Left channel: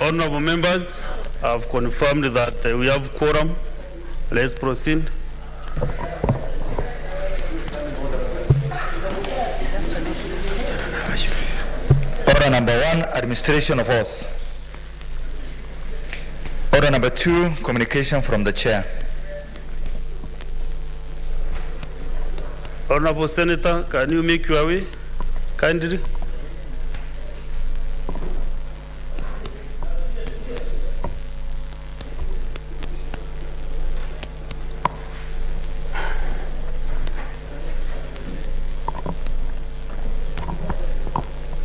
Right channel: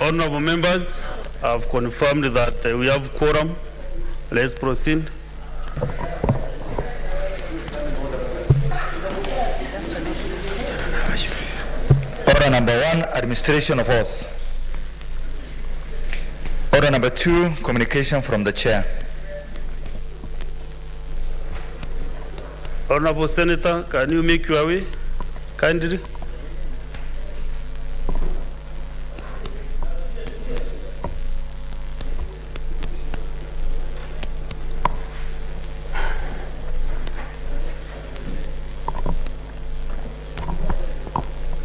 Honorable members, I've confirmed that we have quorum. Let's proceed. Order number 1, administration of oath. Order number 2, communication from the chair. Honorable Senator, can you make your way kindly?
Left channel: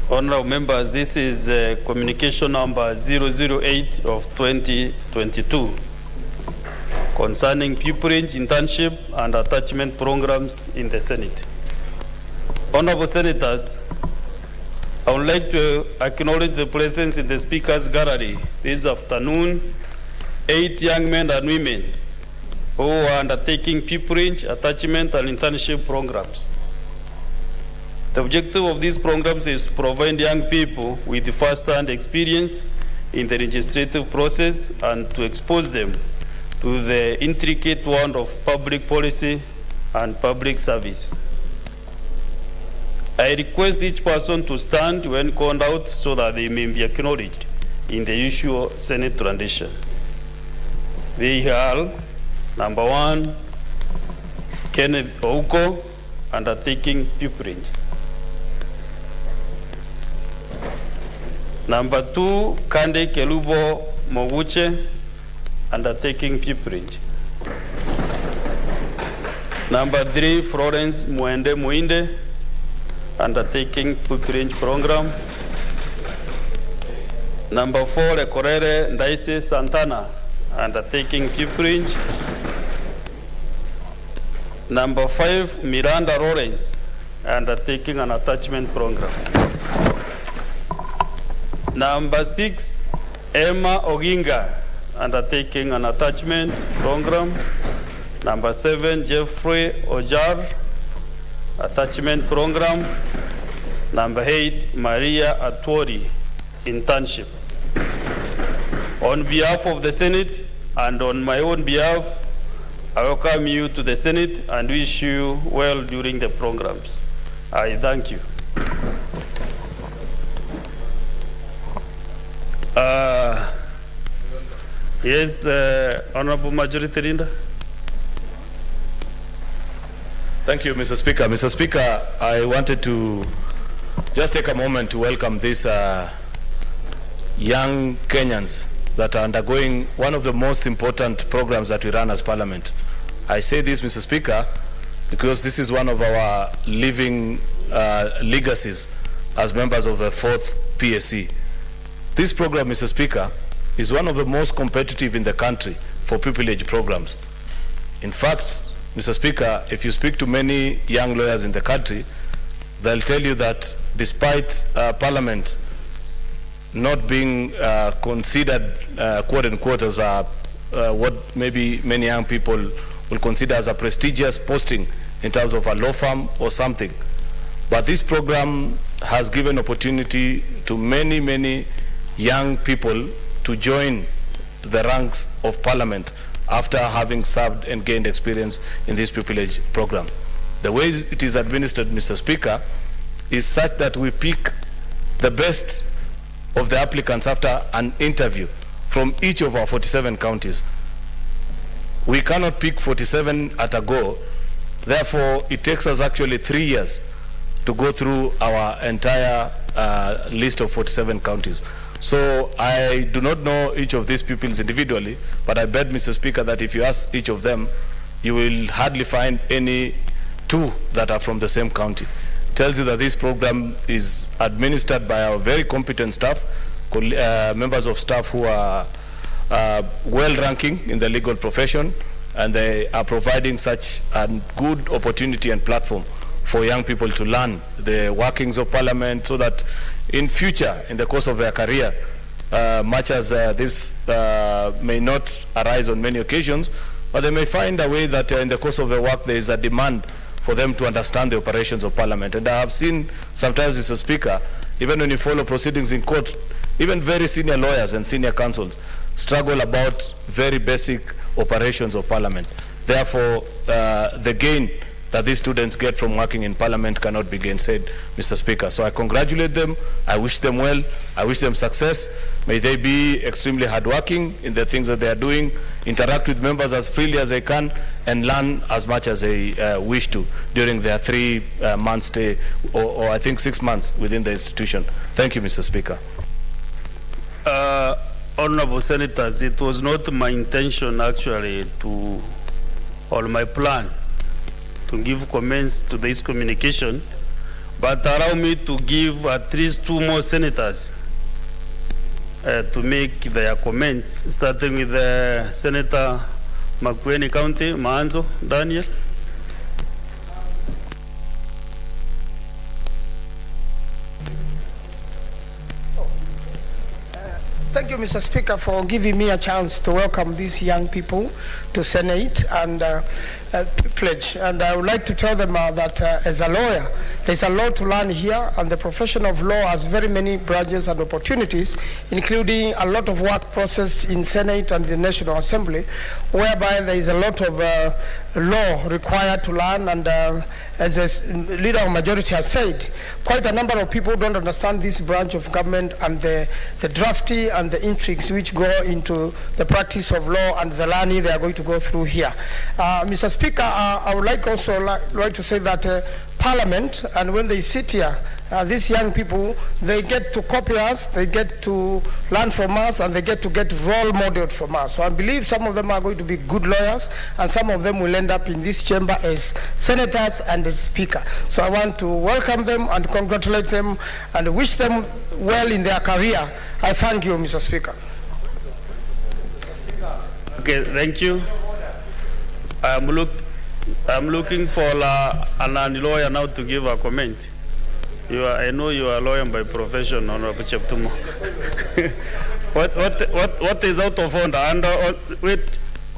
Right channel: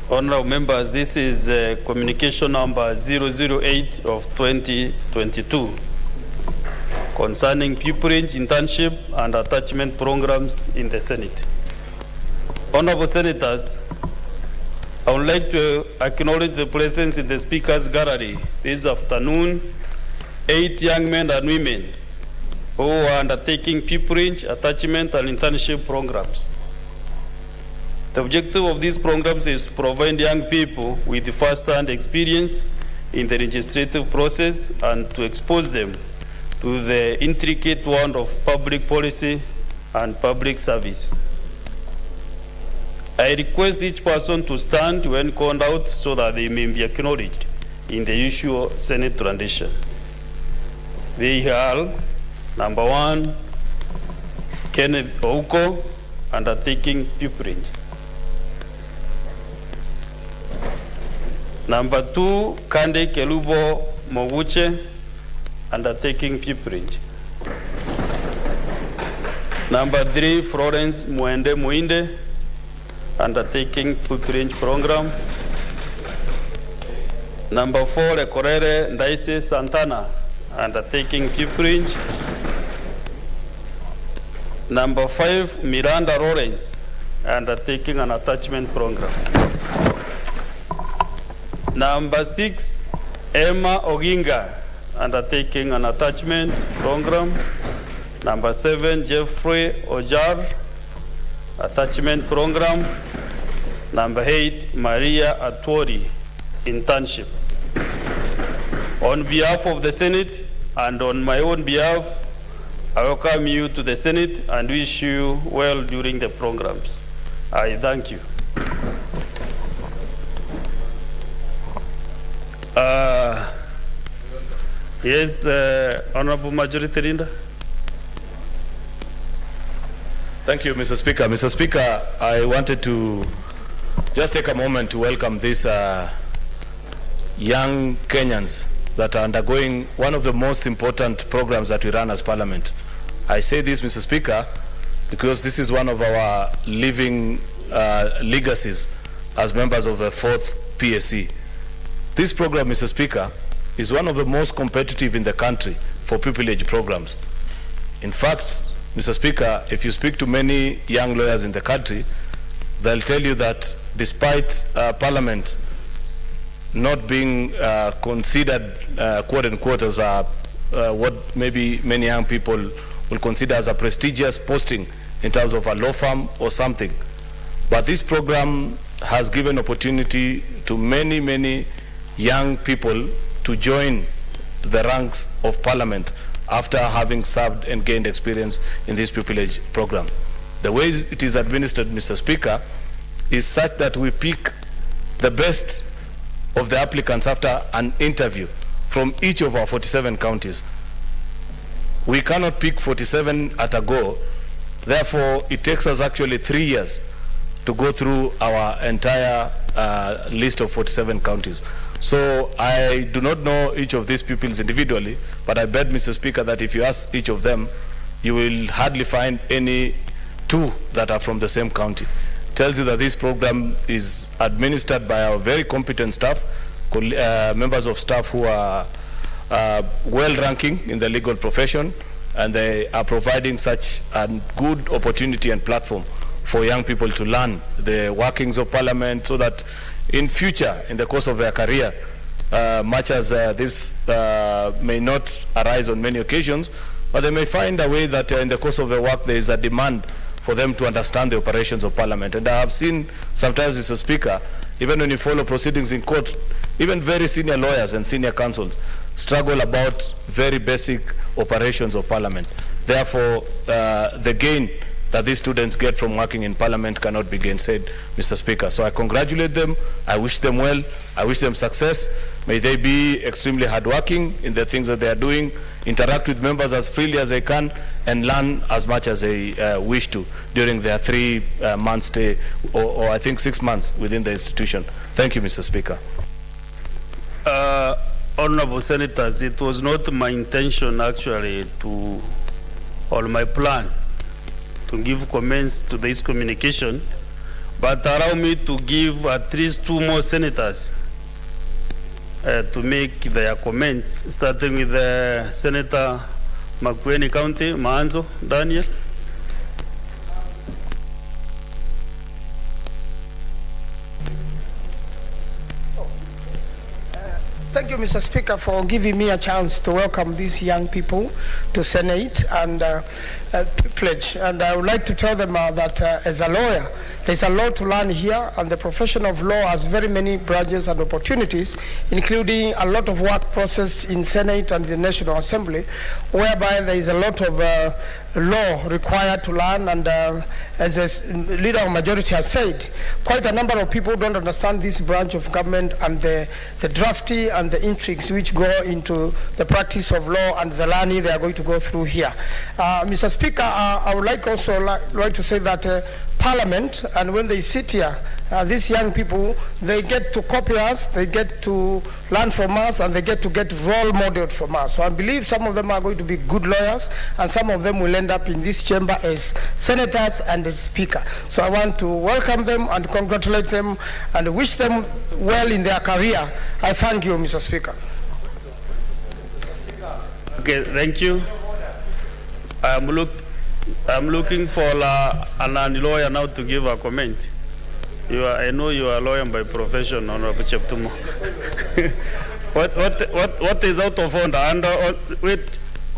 Honorable members, this is communication number 008 of 2022 concerning pupillage, internship, and attachment programs in the Senate. Honorable Senators, I would like to acknowledge the presence in the Speaker's Gallery this afternoon, 8 young men and women who are undertaking pupillage, attachment, and internship programs. The objective of these programs is to provide young people with first-hand experience in the legislative process and to expose them to the intricate world of public policy and public service. I request each person to stand when called out so that they may be acknowledged in the usual Senate tradition. They are, number 1, Kenneth Ouko, undertaking pupillage. Number 2, Kande Kelubo Moguche, undertaking pupillage. Number 3, Florence Mwende Muinde, undertaking pupillage program. Number 4, Ekorere Ndaise Santana, undertaking pupillage. Number 5, Miranda Lawrence, undertaking an attachment program. Number 6, Emma Oginga, undertaking an attachment program. Number 7, Jeffrey Ojar, attachment program. Number 8, Maria Atwori, internship. On behalf of the Senate and on my own behalf, I welcome you to the Senate and wish you well during the programs. I thank you. Yes, Honorable Majority Leader. Thank you, Mr. Speaker. Mr. Speaker, I wanted to just take a moment to welcome these young Kenyans that are undergoing one of the most important programs that we run as Parliament. I say this, Mr. Speaker, because this is one of our living legacies as members of the 4th PSC. This program, Mr. Speaker, is one of the most competitive in the country for pupillage programs. In fact, Mr. Speaker, if you speak to many young lawyers in the country, they'll tell you that despite Parliament not being considered, quote unquote, as what maybe many young people will consider as a prestigious posting in terms of a law firm or something, but this program has given opportunity to many, many young people to join the ranks of Parliament after having served and gained experience in this pupillage program. The way it is administered, Mr. Speaker, is such that we pick the best of the applicants after an interview from each of our 47 counties. We cannot pick 47 at a go. Therefore, it takes us actually 3 years to go through our entire list of 47 counties. So I do not know each of these pupils individually, but I bet, Mr. Speaker, that if you ask each of them, you will hardly find any 2 that are from the same county. Tells you that this program is administered by our very competent staff, members of staff who are well-ranking in the legal profession, and they are providing such a good opportunity and platform for young people to learn the workings of Parliament, so that in future, in the course of their career, much as this may not arise on many occasions, but they may find a way that in the course of their work there is a demand for them to understand the operations of Parliament. And I have seen sometimes, Mr. Speaker, even when you follow proceedings in court, even very senior lawyers and senior counsels struggle about very basic operations of Parliament. Therefore, the gain that these students get from working in Parliament cannot be gainsaid, Mr. Speaker. So I congratulate them, I wish them well, I wish them success. May they be extremely hardworking in the things that they are doing, interact with members as freely as they can, and learn as much as they wish to during their 3-month stay, or I think 6 months within the institution. Thank you, Mr. Speaker. Honorable Senators, it was not my intention actually or my plan to give comments to this communication, but allow me to give at least 2 more senators to make their comments, starting with Senator Makueni County, Maanzo, Daniel. Thank you, Mr. Speaker, for giving me a chance to welcome these young people to Senate and pledge. And I would like to tell them that as a lawyer, there's a lot to learn here, and the profession of law has very many branches and opportunities, including a lot of work process in Senate and the National Assembly, whereby there is a lot of law required to learn, and as the leader of majority has said, quite a number of people don't understand this branch of government and the drafty and the intrigues which go into the practice of law and the learning they are going to go through here. Mr. Speaker, I would like also like to say that Parliament, and when they sit here, these young people, they get to copy us, they get to learn from us, and they get role modeled from us. So I believe some of them are going to be good lawyers, and some of them will end up in this chamber as senators and as speaker. So I want to welcome them and congratulate them and wish them well in their career. I thank you, Mr. Speaker. Okay, thank you. I'm looking for a lawyer now to give a comment. I know you are a lawyer by profession, Honorable Cheptumo. What is out of order? And wait,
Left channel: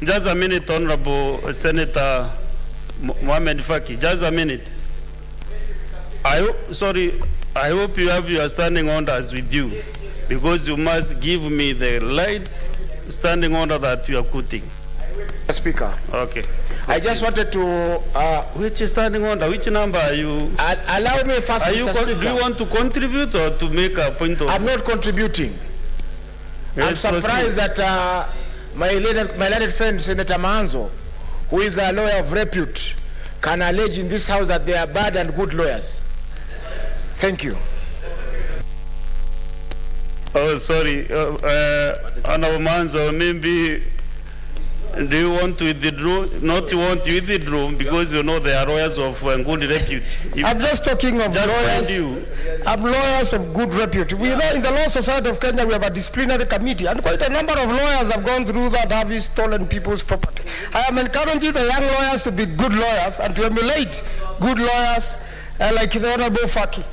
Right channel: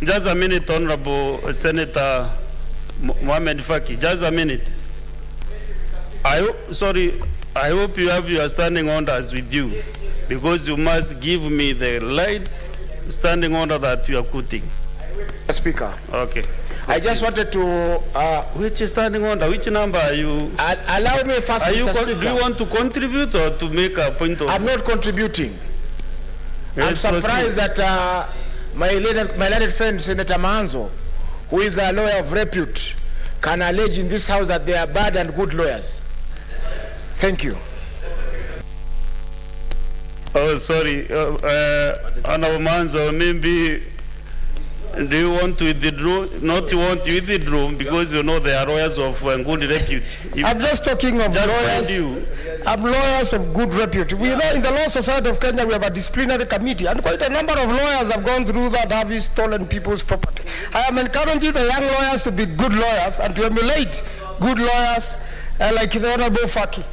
just a minute, Honorable Senator Mohamed Faki. Just a minute. I hope you have your standing orders with you, because you must give me the right standing order that you are quoting. Speaker. Okay. I just wanted to... which standing order? Which number are you... allow me first, Mr. Speaker. Do you want to contribute or to make a point of... I'm not contributing. Yes, I'm surprised that my learned friend, Senator Manzo, who is a lawyer of repute, can allege in this house that they are bad and good lawyers. Thank you. Oh, sorry. Honorable Manzo, maybe... Do you want to withdraw? Not you want to withdraw because you know they are lawyers of good repute. I'm just talking of lawyers. I'm lawyers of good repute. We know in the Law Society of Kenya we have a disciplinary committee, and quite a number of lawyers have gone through that, have stolen people's property. I am encouraging the young lawyers to be good lawyers and to emulate good lawyers like the Honorable Faki.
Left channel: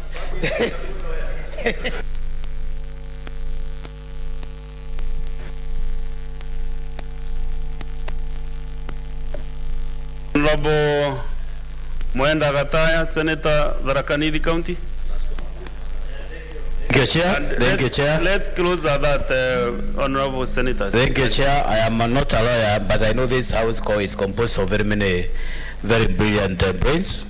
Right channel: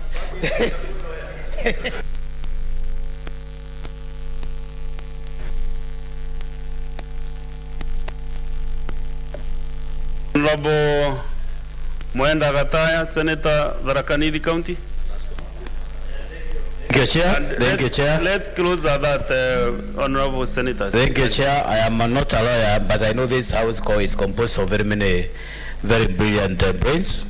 Honorable Mwenda Gataya, Senator Tharaka County. Thank you, Chair. Thank you, Chair. Let's close at that, Honorable Senators. Thank you, Chair. I am not a lawyer, but I know this house is composed of very many very brilliant brains,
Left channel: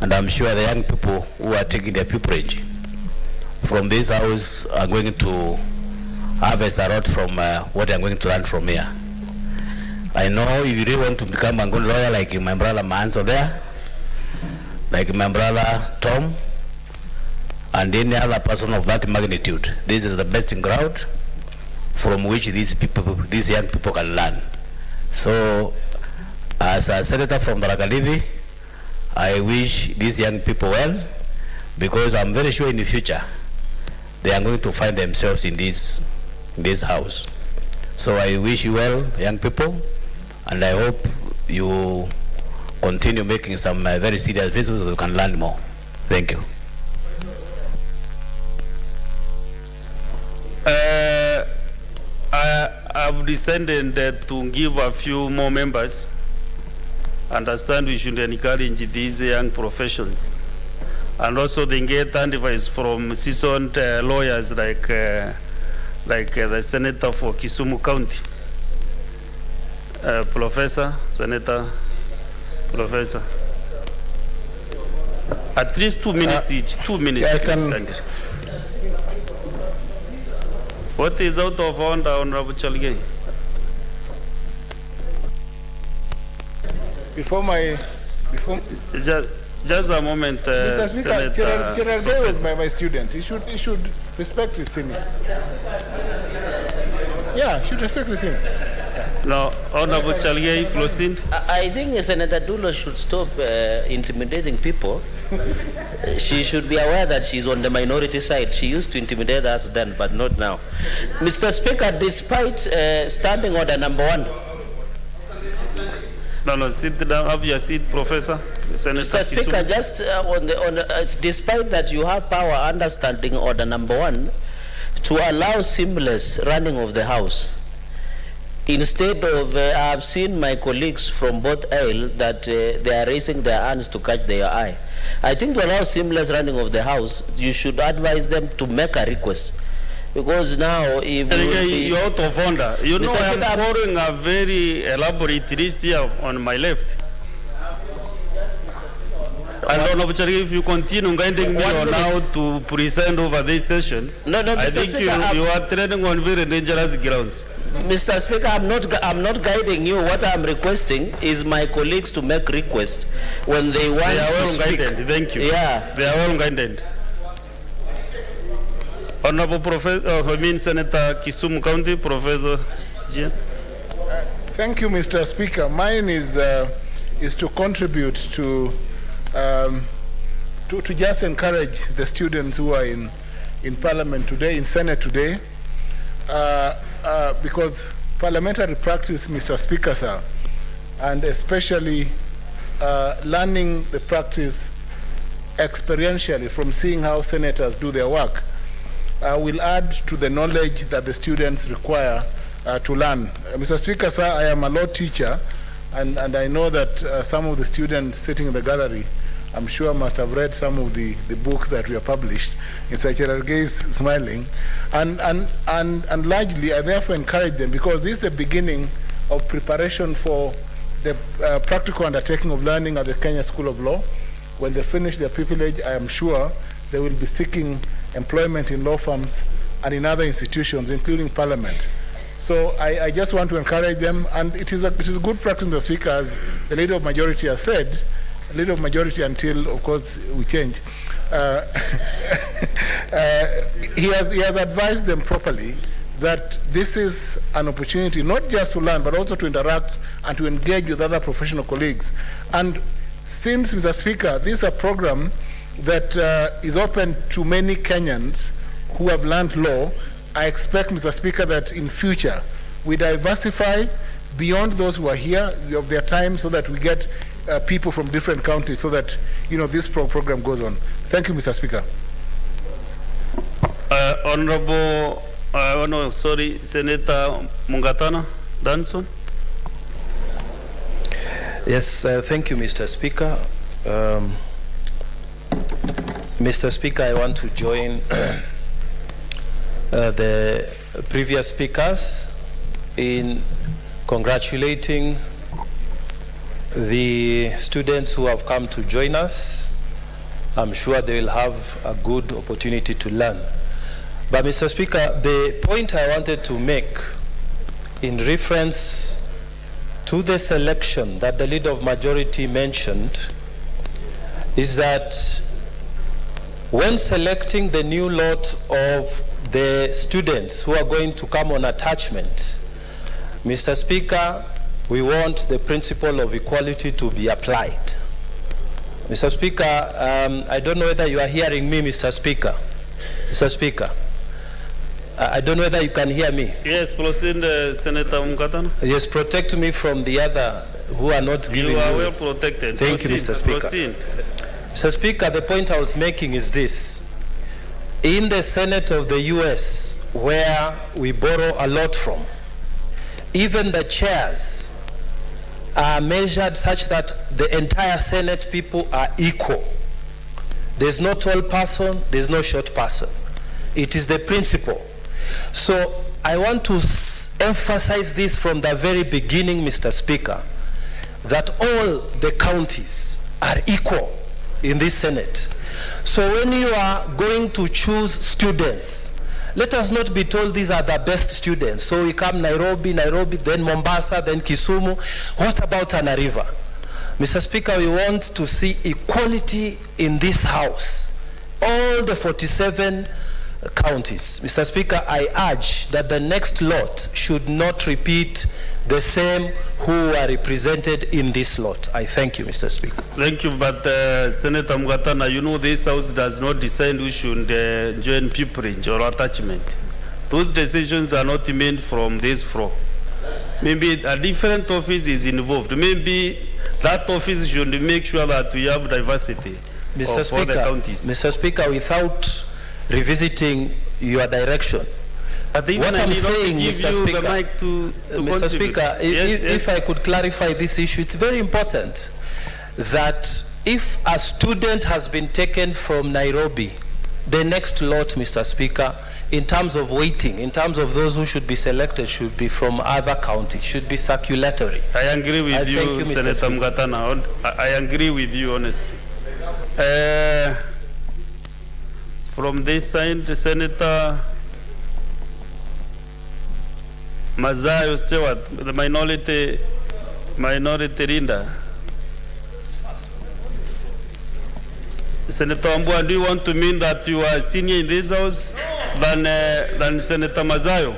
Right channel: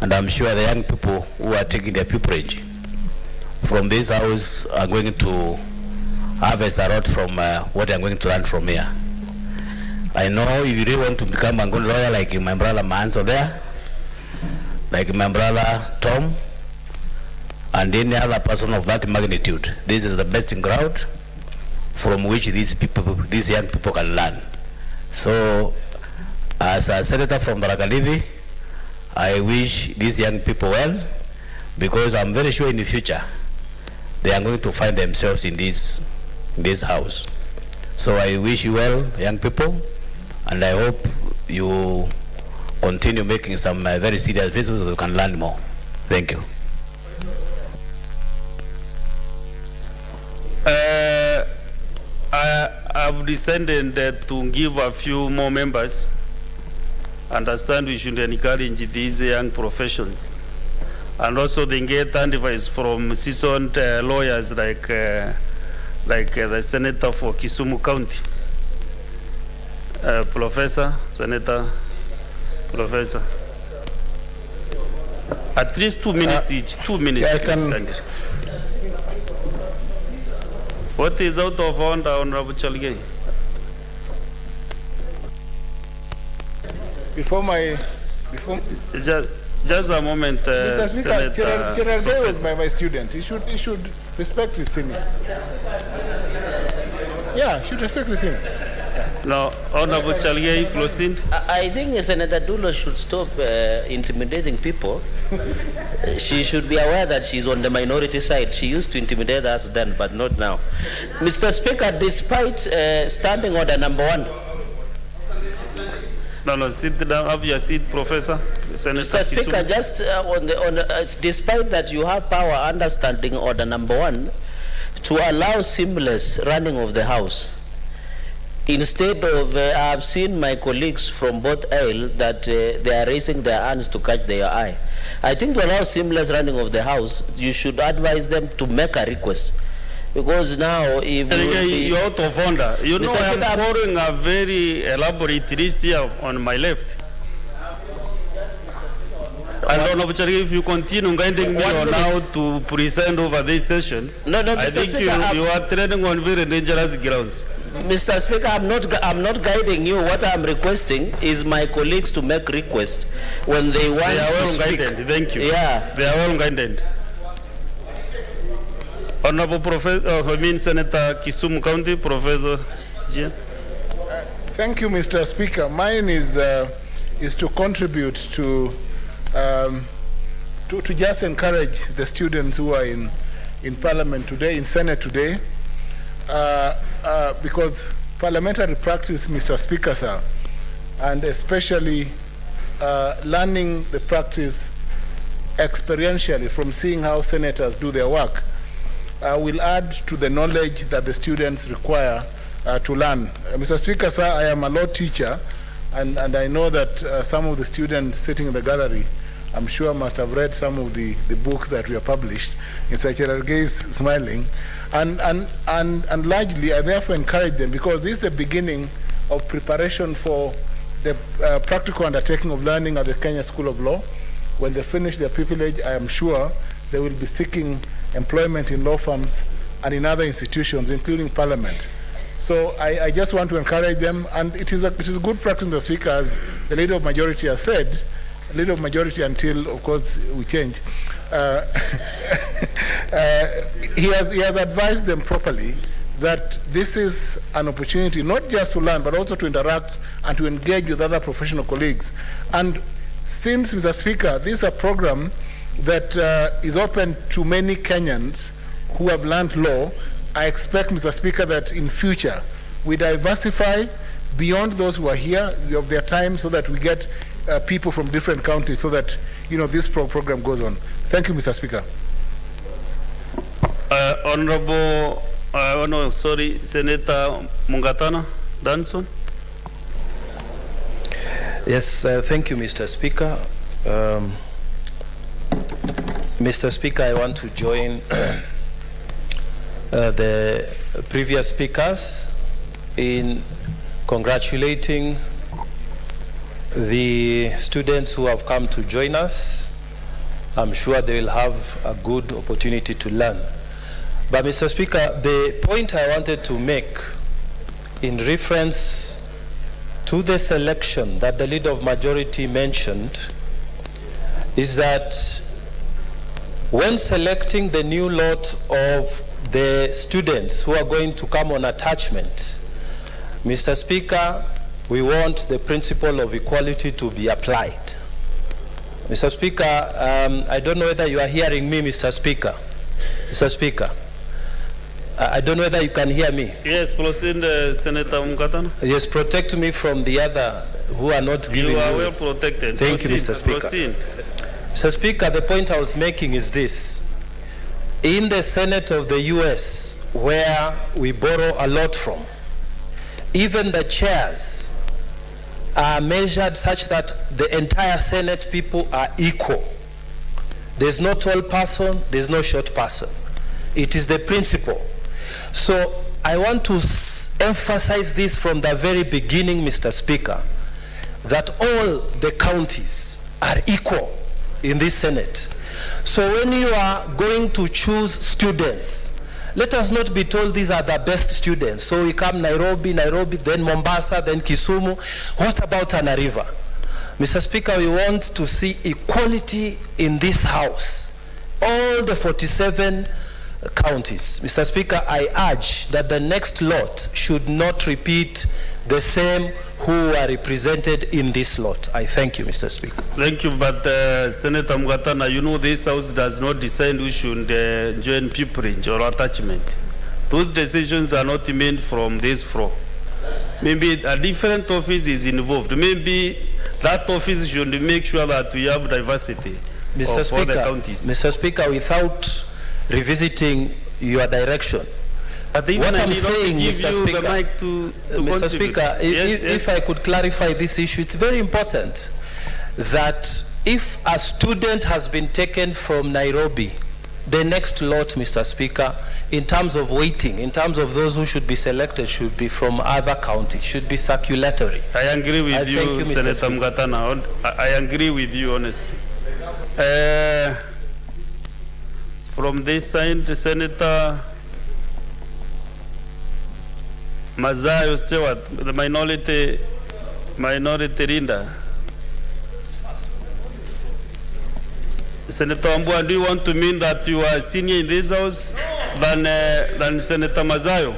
and I'm sure the young people who are taking their pupillage from this house are going to harvest a lot from what I'm going to learn from here. I know if you really want to become a good lawyer like my brother Manso there, like my brother Tom, and any other person of that magnitude, this is the best ground from which these young people can learn. So, as a senator from Tharaka, I wish these young people well, because I'm very sure in the future they are going to find themselves in this house. So I wish you well, young people, And I hope you continue making some very serious visits so you can learn more. Thank you. I've decided to give a few more members. Understand we should encourage these young professions. And also they get advice from seasoned lawyers like the Senator for Kisumu County. Senator. At least 2 minutes each. 2 minutes. Yeah, I can. What is out of order, Honorable Chalgei? Just a moment, Mr. Speaker, Senator. General Gay was my student. He should respect his senior. Yeah, should respect his senior. No, Honorable Chalgei, proceed. I think Senator Dulo should stop intimidating people. She should be aware that she's on the minority side. She used to intimidate us then, but not now. Mr. Speaker, despite standing order number 1. No, sit down. Have your seat, Professor. Senator Mr. Speaker, Kisumu. just despite that you have power under standing order number 1 to allow seamless running of the House. Instead of, I have seen my colleagues from both aisle that they are raising their hands to catch their eye. I think to allow seamless running of the House, you should advise them to make a request. Because now, if you're out of order. You know, Mr. I am Speaker, following a very elaborate list here on my left. And Honorable Chalgei, if you continue guiding me on how to present over this session, No, I Mr. think Speaker, you are treading on very dangerous grounds. Mr. Speaker, I'm not guiding you. What I'm requesting is my colleagues to make requests when they want They are to well speak. guided. Thank you. Yeah. They are well guided. Honorable Professor, Senator Kisumu County, Professor Jia. Thank you, Mr. Speaker. Mine is to contribute to just encourage the students who are in Parliament today, in Senate today, because parliamentary practice, Mr. Speaker, sir, and especially learning the practice experientially from seeing how senators do their work, will add to the knowledge that the students require to learn. Mr. Speaker, sir, I am a law teacher, and I know that some of the students sitting in the gallery, I'm sure must have read some of the books that were published. Mr. Cherargei is smiling. And largely, I therefore encourage them, because this is the beginning of preparation for the practical undertaking of learning at the Kenya School of Law. When they finish their pupillage, I am sure they will be seeking employment in law firms and in other institutions, including Parliament. So I just want to encourage them, and it is a good practice, Mr. Speaker, as the Leader of Majority has said, Leader of Majority until, of course, we change. He has advised them properly that this is an opportunity not just to learn, but also to interact and to engage with other professional colleagues. And since, Mr. Speaker, this is a program that is open to many Kenyans who have learned law, I expect, Mr. Speaker, that in future we diversify beyond those who are here of their time, so that we get people from different counties, so that this program goes on. Thank you, Mr. Speaker. Senator Mungatana Danson. Yes, thank you, Mr. Speaker. Mr. Speaker, I want to join the previous speakers in congratulating the students who have come to join us. I'm sure they will have a good opportunity to learn. But Mr. Speaker, the point I wanted to make in reference to the selection that the Leader of Majority mentioned is that when selecting the new lot of the students who are going to come on attachment, Mr. Speaker, we want the principle of equality to be applied. Mr. Speaker, I don't know whether you are hearing me, Mr. Speaker. Mr. Speaker, I don't know whether you can hear me. Yes, proceed, Senator Mukatana. Yes, protect me from the other who are not giving You are you. well protected. Thank you, Proceed, Mr. Speaker. Proceed. Mr. Speaker, the point I was making is this. In the Senate of the US, where we borrow a lot from, even the chairs are measured such that the entire Senate people are equal. There's no tall person, there's no short person. It is the principle. So I want to emphasize this from the very beginning, Mr. Speaker, that all the counties are equal in this Senate. So when you are going to choose students, let us not be told these are the best students. So we come Nairobi, then Mombasa, then Kisumu. What about Tana River? Mr. Speaker, we want to see equality in this House. All the 47 counties. Mr. Speaker, I urge that the next lot should not repeat the same who are represented in this lot. I thank you, Mr. Speaker. Thank you, but Senator Mukatana, you know this House does not decide who should join pupillage or attachment. Those decisions are not made from this floor. Maybe a different office is involved. Maybe that office should make sure that we have diversity Mr. of all the Speaker, counties. Mr. Speaker, without revisiting your direction, But what I'm saying, give Mr. you Speaker, the mic to Mr. contribute. Speaker, if I could clarify this issue, it's very important that if a student has been taken from Nairobi, the next lot, Mr. Speaker, in terms of weighting, in terms of those who should be selected, should be from other counties, should be circulatory. I agree with Thank you, you, Mr. Senator Speaker. Mukatana. I agree with you, honestly. From this side, Senator Mazayo Stewart, the minority leader. Senator Ambua, do you want to mean that you are senior in this House than Senator Mazayo?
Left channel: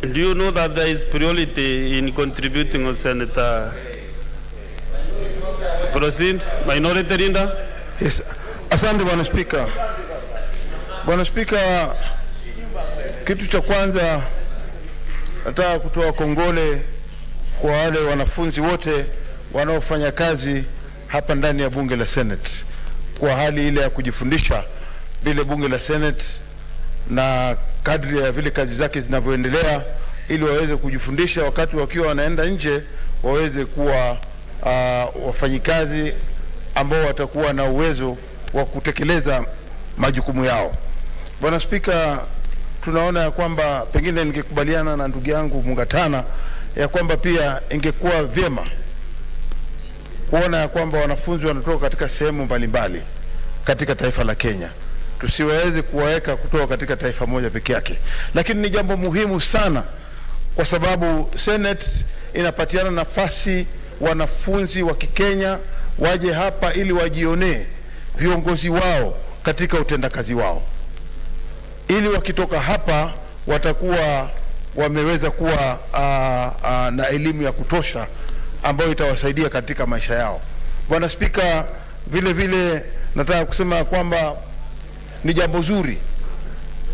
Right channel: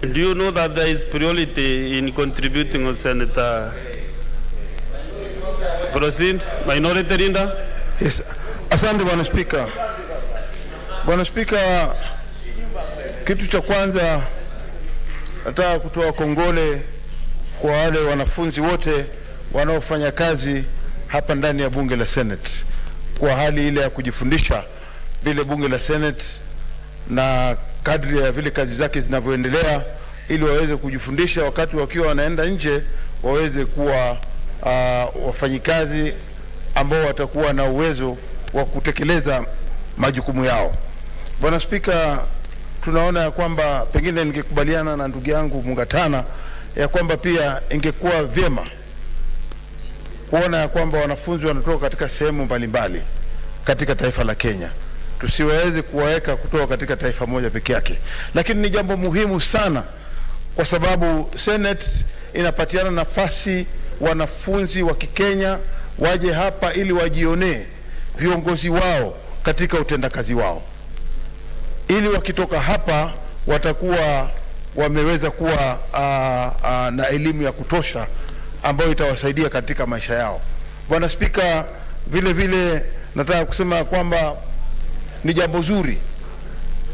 Do you know that there is priority in contributing on Senator? Proceed, minority leader. Yes, asante Bwana Spika. Bwana Spika, kitu cha kwanza nataka kutoa kongole kwa wale wanafunzi wote wanaofanya kazi hapa ndani ya bunge la Senate kwa hali ile ya kujifundisha vile bunge la Senate na kadri ya vile kazi zake zinavyoendelea, ili waweze kujifundisha wakati wakiwa wanaenda nje waweze kuwa wafanyikazi ambao watakuwa na uwezo wa kutekeleza majukumu yao. Bwana Spika, tunaona ya kwamba pengine ningekubaliana na ndugu yangu Mukatana ya kwamba pia ingekuwa vyema kuona ya kwamba wanafunzi wanatoka katika sehemu mbalimbali katika taifa la Kenya. Tusiweze kuwaweka kutoka katika taifa moja peke yake. Lakini ni jambo muhimu sana kwa sababu Senate inapatiana nafasi wanafunzi wa Kikenya waje hapa ili wajionee viongozi wao katika utendakazi wao. Ili wakitoka hapa watakuwa wameweza kuwa na elimu ya kutosha ambayo itawasaidia katika maisha yao. Bwana Spika, vile vile nataka kusema kwamba ni jambo zuri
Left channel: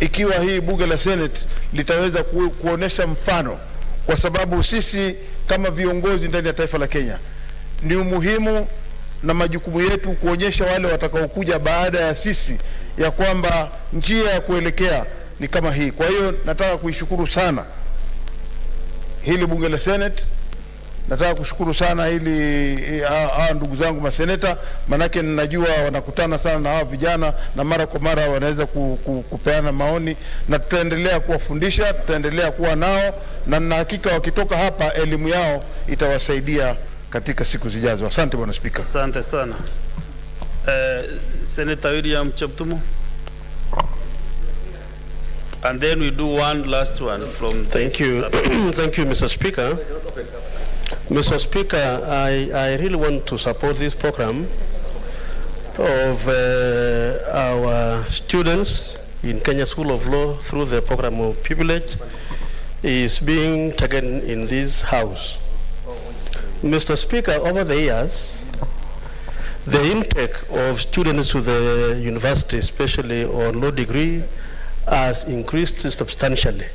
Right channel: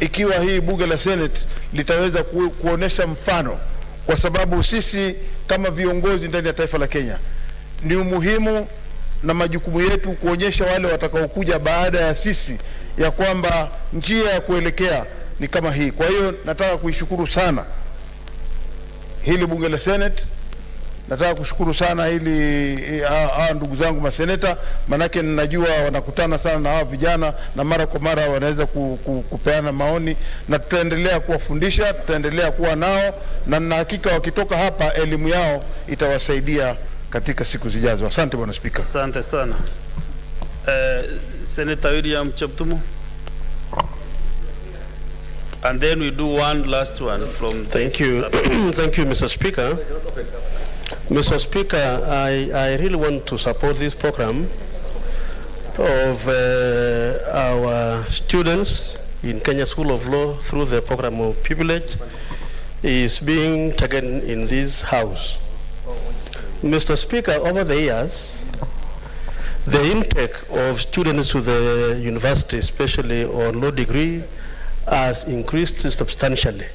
ikiwa hii bunge la Senate litaweza kuonesha mfano, kwa sababu sisi kama viongozi ndani ya taifa la Kenya ni umuhimu na majukumu yetu kuonyesha wale watakaokuja baada ya sisi ya kwamba njia ya kuelekea ni kama hii. Kwa hiyo nataka kuishukuru sana hili bunge la Senate. Nataka kushukuru sana hili ndugu zangu maseneta, manake ninajua wanakutana sana na hawa vijana na mara kwa mara wanaweza kupeana maoni, na tutaendelea kuwafundisha, tutaendelea kuwa nao, na nina hakika wakitoka hapa elimu yao itawasaidia katika siku zijazo. Asante Bwana Spika. Asante sana. Senator William Cheptumo. And then we do one last one from Thank you. Thank you, Mr. Speaker. Mr. Speaker, I really want to support this program of our students in Kenya School of Law through the program of pupillage is being taken in this house. Mr. Speaker, over the years, The intake of students to the university, especially on law degree, has increased substantially.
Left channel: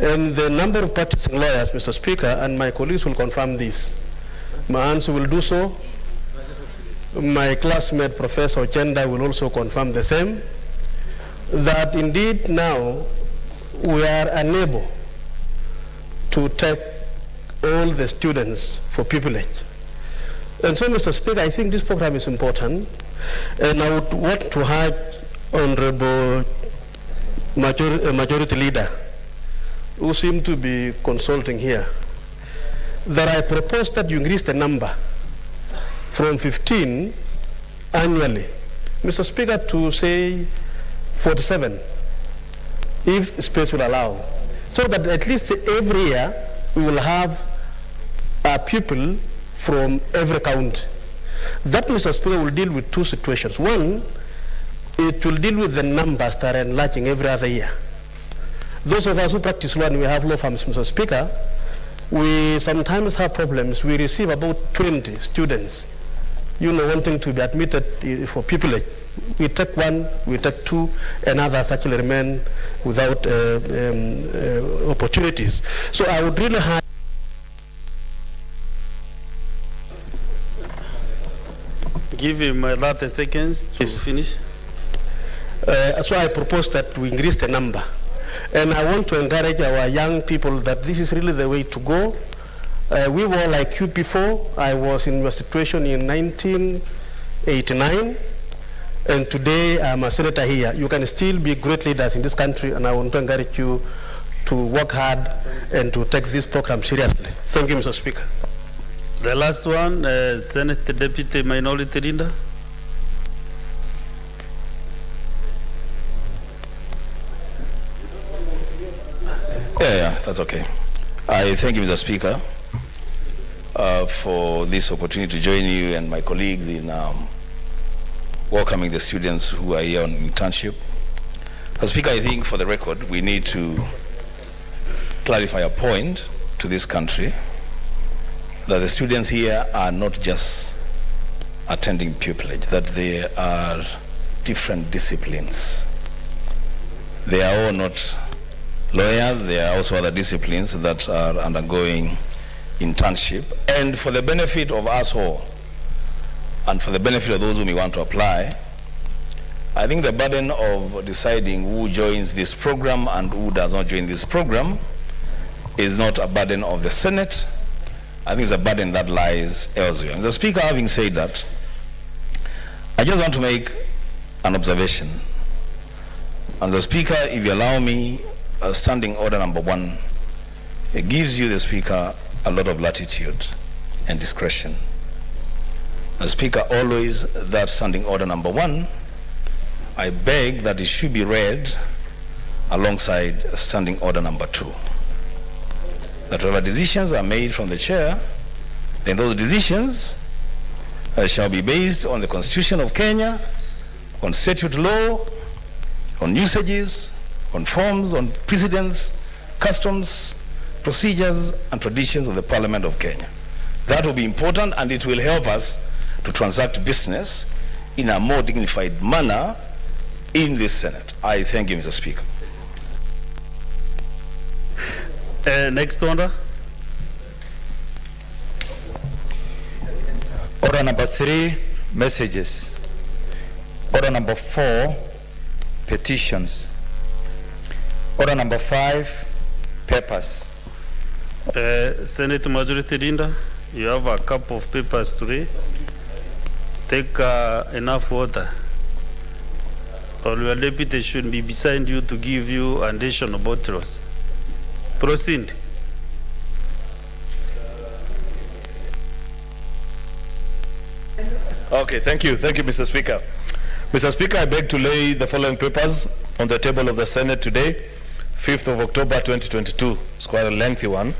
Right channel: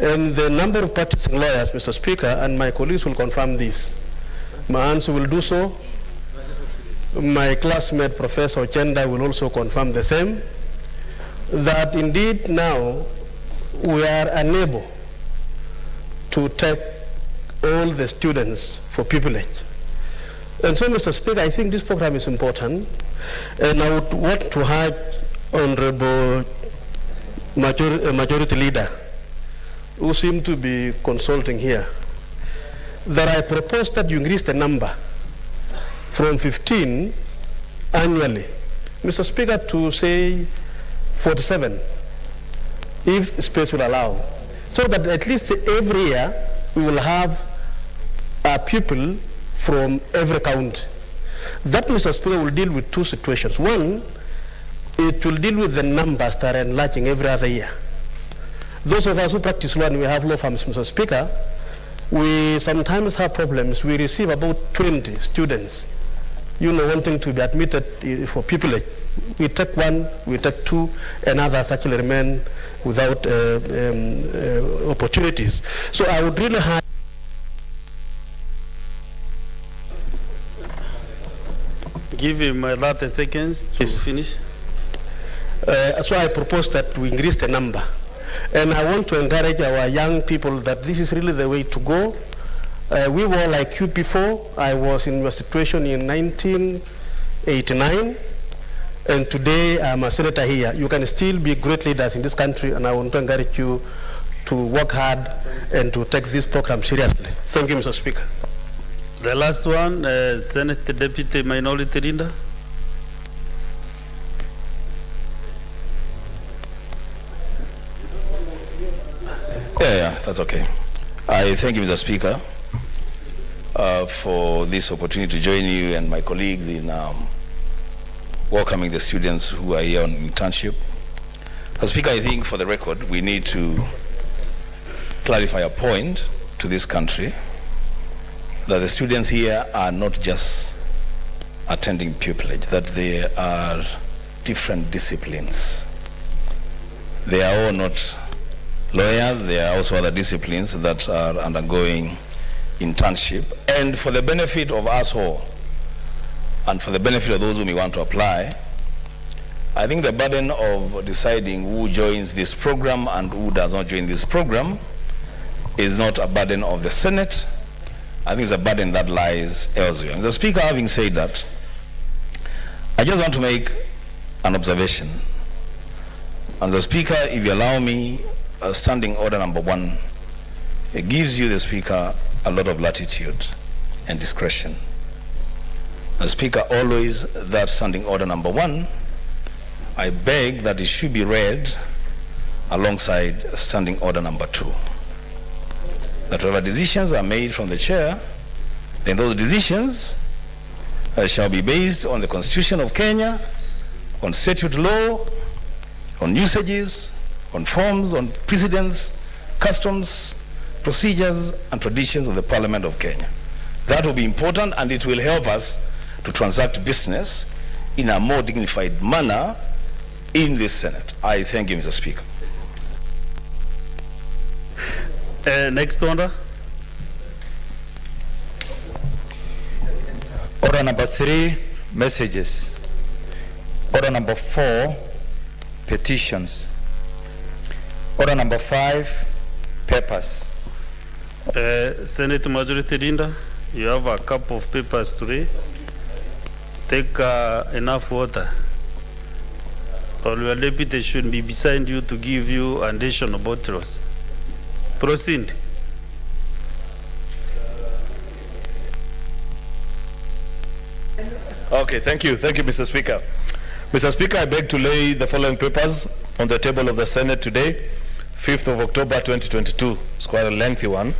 And the number of practicing lawyers, Mr. Speaker, and my colleagues will confirm this. My answer will do so. My classmate, Professor Chenda, will also confirm the same, that indeed now we are unable to take all the students for pupillage. And so, Mr. Speaker, I think this program is important, and I would want to urge Honorable Majority Leader, who seem to be consulting here, that I propose that you increase the number from 15 annually, Mr. Speaker, to say 47, if space will allow, so that at least every year we will have a pupil from every county. That, Mr. Speaker, will deal with two situations. One, it will deal with the numbers that are enlarging every other year. Those of us who practice law and we have law firms, Mr. Speaker, we sometimes have problems. We receive about 20 students, wanting to be admitted for pupillage. We take one, we take two, and others actually remain without opportunities. So I would really have Give him 30 seconds to finish. So I propose that we increase the number. And I want to encourage our young people that this is really the way to go. We were like you before. I was in your situation in 1989, and today I'm a senator here. You can still be great leaders in this country, and I want to encourage you to work hard and to take this program seriously. Thank you, Mr. Speaker. The last one, Senate Deputy Minority Leader. Yeah, that's okay. I thank you, Mr. Speaker, for this opportunity to join you and my colleagues in welcoming the students who are here on internship. Mr. Speaker, I think for the record, we need to clarify a point to this country, that the students here are not just attending pupillage, that they are different disciplines. They are all not lawyers, there are also other disciplines that are undergoing internship. And for the benefit of us all, and for the benefit of those who may want to apply, I think the burden of deciding who joins this program and who does not join this program is not a burden of the Senate. I think it's a burden that lies elsewhere. Mr. Speaker, having said that, I just want to make an observation. And the Speaker, if you allow me, standing order number 1, it gives you, the Speaker, a lot of latitude and discretion. The Speaker, always that standing order number 1, I beg that it should be read alongside standing order number 2. That whatever decisions are made from the chair, then those decisions shall be based on the Constitution of Kenya, on statute law, on usages, on forms, on precedents, customs, procedures, and traditions of the Parliament of Kenya. That will be important, and it will help us to transact business in a more dignified manner in this Senate. I thank you, Mr. Speaker. Next order. Order number 3, messages. Order number 4, petitions. Order number 5, papers. Senate Majority Leader, you have a couple of papers to read. Take enough water. Or your deputy should be beside you to give you additional bottles. Proceed. Okay, thank you, Mr. Speaker. Mr. Speaker, I beg to lay the following papers on the table of the Senate today, 5th of October 2022. It's quite a lengthy one,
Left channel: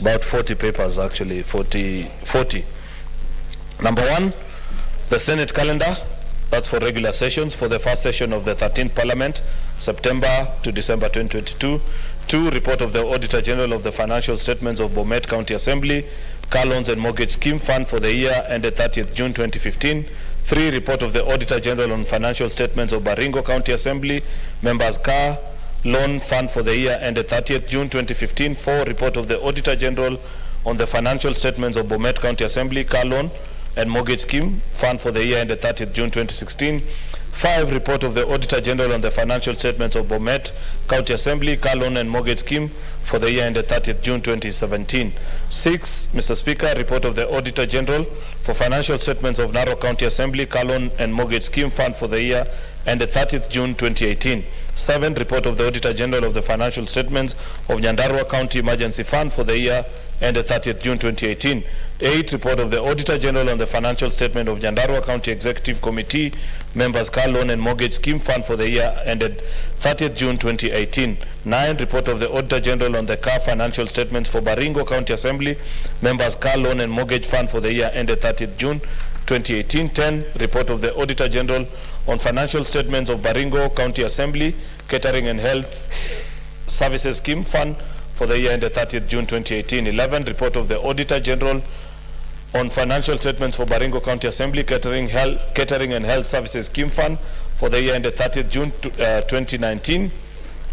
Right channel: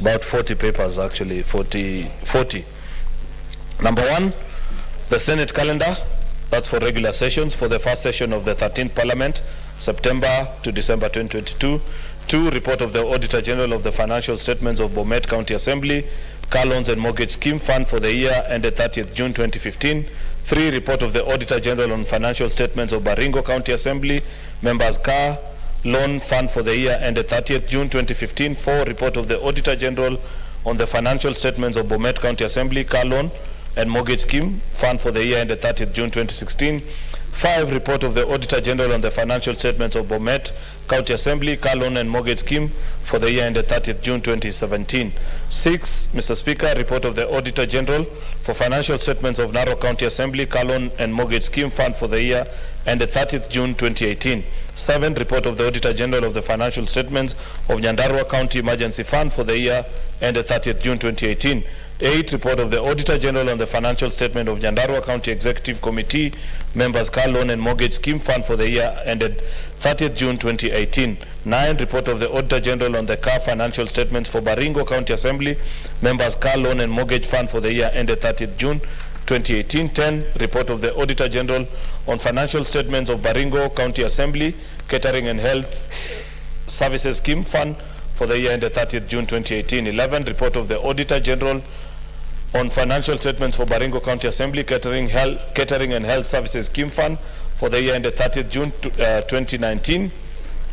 about 40 papers actually, 40. Number 1, the Senate calendar, that's for regular sessions for the first session of the 13th Parliament, September to December 2022. 2, report of the Auditor General of the financial statements of Bomet County Assembly Car Loans and Mortgage Scheme Fund for the year ended 30th June 2015. 3, report of the Auditor General on financial statements of Baringo County Assembly, members Car Loan Fund for the year ended 30th June 2015. 4, report of the Auditor General on the financial statements of Bomet County Assembly, Car Loan and Mortgage Scheme Fund for the year ended 30th June 2016. 5, report of the Auditor General on the financial statements of Bomet County Assembly, Car Loan and Mortgage Scheme for the year ended 30th June 2017. 6, Mr. Speaker, report of the Auditor General for financial statements of Narok County Assembly, Car Loan and Mortgage Scheme Fund for the year ended 30th June 2018. 7, report of the Auditor General of the financial statements of Nyandarua County Emergency Fund for the year ended 30th June 2018. 8, report of the Auditor General on the financial statement of Nyandarua County Executive Committee, members Car Loan and Mortgage Scheme Fund for the year ended 30th June 2018. 9, report of the Auditor General on the Car financial statements for Baringo County Assembly, members Car Loan and Mortgage Fund for the year ended 30th June 2018. 10, report of the Auditor General on financial statements of Baringo County Assembly, Catering and Health Services Scheme Fund for the year ended 30th June 2018. 11, report of the Auditor General on financial statements for Baringo County Assembly, Catering and Health Services Scheme Fund for the year ended 30th June 2019.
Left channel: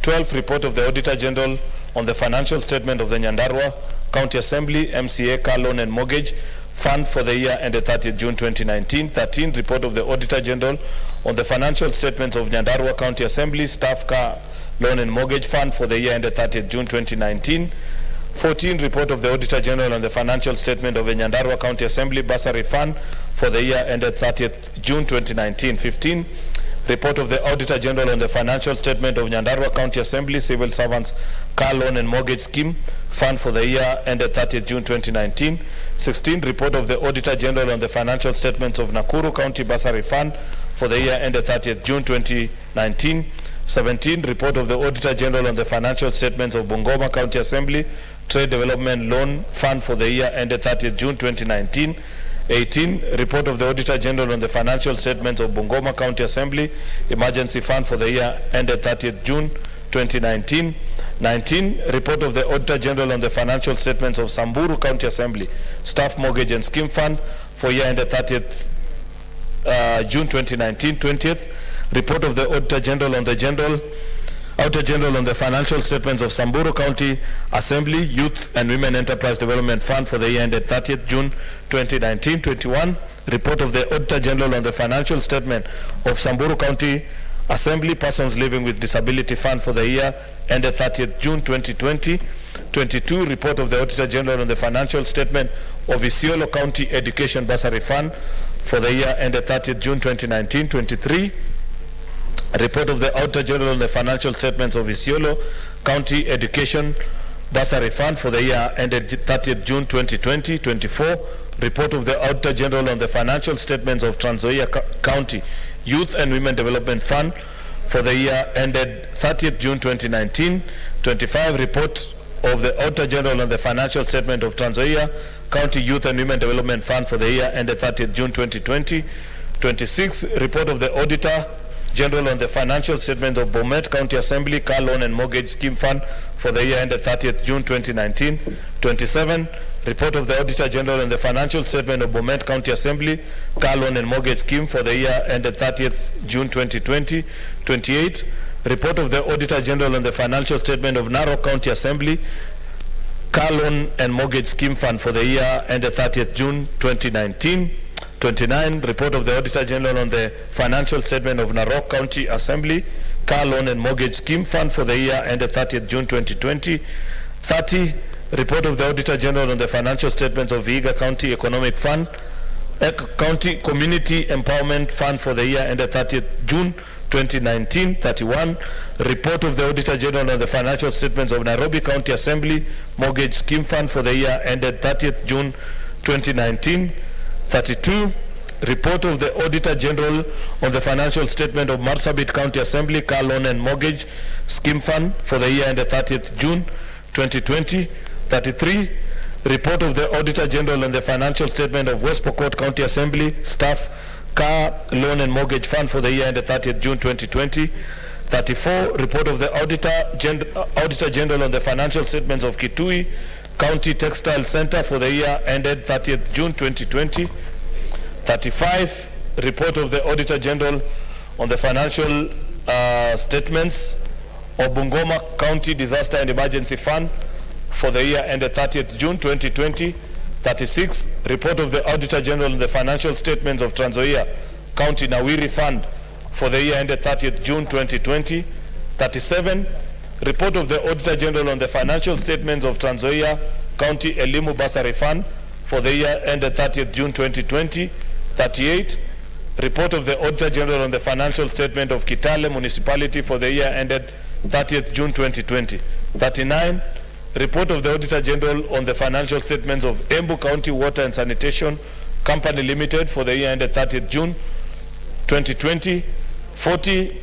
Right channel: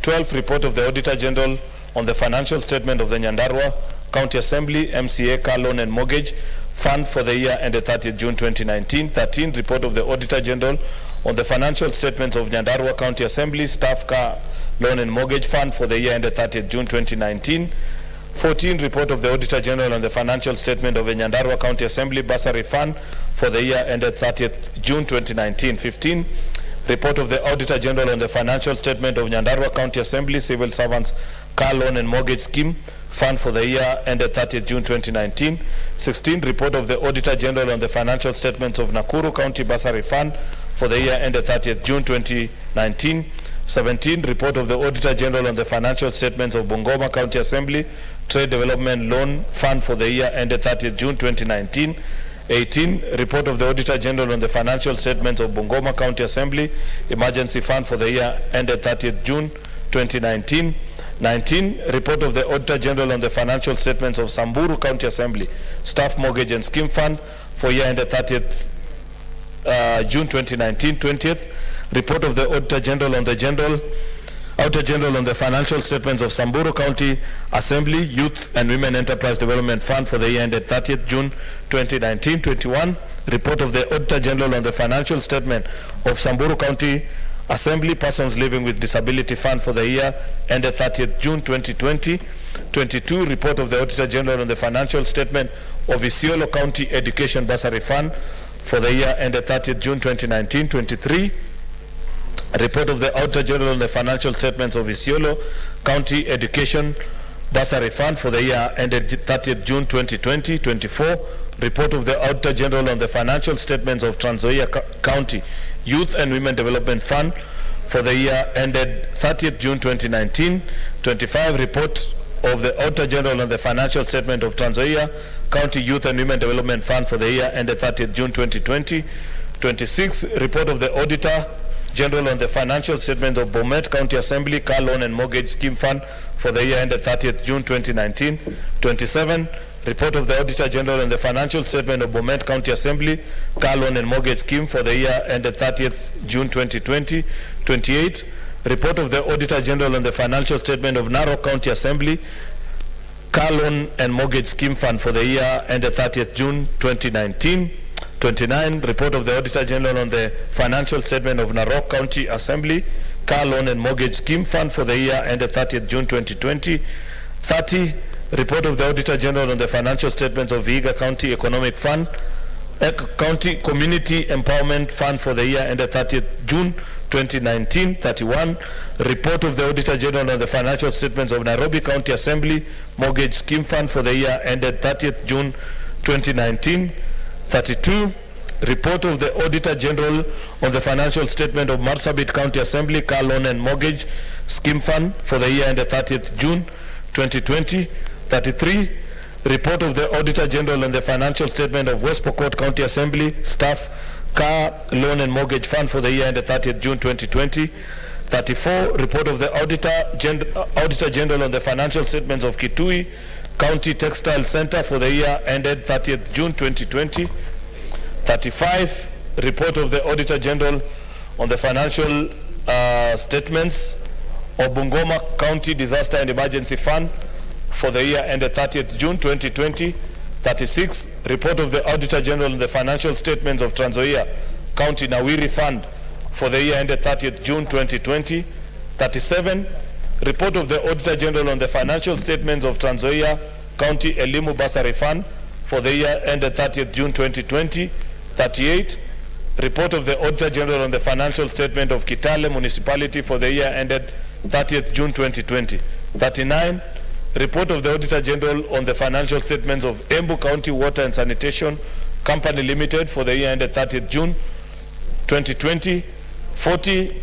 12, report of the Auditor General on the financial statement of the Nyandarua County Assembly, MCA, Car Loan and Mortgage Fund for the year ended 30th June 2019. 13, report of the Auditor General on the financial statements of Nyandarua County Assembly, Staff Car Loan and Mortgage Fund for the year ended 30th June 2019. 14, report of the Auditor General on the financial statement of the Nyandarua County Assembly Bursary Fund for the year ended 30th June 2019. 15, report of the Auditor General on the financial statement of Nyandarua County Assembly Civil Servants Car Loan and Mortgage Scheme Fund for the year ended 30th June 2019. 16, report of the Auditor General on the financial statements of Nakuru County Bursary Fund for the year ended 30th June 2019. 17, report of the Auditor General on the financial statements of Bungoma County Assembly Trade Development Loan Fund for the year ended 30th June 2019. 18, report of the Auditor General on the financial statements of Bungoma County Assembly Emergency Fund for the year ended 30th June 2019. 19, report of the Auditor General on the financial statements of Samburu County Assembly Staff Mortgage and Scheme Fund for year ended 30th June 2019. 20th, report of the Auditor General on the financial statements of Samburu County Assembly Youth and Women Enterprise Development Fund for the year ended 30th June 2019. 21, report of the Auditor General on the financial statement of Samburu County Assembly Persons Living with Disability Fund for the year ended 30th June 2020. 22, report of the Auditor General on the financial statement of Isiolo County Education Bursary Fund for the year ended 30th June 2019. 23, report of the Auditor General on the financial statements of Isiolo County Education Bursary Fund for the year ended 30th June 2020. 24, report of the Auditor General on the financial statements of Trans Nzoia County Youth and Women Development Fund for the year ended 30th June 2019. 25, report of the Auditor General on the financial statement of Trans Nzoia County Youth and Women Development Fund for the year ended 30th June 2020. 26, report of the Auditor General on the financial statement of Bomet County Assembly Car Loan and Mortgage Scheme Fund for the year ended 30th June 2019. 27, report of the Auditor General on the financial statement of Bomet County Assembly Car Loan and Mortgage Scheme for the year ended 30th June 2020. 28, report of the Auditor General on the financial statement of Narok County Assembly Car Loan and Mortgage Scheme Fund for the year ended 30th June 2019. 29, report of the Auditor General on the financial statement of Narok County Assembly Car Loan and Mortgage Scheme Fund for the year ended 30th June 2020. 30, report of the Auditor General on the financial statements of Vihiga County Economic Fund, County Community Empowerment Fund for the year ended 30th June 2019. 31, report of the Auditor General on the financial statements of Nairobi County Assembly Mortgage Scheme Fund for the year ended 30th June 2019. 32, report of the Auditor General on the financial statement of Marsabit County Assembly Car Loan and Mortgage Scheme Fund for the year ended 30th June 2020. 33, report of the Auditor General on the financial statement of West Pokot County Assembly Staff Car Loan and Mortgage Fund for the year ended 30th June 2020. 34, report of the Auditor General on the financial statements of Kitui County Textile Center for the year ended 30th June 2020. 35, report of the Auditor General on the financial statements of Bungoma County Disaster and Emergency Fund for the year ended 30th June 2020. 36, report of the Auditor General on the financial statements of Trans Nzoia County Nawiri Fund for the year ended 30th June 2020. 37, report of the Auditor General on the financial statements of Trans Nzoia County Elimu Bursary Fund for the year ended 30th June 2020. 38, report of the Auditor General on the financial statement of Kitale Municipality for the year ended 30th June 2020. 39, report of the Auditor General on the financial statements of Embu County Water and Sanitation Company Limited for the year ended 30th June 2020. 40,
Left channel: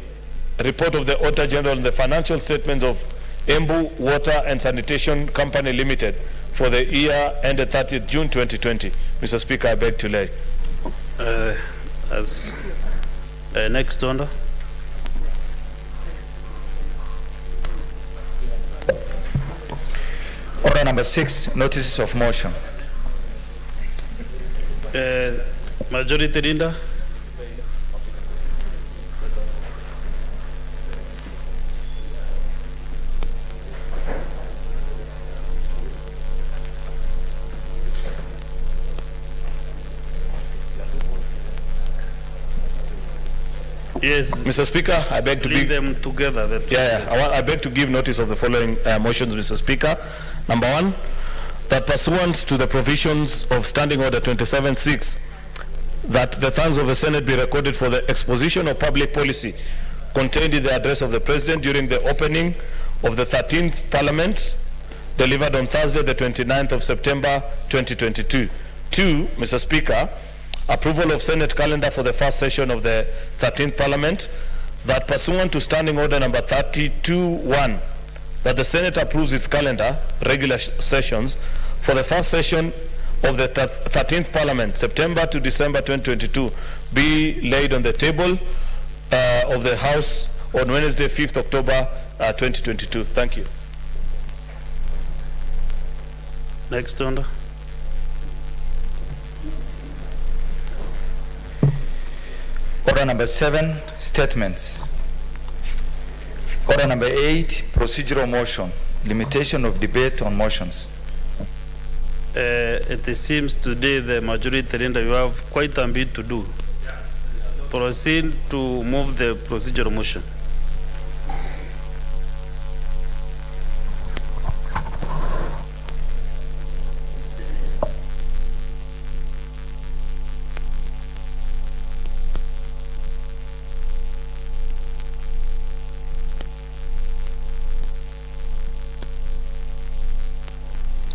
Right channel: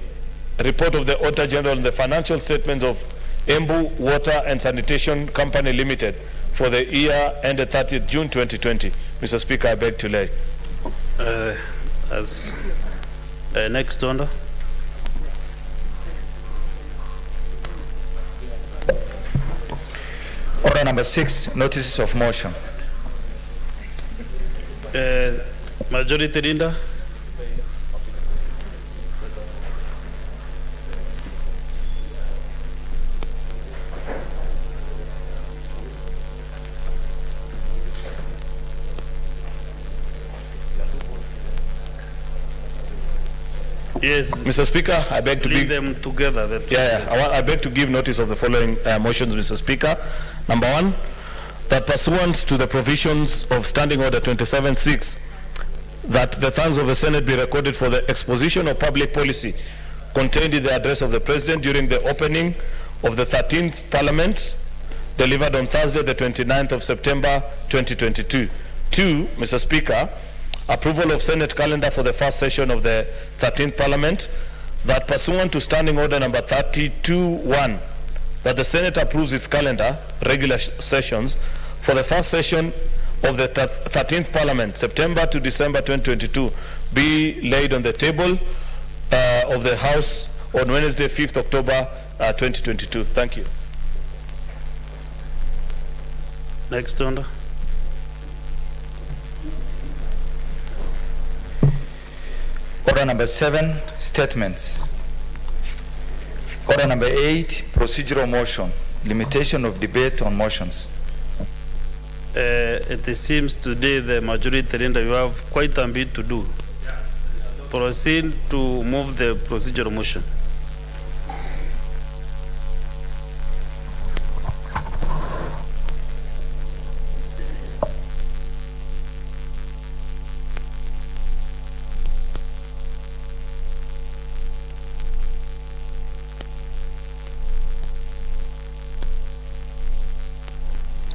report of the Auditor General on the financial statements of Embu Water and Sanitation Company Limited for the year ended 30th June 2020. Mr. Speaker, I beg to lay. Next order. Order number 6, notices of motion. Majority Leader. Yes. Mr. Speaker, I beg to Leave give them together. I beg to give notice of the following motions, Mr. Speaker. Number 1, that pursuant to the provisions of Standing Order 27.6, that the thanks of the Senate be recorded for the exposition of public policy contained in the address of the President during the opening of the 13th Parliament, delivered on Thursday, the 29th of September, 2022. 2, Mr. Speaker, approval of Senate calendar for the first session of the 13th Parliament, that pursuant to Standing Order number 32.1, that the Senate approves its calendar, regular sessions, for the first session of the 13th Parliament, September to December 2022, be laid on the table of the House on Wednesday, 5th October 2022. Thank you. Next order. Order number 7, statements. Order number 8, procedural motion, limitation of debate on motions. It seems today the majority leader, you have quite a bit to do. Proceed to move the procedural motion.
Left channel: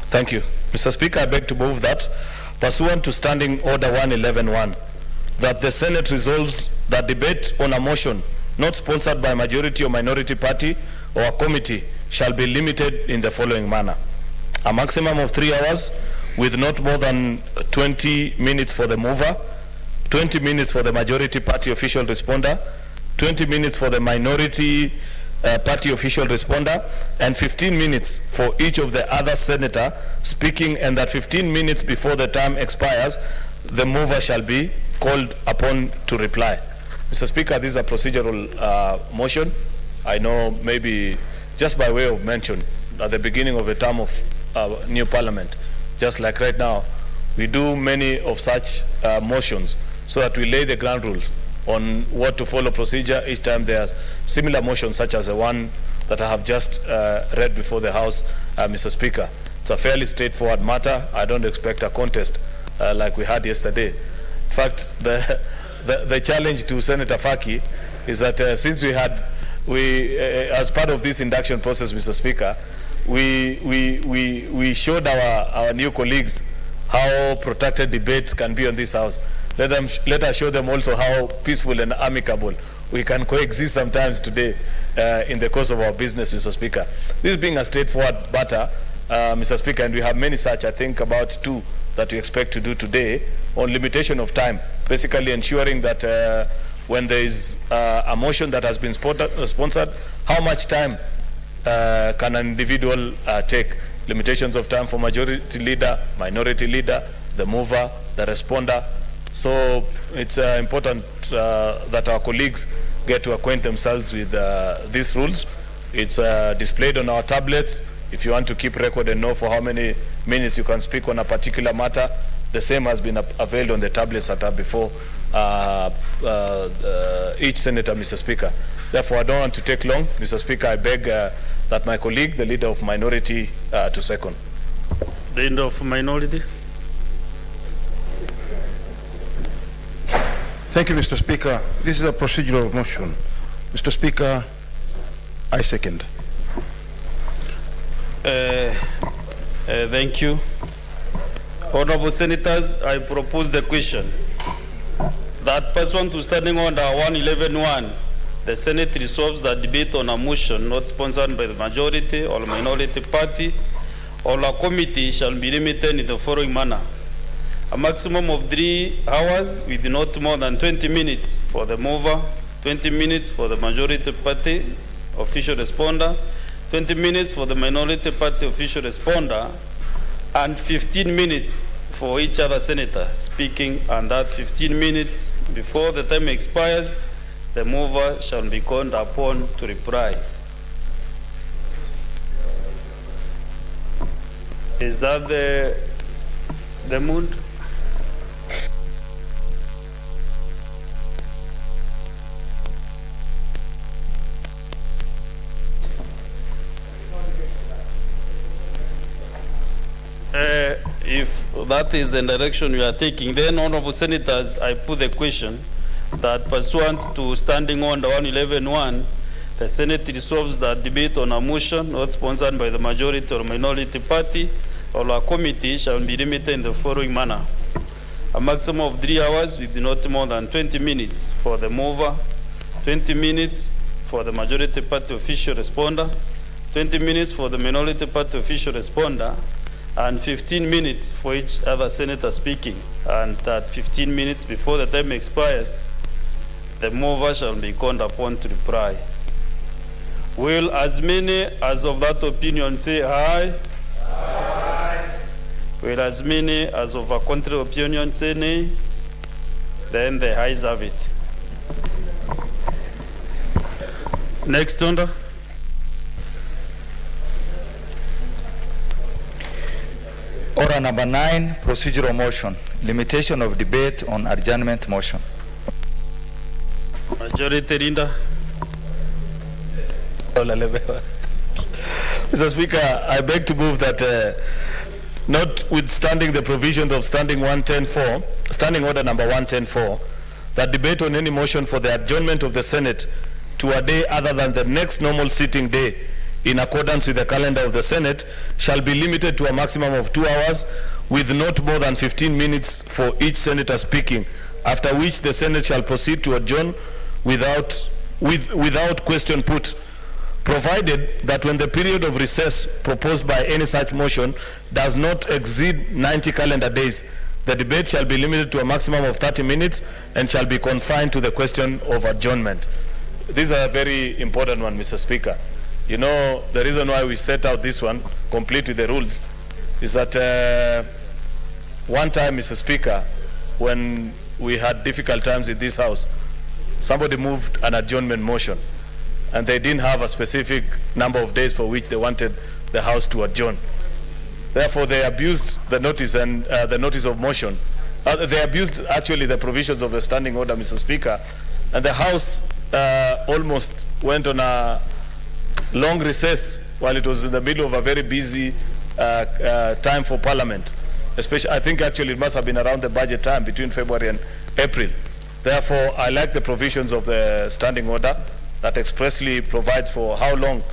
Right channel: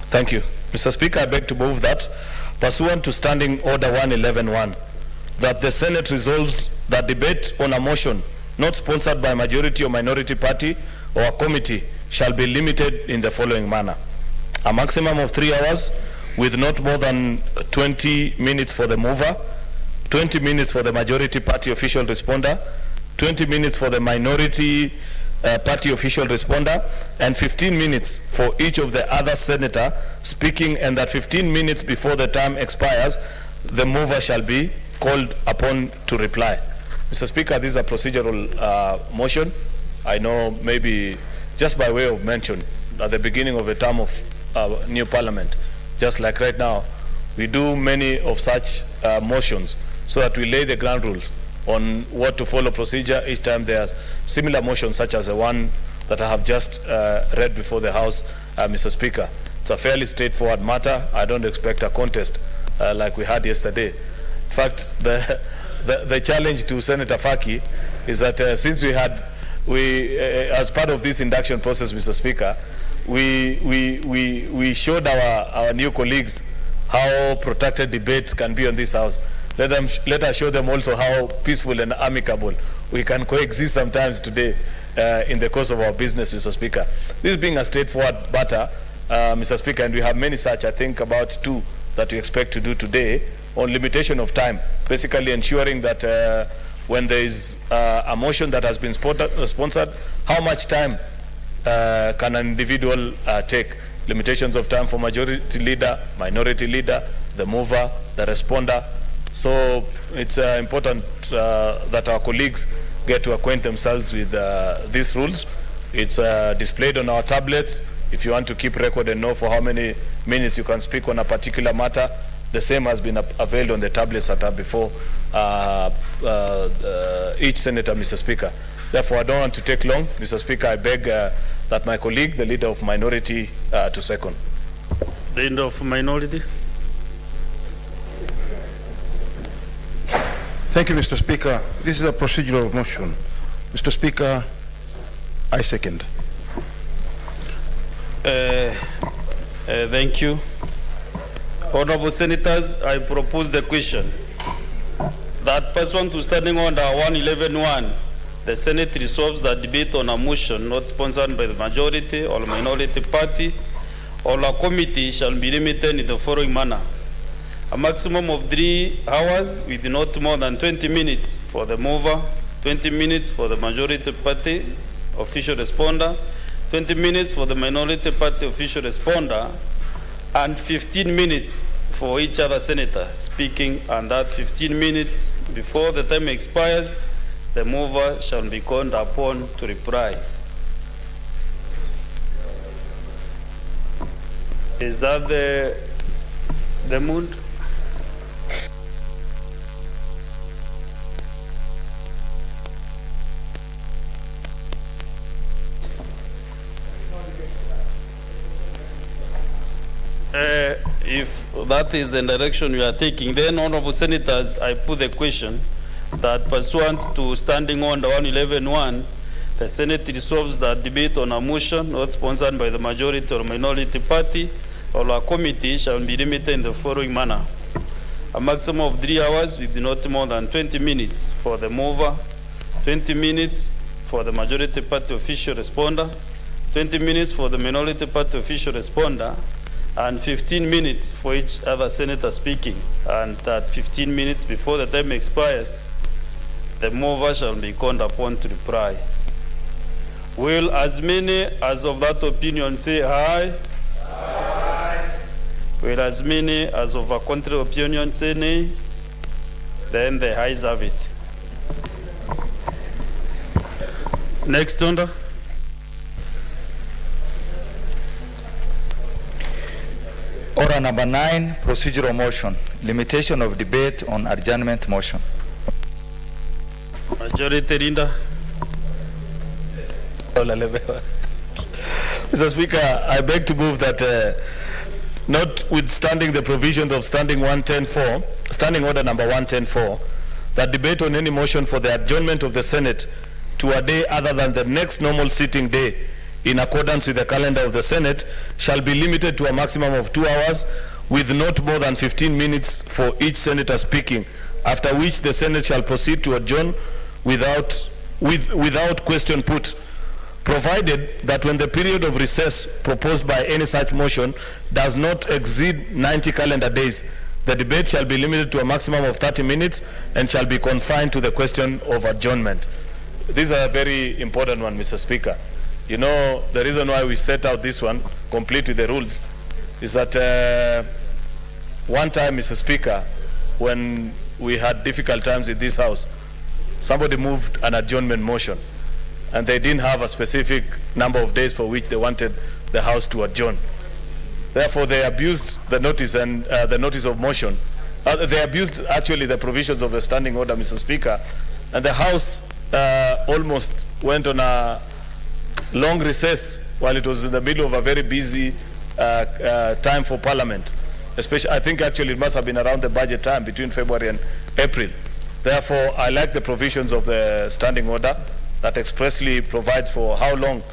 Thank you. Mr. Speaker, I beg to move that, pursuant to Standing Order 111.1, that the Senate resolves that debate on a motion not sponsored by a majority or minority party or a committee shall be limited in the following manner. A maximum of 3 hours with not more than 20 minutes for the mover, 20 minutes for the majority party official responder, 20 minutes for the minority party official responder, and 15 minutes for each of the other senator speaking, and that 15 minutes before the term expires, the mover shall be called upon to reply. Mr. Speaker, this is a procedural motion. I know maybe just by way of mention, at the beginning of a term of new parliament, just like right now, we do many of such motions so that we lay the ground rules on what to follow procedure each time there's similar motions such as the one that I have just read before the House, Mr. Speaker. It's a fairly straightforward matter. I don't expect a contest like we had yesterday. In fact, the challenge to Senator Faki is that since as part of this induction process, Mr. Speaker, we showed our new colleagues how protracted debates can be on this House. Let us show them also how peaceful and amicable we can coexist sometimes today in the course of our business, Mr. Speaker. This being a straightforward matter, Mr. Speaker, and we have many such, I think about 2 that we expect to do today on limitation of time, basically ensuring that when there is a motion that has been sponsored, how much time can an individual take? limitations of time for majority leader, minority leader, the mover, the responder. So it's important that our colleagues get to acquaint themselves with these rules. It's displayed on our tablets. If you want to keep record and know for how many minutes you can speak on a particular matter, the same has been availed on the tablets that are before each senator, Mr. Speaker. Therefore, I don't want to take long. Mr. Speaker, I beg that my colleague, the leader of minority, to second. The leader of minority. Thank you, Mr. Speaker. This is a procedural motion. Mr. Speaker, I second. Thank you. Honorable Senators, I propose the question that pursuant to Standing Order 111.1, the Senate resolves that debate on a motion not sponsored by the majority or minority party or a committee shall be limited in the following manner. A maximum of 3 hours with not more than 20 minutes for the mover, 20 minutes for the majority party official responder, 20 minutes for the minority party official responder, and 15 minutes for each other senator speaking, and that 15 minutes before the time expires, the mover shall be called upon to reply. Is that the mood? If that is the direction you are taking, then, Honorable Senators, I put the question that pursuant to Standing Order 111.1, the Senate resolves that debate on a motion not sponsored by the majority or minority party or a committee shall be limited in the following manner. A maximum of 3 hours with not more than 20 minutes for the mover, 20 minutes for the majority party official responder, 20 minutes for the minority party official responder, and 15 minutes for each other senator speaking, and that 15 minutes before the time expires, the mover shall be called upon to reply. Will as many as of that opinion say aye? Aye. Will as many as of a contrary opinion say nay? Then the ayes have it. Next order. Order number 9, procedural motion, limitation of debate on adjournment motion. Majority leader. Mr. Speaker, I beg to move that notwithstanding the provisions of Standing Order number 110.4, that debate on any motion for the adjournment of the Senate to a day other than the next normal sitting day in accordance with the calendar of the Senate shall be limited to a maximum of 2 hours with not more than 15 minutes for each senator speaking, after which the Senate shall proceed to adjourn without question put, provided that when the period of recess proposed by any such motion does not exceed 90 calendar days, the debate shall be limited to a maximum of 30 minutes and shall be confined to the question of adjournment. This is a very important one, Mr. Speaker. You know, the reason why we set out this one, complete with the rules, is that one time, Mr. Speaker, when we had difficult times in this House, somebody moved an adjournment motion, and they didn't have a specific number of days for which they wanted the House to adjourn. Therefore, they abused the notice and the notice of motion. They abused actually the provisions of the standing order, Mr. Speaker, and the House almost went on a long recess while it was in the middle of a very busy time for Parliament. Especially, I think actually it must have been around the budget time between February and April. Therefore, I like the provisions of the standing order that expressly provides for how long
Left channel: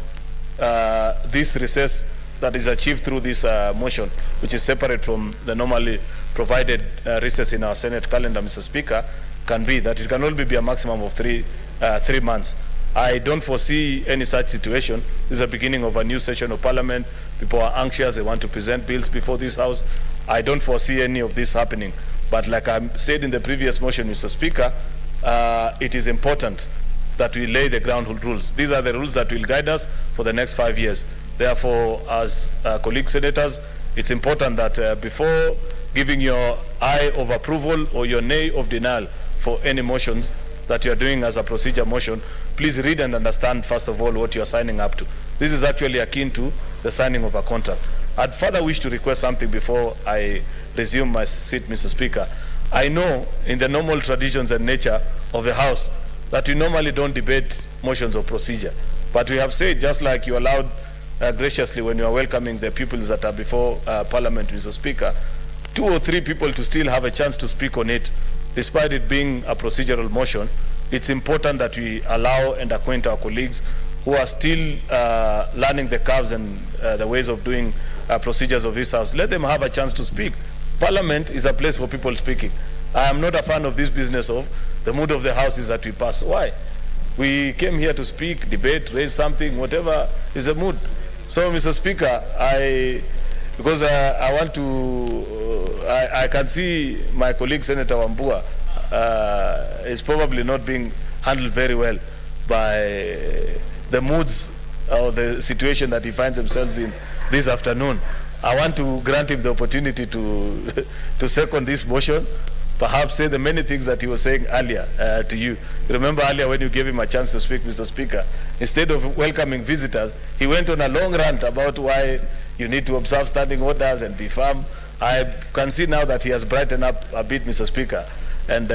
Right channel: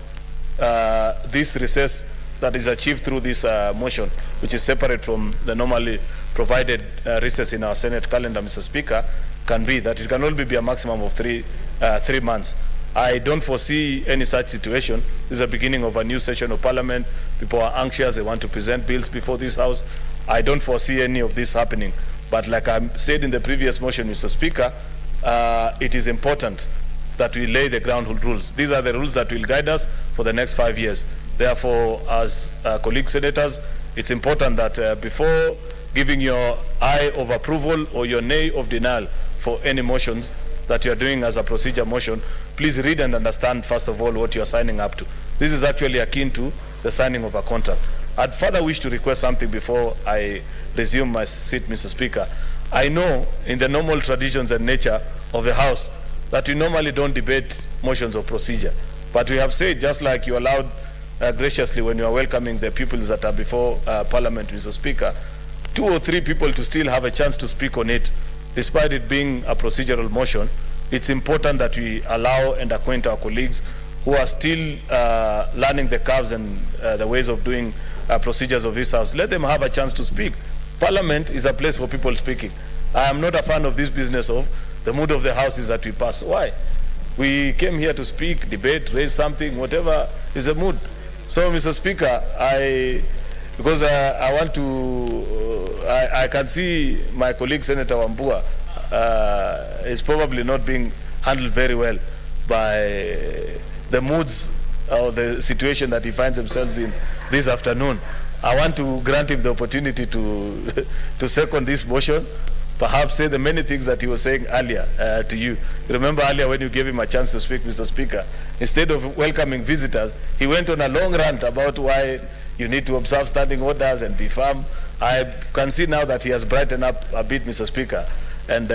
this recess that is achieved through this motion, which is separate from the normally provided recess in our Senate calendar, Mr. Speaker, can be. That it can only be a maximum of 3 months. I don't foresee any such situation. This is the beginning of a new session of Parliament. People are anxious. They want to present bills before this House. I don't foresee any of this happening. But like I said in the previous motion, Mr. Speaker, it is important that we lay the ground rules. These are the rules that will guide us for the next 5 years. Therefore, as colleague senators, it's important that before giving your aye of approval or your nay of denial for any motions that you are doing as a procedure motion, please read and understand, first of all, what you are signing up to. This is actually akin to the signing of a contract. I'd further wish to request something before I resume my seat, Mr. Speaker. I know in the normal traditions and nature of the House that we normally don't debate motions of procedure. But we have said, just like you allowed graciously when you are welcoming the pupils that are before Parliament, Mr. Speaker, 2 or 3 people to still have a chance to speak on it, despite it being a procedural motion. It's important that we allow and acquaint our colleagues who are still learning the curves and the ways of doing procedures of this House. Let them have a chance to speak. Parliament is a place for people speaking. I am not a fan of this business of the mood of the House is that we pass. Why? We came here to speak, debate, raise something, whatever is the mood. So, Mr. Speaker, because I want to, I can see my colleague Senator Wambua is probably not being handled very well by the moods or the situation that he finds himself in this afternoon. I want to grant him the opportunity to second this motion, perhaps say the many things that he was saying earlier to you. Remember earlier when you gave him a chance to speak, Mr. Speaker, instead of welcoming visitors, he went on a long rant about why you need to observe standing orders and be firm. I can see now that he has brightened up a bit, Mr. Speaker, and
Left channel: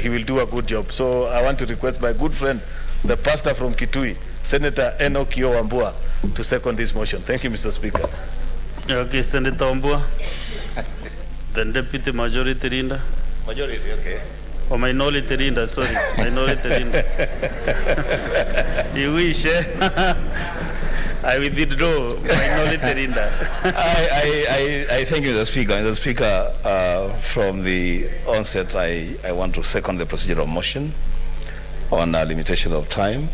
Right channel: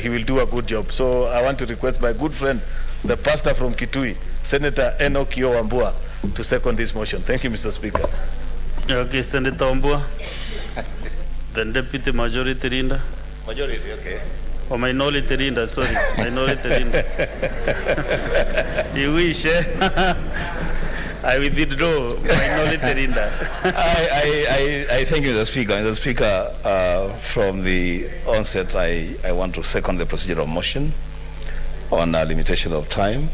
he will do a good job. So I want to request my good friend, the pastor from Kitui, Senator Enokio Wambua, to second this motion. Thank you, Mr. Speaker. Okay, Senator Wambua. Then Deputy Majority Leader. Majority, okay. Or Minority Leader, sorry. Minority Leader. You wish, eh? I withdraw. Minority Leader. I thank you, Mr. Speaker. Mr. Speaker, from the onset, I want to second the procedural motion on a limitation of time.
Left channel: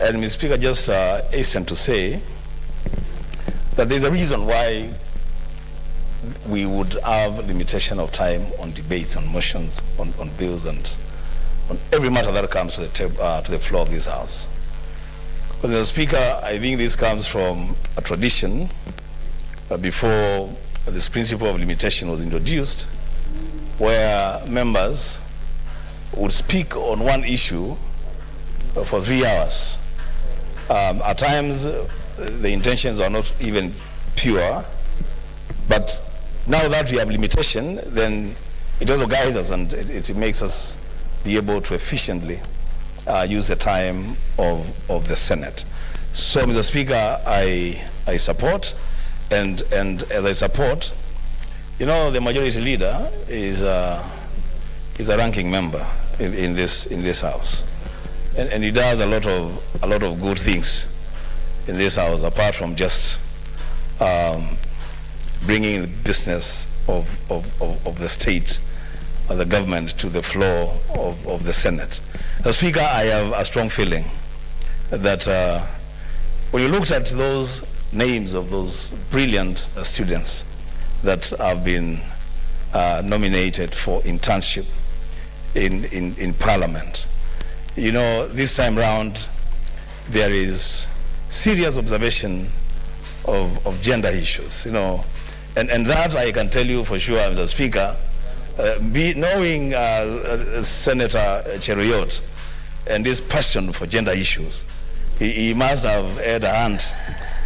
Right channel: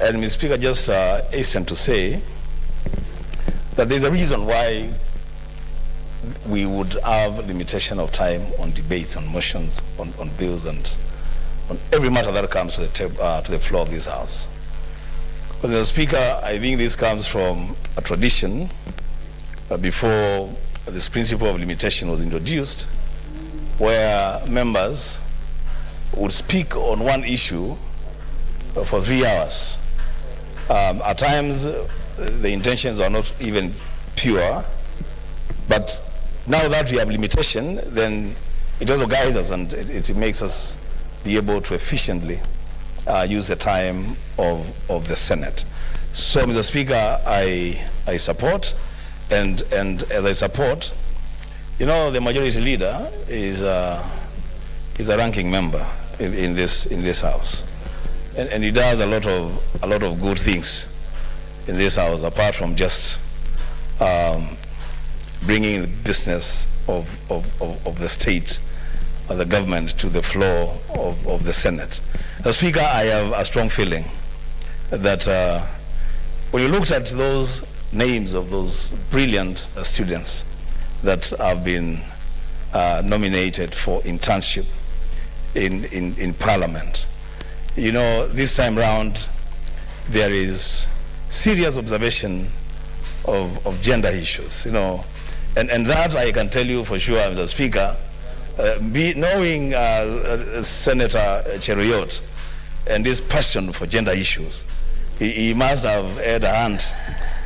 And Mr. Speaker, just hasten to say that there's a reason why we would have limitation of time on debates, on motions, on bills, and on every matter that comes to the floor of this House. Because, Mr. Speaker, I think this comes from a tradition before this principle of limitation was introduced, where members would speak on one issue for 3 hours. At times, the intentions are not even pure, but now that we have limitation, then it also guides us and it makes us be able to efficiently use the time of the Senate. So, Mr. Speaker, I support, and as I support, you know, the majority leader is a ranking member in this House, and he does a lot of good things in this House, apart from just bringing the business of the state, the government, to the floor of the Senate. As Speaker, I have a strong feeling that when you looked at those names of those brilliant students that have been nominated for internship in Parliament, you know, this time round there is serious observation of gender issues, you know, and that I can tell you for sure, Mr. Speaker, knowing Senator Cheruiyot and his passion for gender issues, he must have had a hand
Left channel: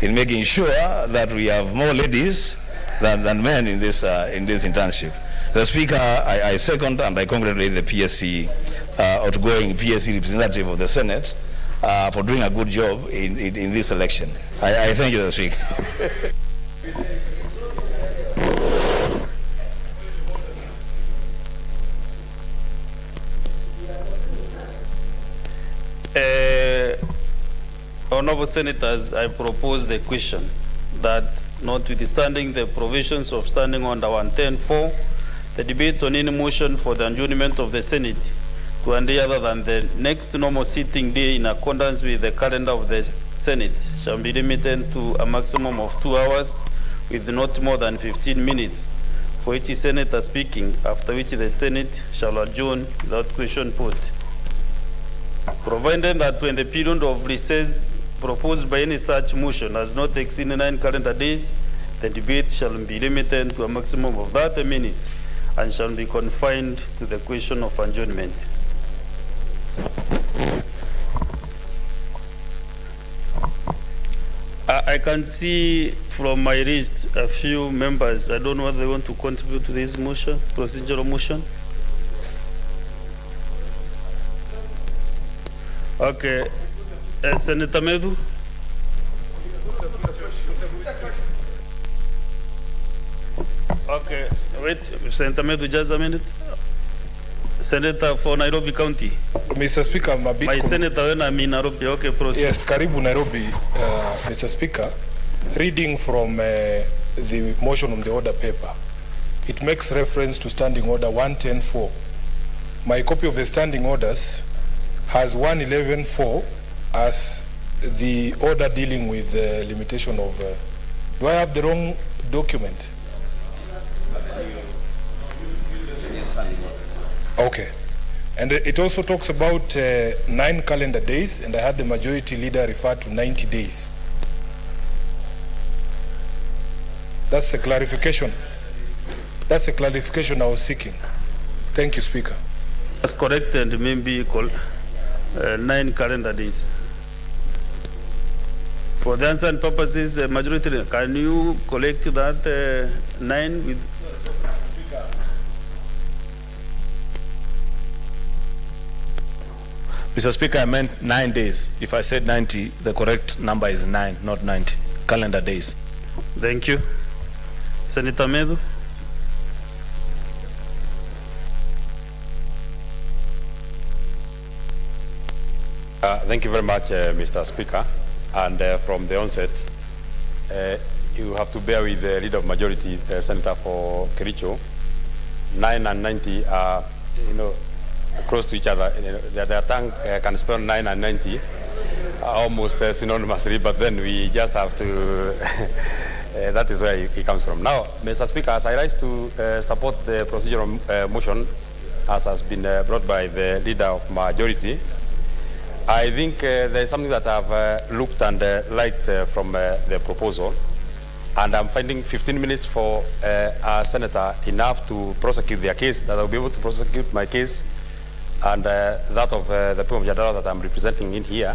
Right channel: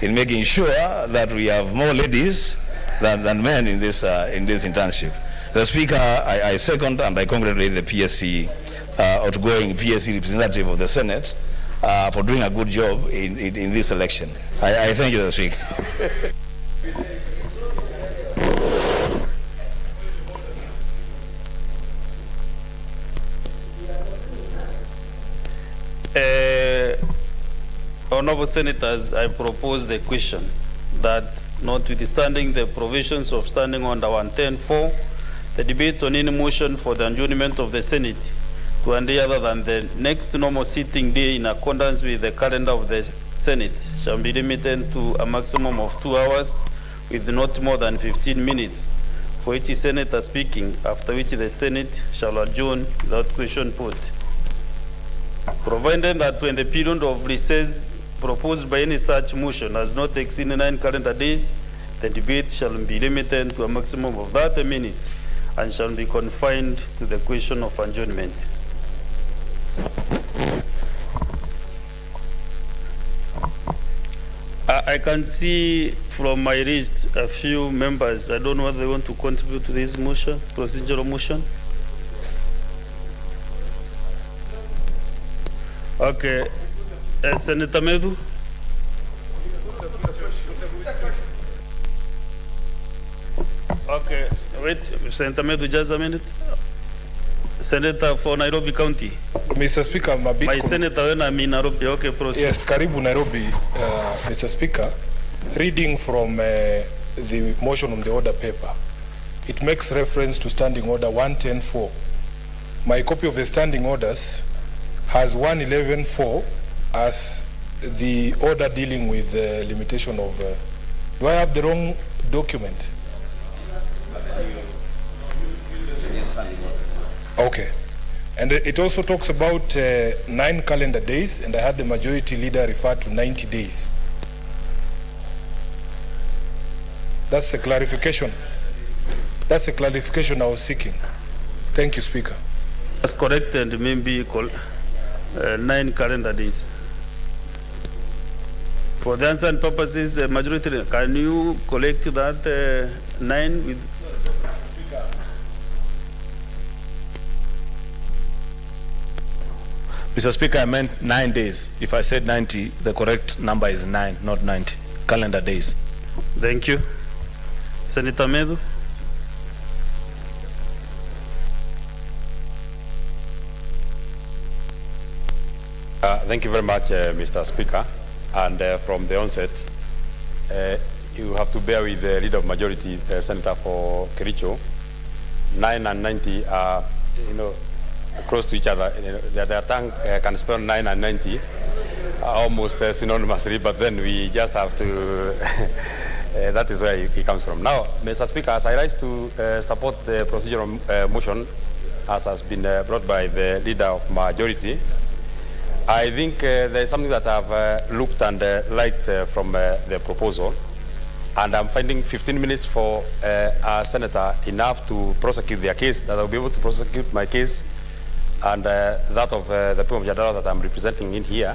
in making sure that we have more ladies than men in this internship. The Speaker, I second and I congratulate the PSC, outgoing PSC representative of the Senate, for doing a good job in this election. I thank you, Mr. Speaker. Honorable Senators, I propose the question that, notwithstanding the provisions of Standing Order 110.4, the debate on any motion for the adjournment of the Senate to any other than the next normal sitting day in accordance with the calendar of the Senate shall be limited to a maximum of 2 hours with not more than 15 minutes for each senator speaking, after which the Senate shall adjourn without question put. Provided that when the period of recess proposed by any such motion does not exceed 9 calendar days, the debate shall be limited to a maximum of 30 minutes and shall be confined to the question of adjournment. I can see from my list a few members. I don't know whether they want to contribute to this motion, procedural motion. Okay, Senator Medu. Okay, wait, Senator Medu, just a minute. Senator for Nairobi County. Mr. Speaker, I'm a bit... My senator when I'm in Nairobi, okay, proceed. Yes, Karibu Nairobi, Mr. Speaker. Reading from the motion on the order paper, it makes reference to Standing Order 110.4. My copy of the standing orders has 111.4 as the order dealing with the limitation of... do I have the wrong document? Okay. And it also talks about 9 calendar days, and I had the majority leader refer to 90 days. That's a clarification. That's a clarification I was seeking. Thank you, Speaker. That's correct, and maybe 9 calendar days. For the answer and purposes, majority, can you collect that 9 with... Mr. Speaker, I meant 9 days. If I said 90, the correct number is 9, not 90. Calendar days. Thank you. Senator Medu. Thank you very much, Mr. Speaker. And from the onset, you have to bear with the leader of majority, Senator for Kericho. 9 and 90 are, close to each other. Their tongue can spell 9 and 90 almost synonymously, but then we just have to, that is where it comes from. Now, Mr. Speaker, as I rise to support the procedural motion, as has been brought by the leader of majority, I think there is something that I've looked and liked from the proposal, and I'm finding 15 minutes for a senator enough to prosecute their case, that I'll be able to prosecute my case and that of the people of Jadala that I'm representing in here.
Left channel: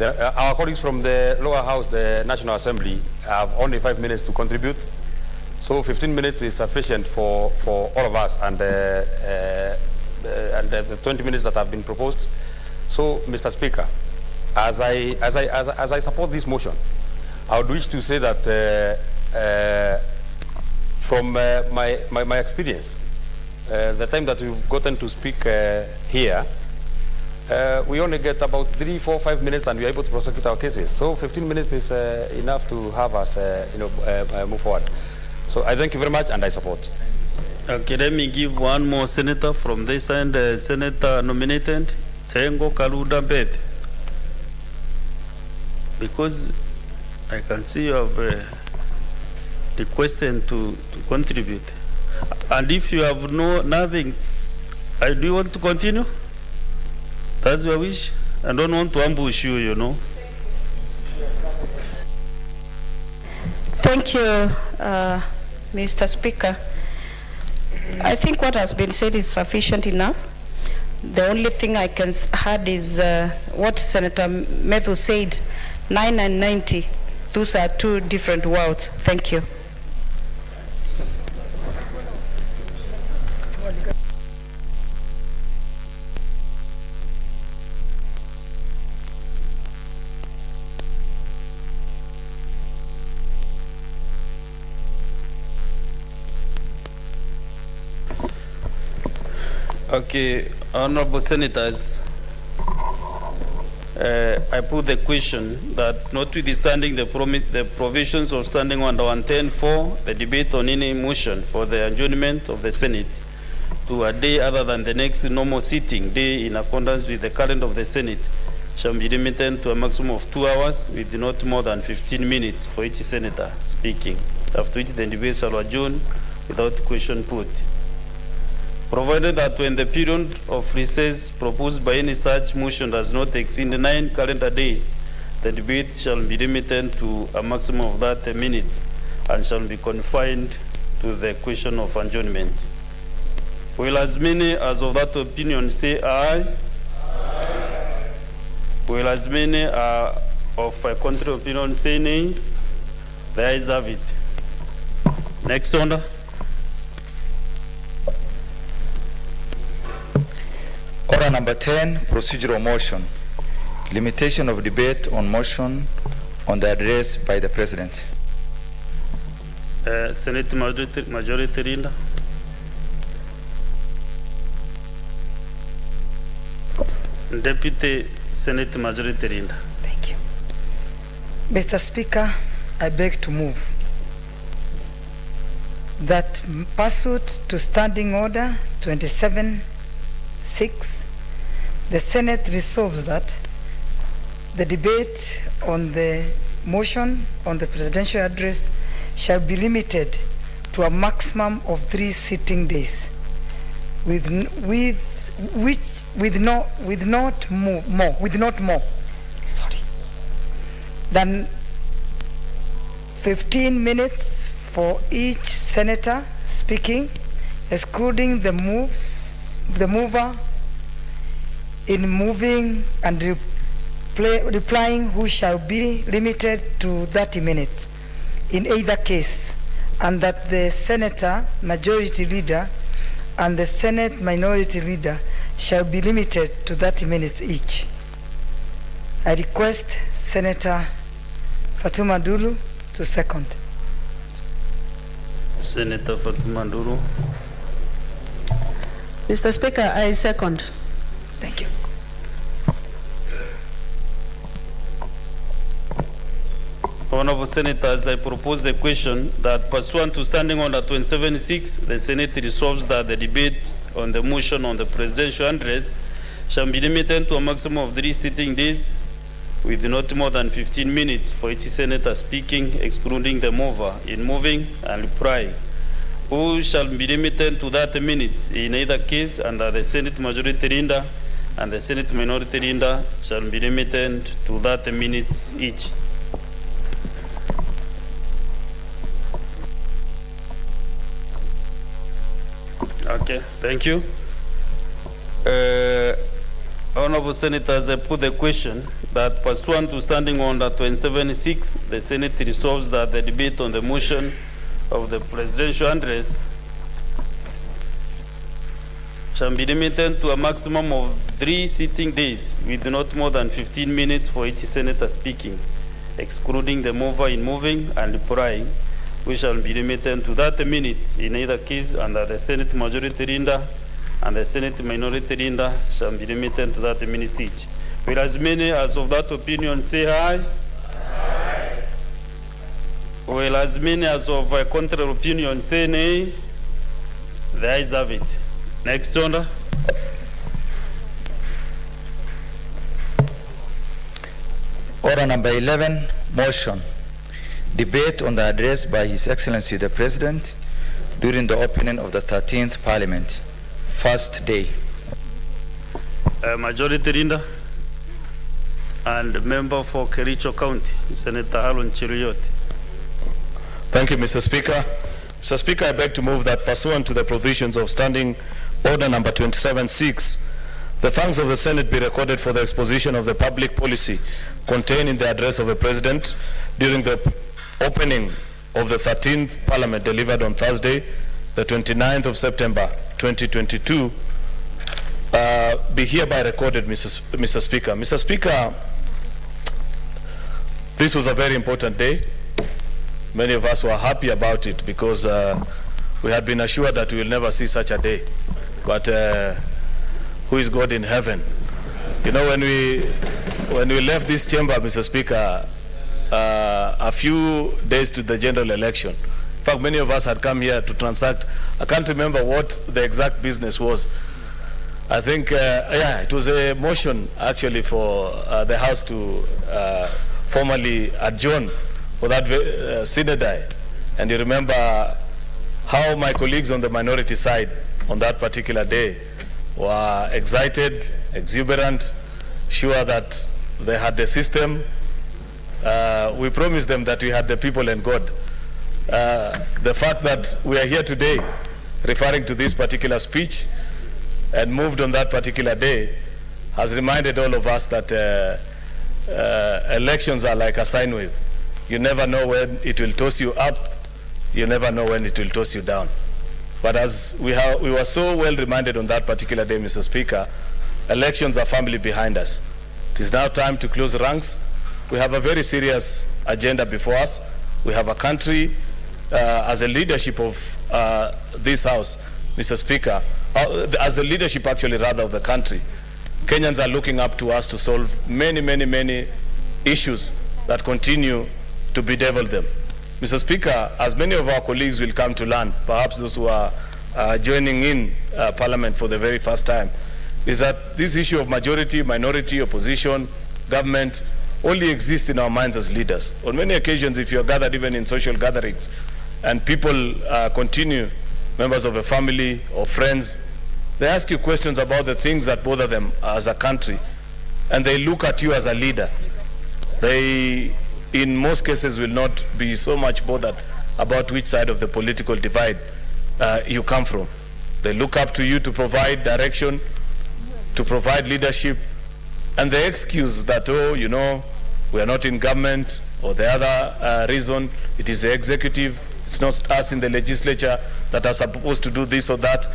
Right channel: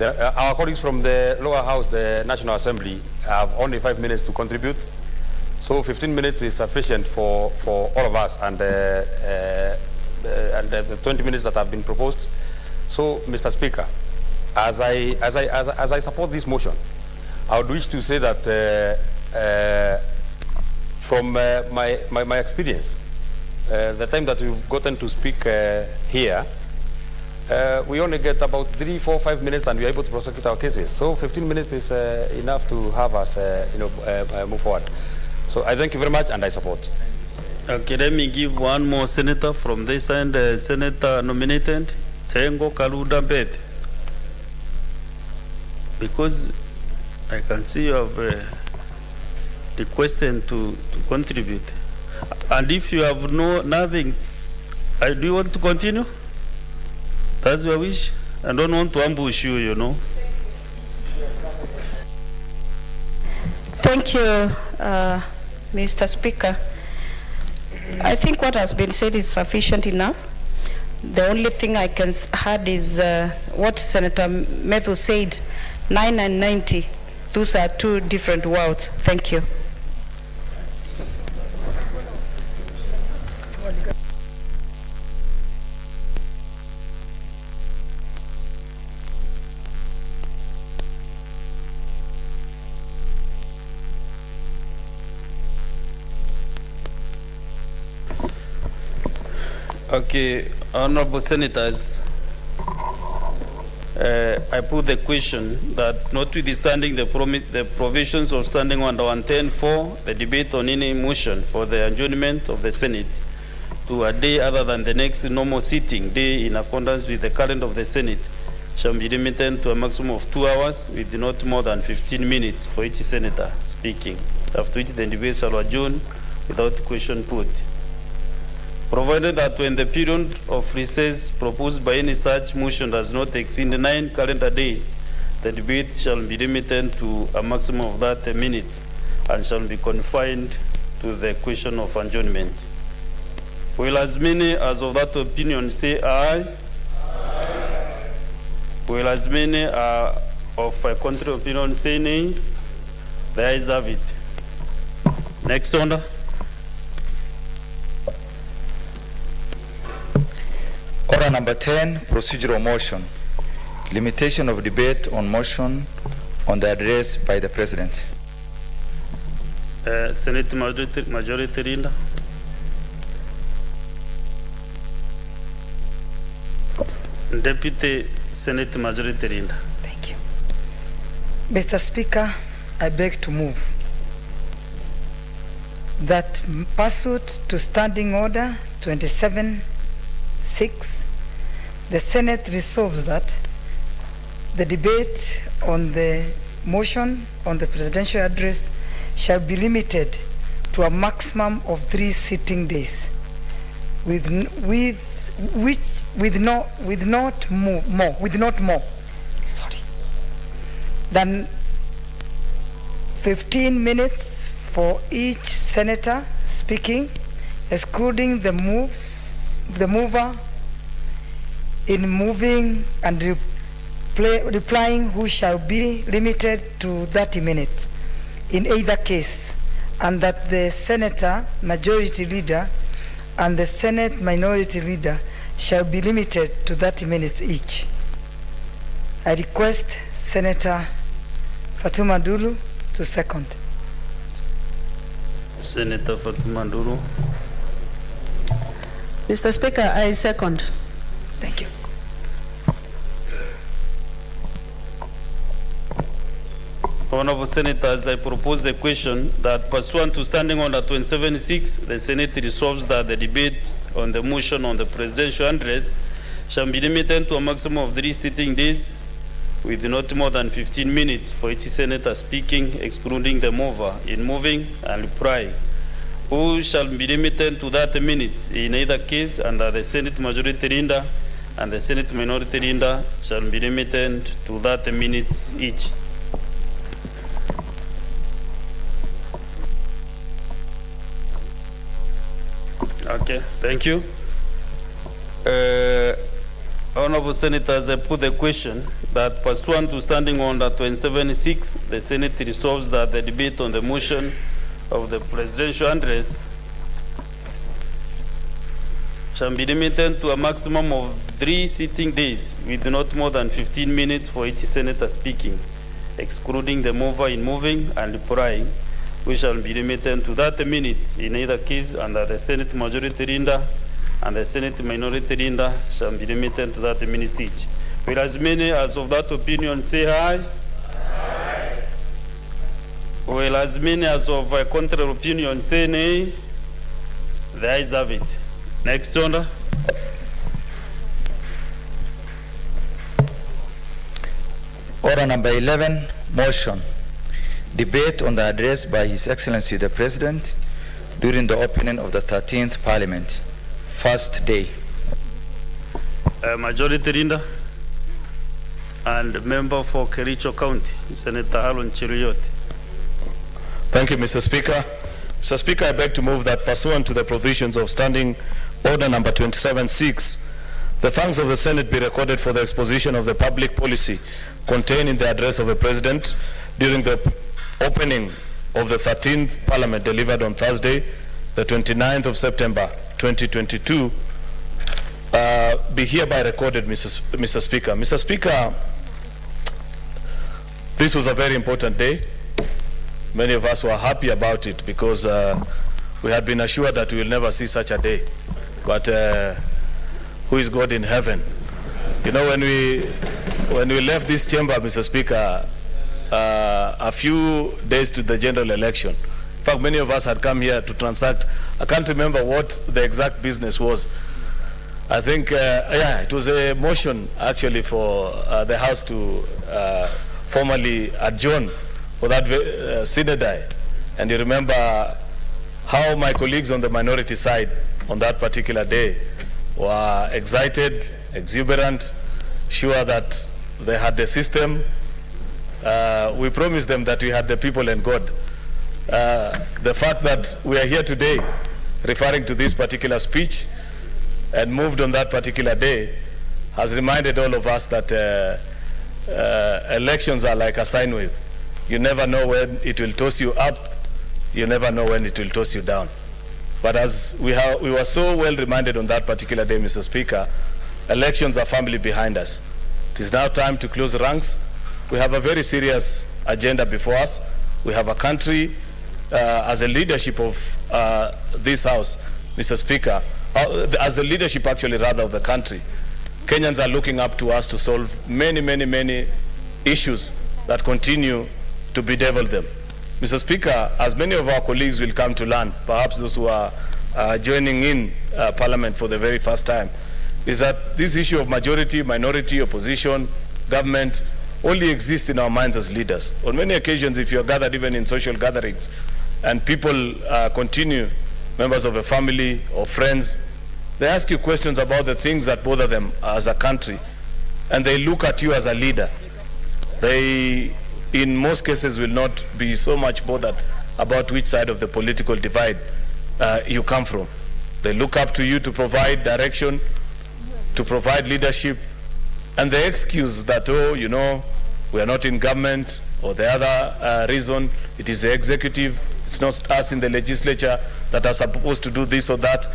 Our colleagues from the lower house, the National Assembly, have only 5 minutes to contribute. So 15 minutes is sufficient for all of us, and the 20 minutes that have been proposed. So, Mr. Speaker, as I support this motion, I would wish to say that from my experience, the time that we've gotten to speak here, we only get about 3, 4, 5 minutes, and we are able to prosecute our cases. So 15 minutes is enough to have us move forward. So I thank you very much, and I support. Okay, let me give one more senator from this side, senator nominated, Tsengo Kaluda Beth. Because I can see you have requested to contribute. And if you have nothing, do you want to continue? That's your wish. I don't want to ambush you, you know. Thank you, Mr. Speaker. I think what has been said is sufficient enough. The only thing I can add is what Senator Methu said, 9 and 90. Those are two different worlds. Thank you. Okay, honorable senators, I put the question that notwithstanding the provisions of Standing Order 110.4, the debate on any motion for the adjournment of the Senate to a day other than the next normal sitting day in accordance with the calendar of the Senate shall be limited to a maximum of 2 hours with not more than 15 minutes for each senator speaking, after which the debate shall adjourn without question put. Provided that when the period of recess proposed by any such motion does not exceed 9 calendar days, The debate shall be limited to a maximum of 30 minutes and shall be confined to the question of adjournment. Will as many as of that opinion say aye? Aye. Will as many of a contrary opinion say nay? The ayes have it. Next order. Order number 10, procedural motion. Limitation of debate on motion on the address by the President. Senate Majority Leader. Deputy Senate Majority Leader. Thank you. Mr. Speaker, I beg to move that pursuant to Standing Order 27-6, the Senate resolves that the debate on the motion on the presidential address shall be limited to a maximum of 3 sitting days, with not more than 15 minutes for each senator speaking, excluding the mover in moving and replying, who shall be limited to 30 minutes in either case, and that the senator majority leader and the Senate minority leader shall be limited to 30 minutes each. I request Senator Fatuma Dulu to second. Senator Fatuma Dulu. Mr. Speaker, I second. Thank you. Honorable Senators, I propose the question that pursuant to Standing Order 27-6, the Senate resolves that the debate on the motion on the presidential address shall be limited to a maximum of 3 sitting days with not more than 15 minutes for each senator speaking, excluding the mover in moving and replying, who shall be limited to 30 minutes in either case, and that the Senate majority leader and the Senate minority leader shall be limited to 30 minutes each. Okay, thank you. Honorable Senators, I put the question that pursuant to Standing Order 27-6, the Senate resolves that the debate on the motion of the presidential address shall be limited to a maximum of 3 sitting days with not more than 15 minutes for each senator speaking, excluding the mover in moving and replying, which shall be limited to 30 minutes in either case, and that the Senate majority leader and the Senate minority leader shall be limited to 30 minutes each. Will as many as of that opinion say aye? Aye. Will as many as of a contrary opinion say nay? The ayes have it. Next order. Order number 11, motion. Debate on the address by His Excellency the President during the opening of the 13th Parliament, first day. Majority Leader and member for Kericho County, Senator Harun Chiruyoti. Thank you, Mr. Speaker. Mr. Speaker, I beg to move that pursuant to the provisions of Standing Order number 27-6, the thanks of the Senate be recorded for the exposition of the public policy contained in the address of the President during the opening of the 13th Parliament delivered on Thursday, the 29th of September 2022, be hereby recorded, Mr. Speaker. Mr. Speaker, this was a very important day. Many of us were happy about it because we had been assured that we will never see such a day. But who is God in heaven? You know, when we left this chamber, Mr. Speaker, a few days to the general election, in fact, many of us had come here to transact. I can't remember what the exact business was. I think, yeah, it was a motion actually for the House to formally adjourn for that synod. And you remember how my colleagues on the minority side on that particular day were excited, exuberant, sure that they had the system, We promised them that we had the people and God. The fact that we are here today referring to this particular speech and moved on that particular day has reminded all of us that elections are like a sine wave. You never know when it will toss you up, you never know when it will toss you down. But as we were so well reminded on that particular day, Mr. Speaker, elections are firmly behind us. It is now time to close ranks. We have a very serious agenda before us. We have a country, as a leadership of this House, Mr. Speaker, as the leadership actually rather of the country, Kenyans are looking up to us to solve many, many, many issues that continue to bedevil them. Mr. Speaker, as many of our colleagues will come to learn, perhaps those who are joining in Parliament for the very first time, is that this issue of majority, minority, opposition, government, only exists in our minds as leaders. On many occasions, if you're gathered even in social gatherings, and people continue, members of a family or friends, they ask you questions about the things that bother them as a country, and they look at you as a leader. They, in most cases, will not be so much bothered about which side of the political divide you come from. They look up to you to provide direction, to provide leadership, and they excuse that, oh, you know, we are not in government, or the other reason, it is the executive, it's not us in the legislature that are supposed to do this or that,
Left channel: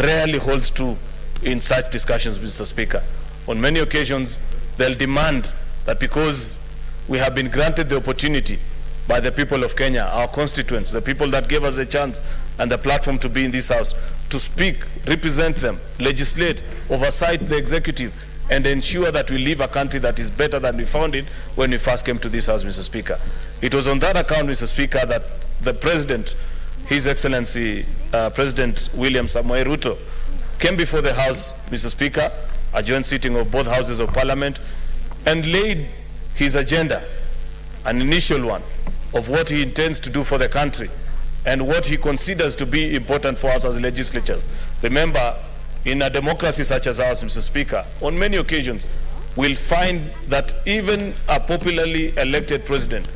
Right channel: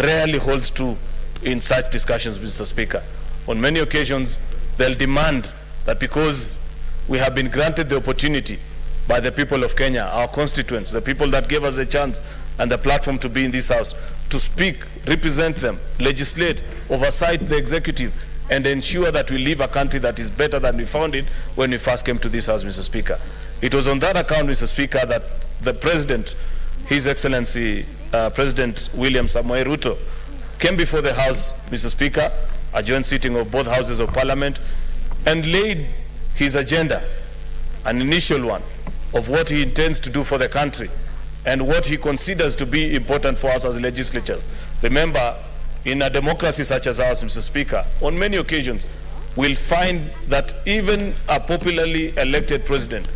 rarely holds true in such discussions, Mr. Speaker. On many occasions, they'll demand that because we have been granted the opportunity by the people of Kenya, our constituents, the people that gave us a chance and the platform to be in this House, to speak, represent them, legislate, oversight the executive, and ensure that we leave a country that is better than we found it when we first came to this House, Mr. Speaker. It was on that account, Mr. Speaker, that the President, His Excellency President William Samoei Ruto, came before the House, Mr. Speaker, a joint sitting of both Houses of Parliament, and laid his agenda, an initial one, of what he intends to do for the country and what he considers to be important for us as legislature. Remember, in a democracy such as ours, Mr. Speaker, on many occasions, we'll find that even a popularly elected president,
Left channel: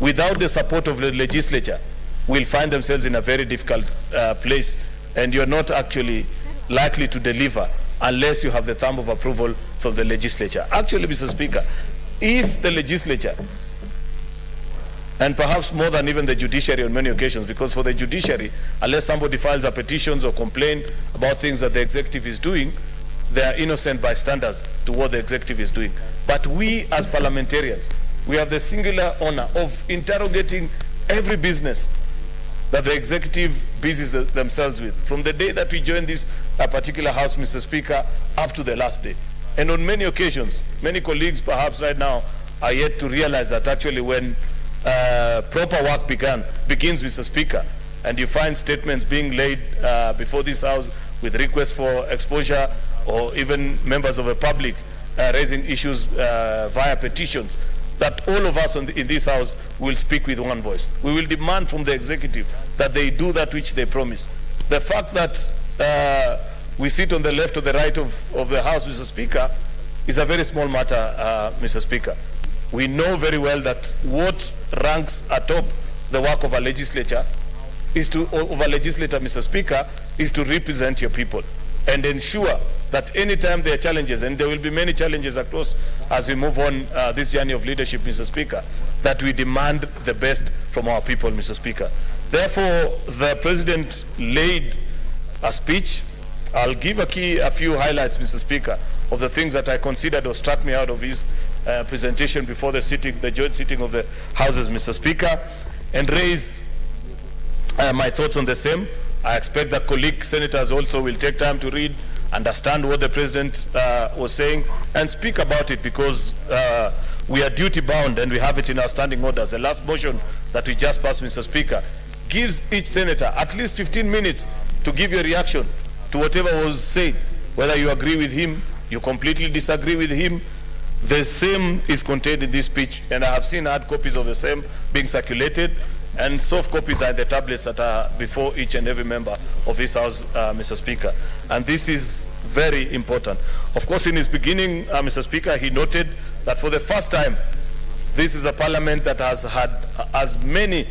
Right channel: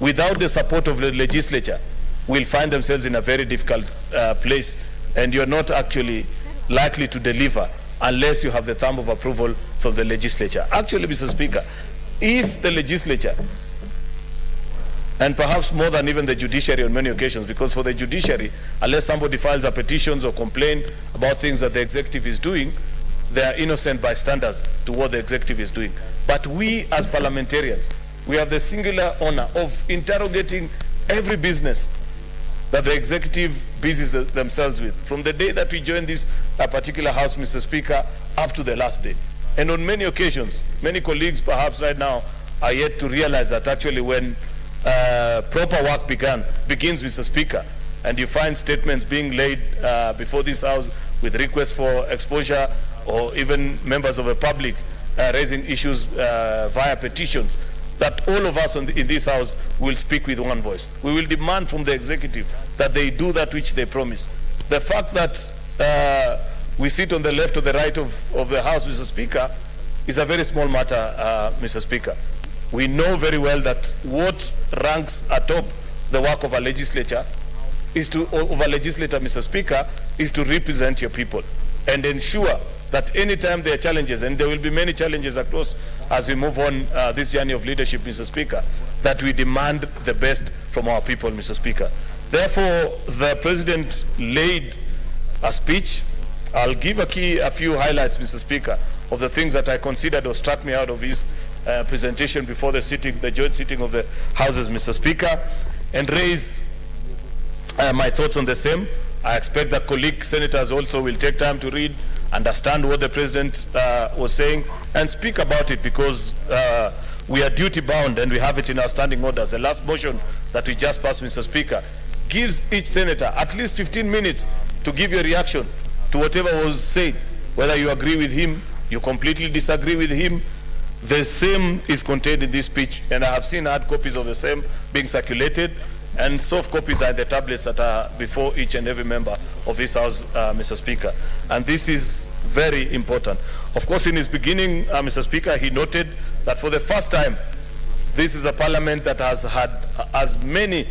without the support of the legislature, will find themselves in a very difficult place, and you're not actually likely to deliver unless you have the thumb of approval from the legislature. Actually, Mr. Speaker, if the legislature, and perhaps more than even the judiciary on many occasions, because for the judiciary, unless somebody files a petition or complaint about things that the executive is doing, they are innocent bystanders to what the executive is doing. But we as parliamentarians, we have the singular honor of interrogating every business that the executive busies themselves with, from the day that we joined this particular House, Mr. Speaker, up to the last day. And on many occasions, many colleagues perhaps right now are yet to realize that actually when proper work begins, Mr. Speaker, and you find statements being laid before this House with requests for exposure, or even members of the public raising issues via petitions, that all of us in this House will speak with one voice. We will demand from the executive that they do that which they promise. The fact that we sit on the left or the right of the House, Mr. Speaker, is a very small matter, Mr. Speaker. We know very well that what ranks atop the work of a legislature is to, of a legislator, Mr. Speaker, is to represent your people and ensure that anytime there are challenges, and there will be many challenges across as we move on this journey of leadership, Mr. Speaker, that we demand the best from our people, Mr. Speaker. Therefore, the President laid a speech. I'll give a few highlights, Mr. Speaker, of the things that I considered or struck me out of his presentation before the joint sitting of the Houses, Mr. Speaker, and raise my thoughts on the same. I expect that colleague senators also will take time to read, understand what the President was saying, and speak about it, because we are duty bound and we have it in our standing orders. The last motion that we just passed, Mr. Speaker, gives each senator at least 15 minutes to give your reaction to whatever was said, whether you agree with him, you completely disagree with him. The same is contained in this speech, and I have seen hard copies of the same being circulated, and soft copies are the tablets that are before each and every member of this House, Mr. Speaker. And this is very important. Of course, in his beginning, Mr. Speaker, he noted that for the first time, this is a parliament that has had as many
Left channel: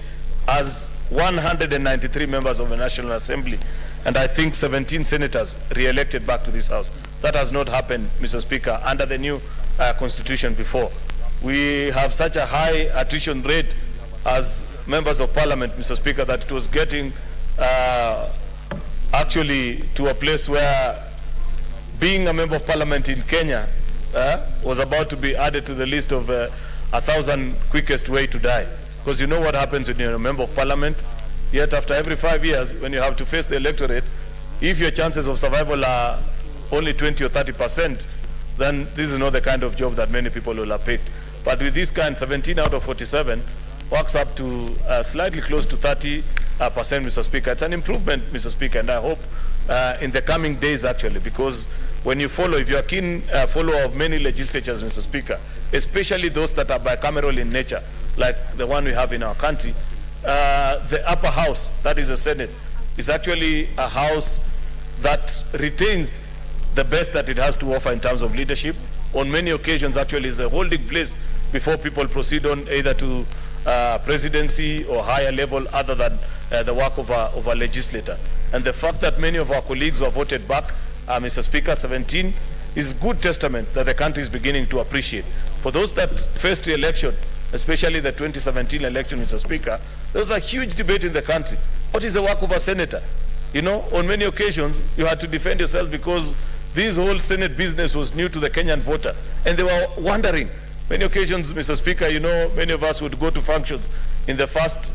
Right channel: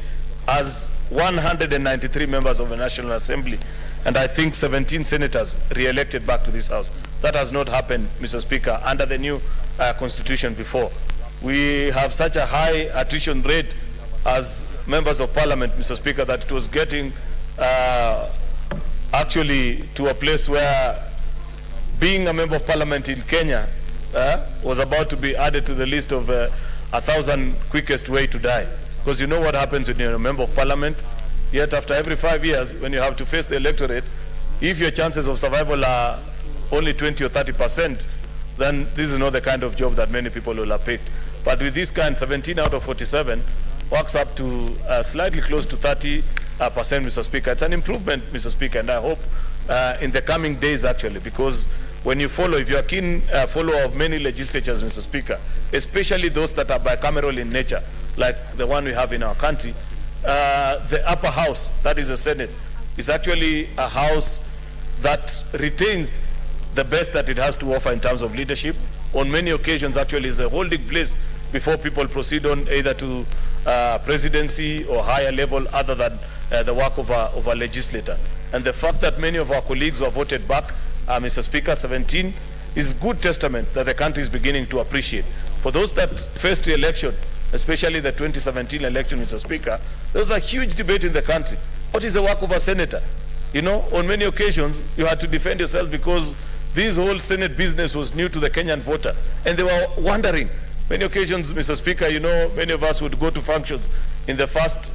as 193 members of the National Assembly, and I think 17 senators re-elected back to this house. That has not happened, Mr. Speaker, under the new constitution before. We have such a high attrition rate as members of parliament, Mr. Speaker, that it was getting actually to a place where being a member of parliament in Kenya was about to be added to the list of 1,000 quickest way to die. Because you know what happens when you're a member of parliament, yet after every 5 years, when you have to face the electorate, if your chances of survival are only 20 or 30%, then this is not the kind of job that many people will have picked. But with this kind, 17 out of 47 works up to slightly close to 30%, Mr. Speaker. It's an improvement, Mr. Speaker, and I hope in the coming days, actually, because when you follow, if you're a keen follower of many legislatures, Mr. Speaker, especially those that are bicameral in nature, like the one we have in our country, the upper house, that is the Senate, is actually a house that retains the best that it has to offer in terms of leadership. On many occasions, actually, is a holding place before people proceed on either to presidency or higher level other than the work of a legislator. And the fact that many of our colleagues were voted back, Mr. Speaker, 17, is good testament that the country is beginning to appreciate. For those that faced the election, especially the 2017 election, Mr. Speaker, there was a huge debate in the country. What is the work of a senator? You know, on many occasions, you had to defend yourself because this whole Senate business was new to the Kenyan voter. And they were wondering. Many occasions, Mr. Speaker, you know, many of us would go to functions in the first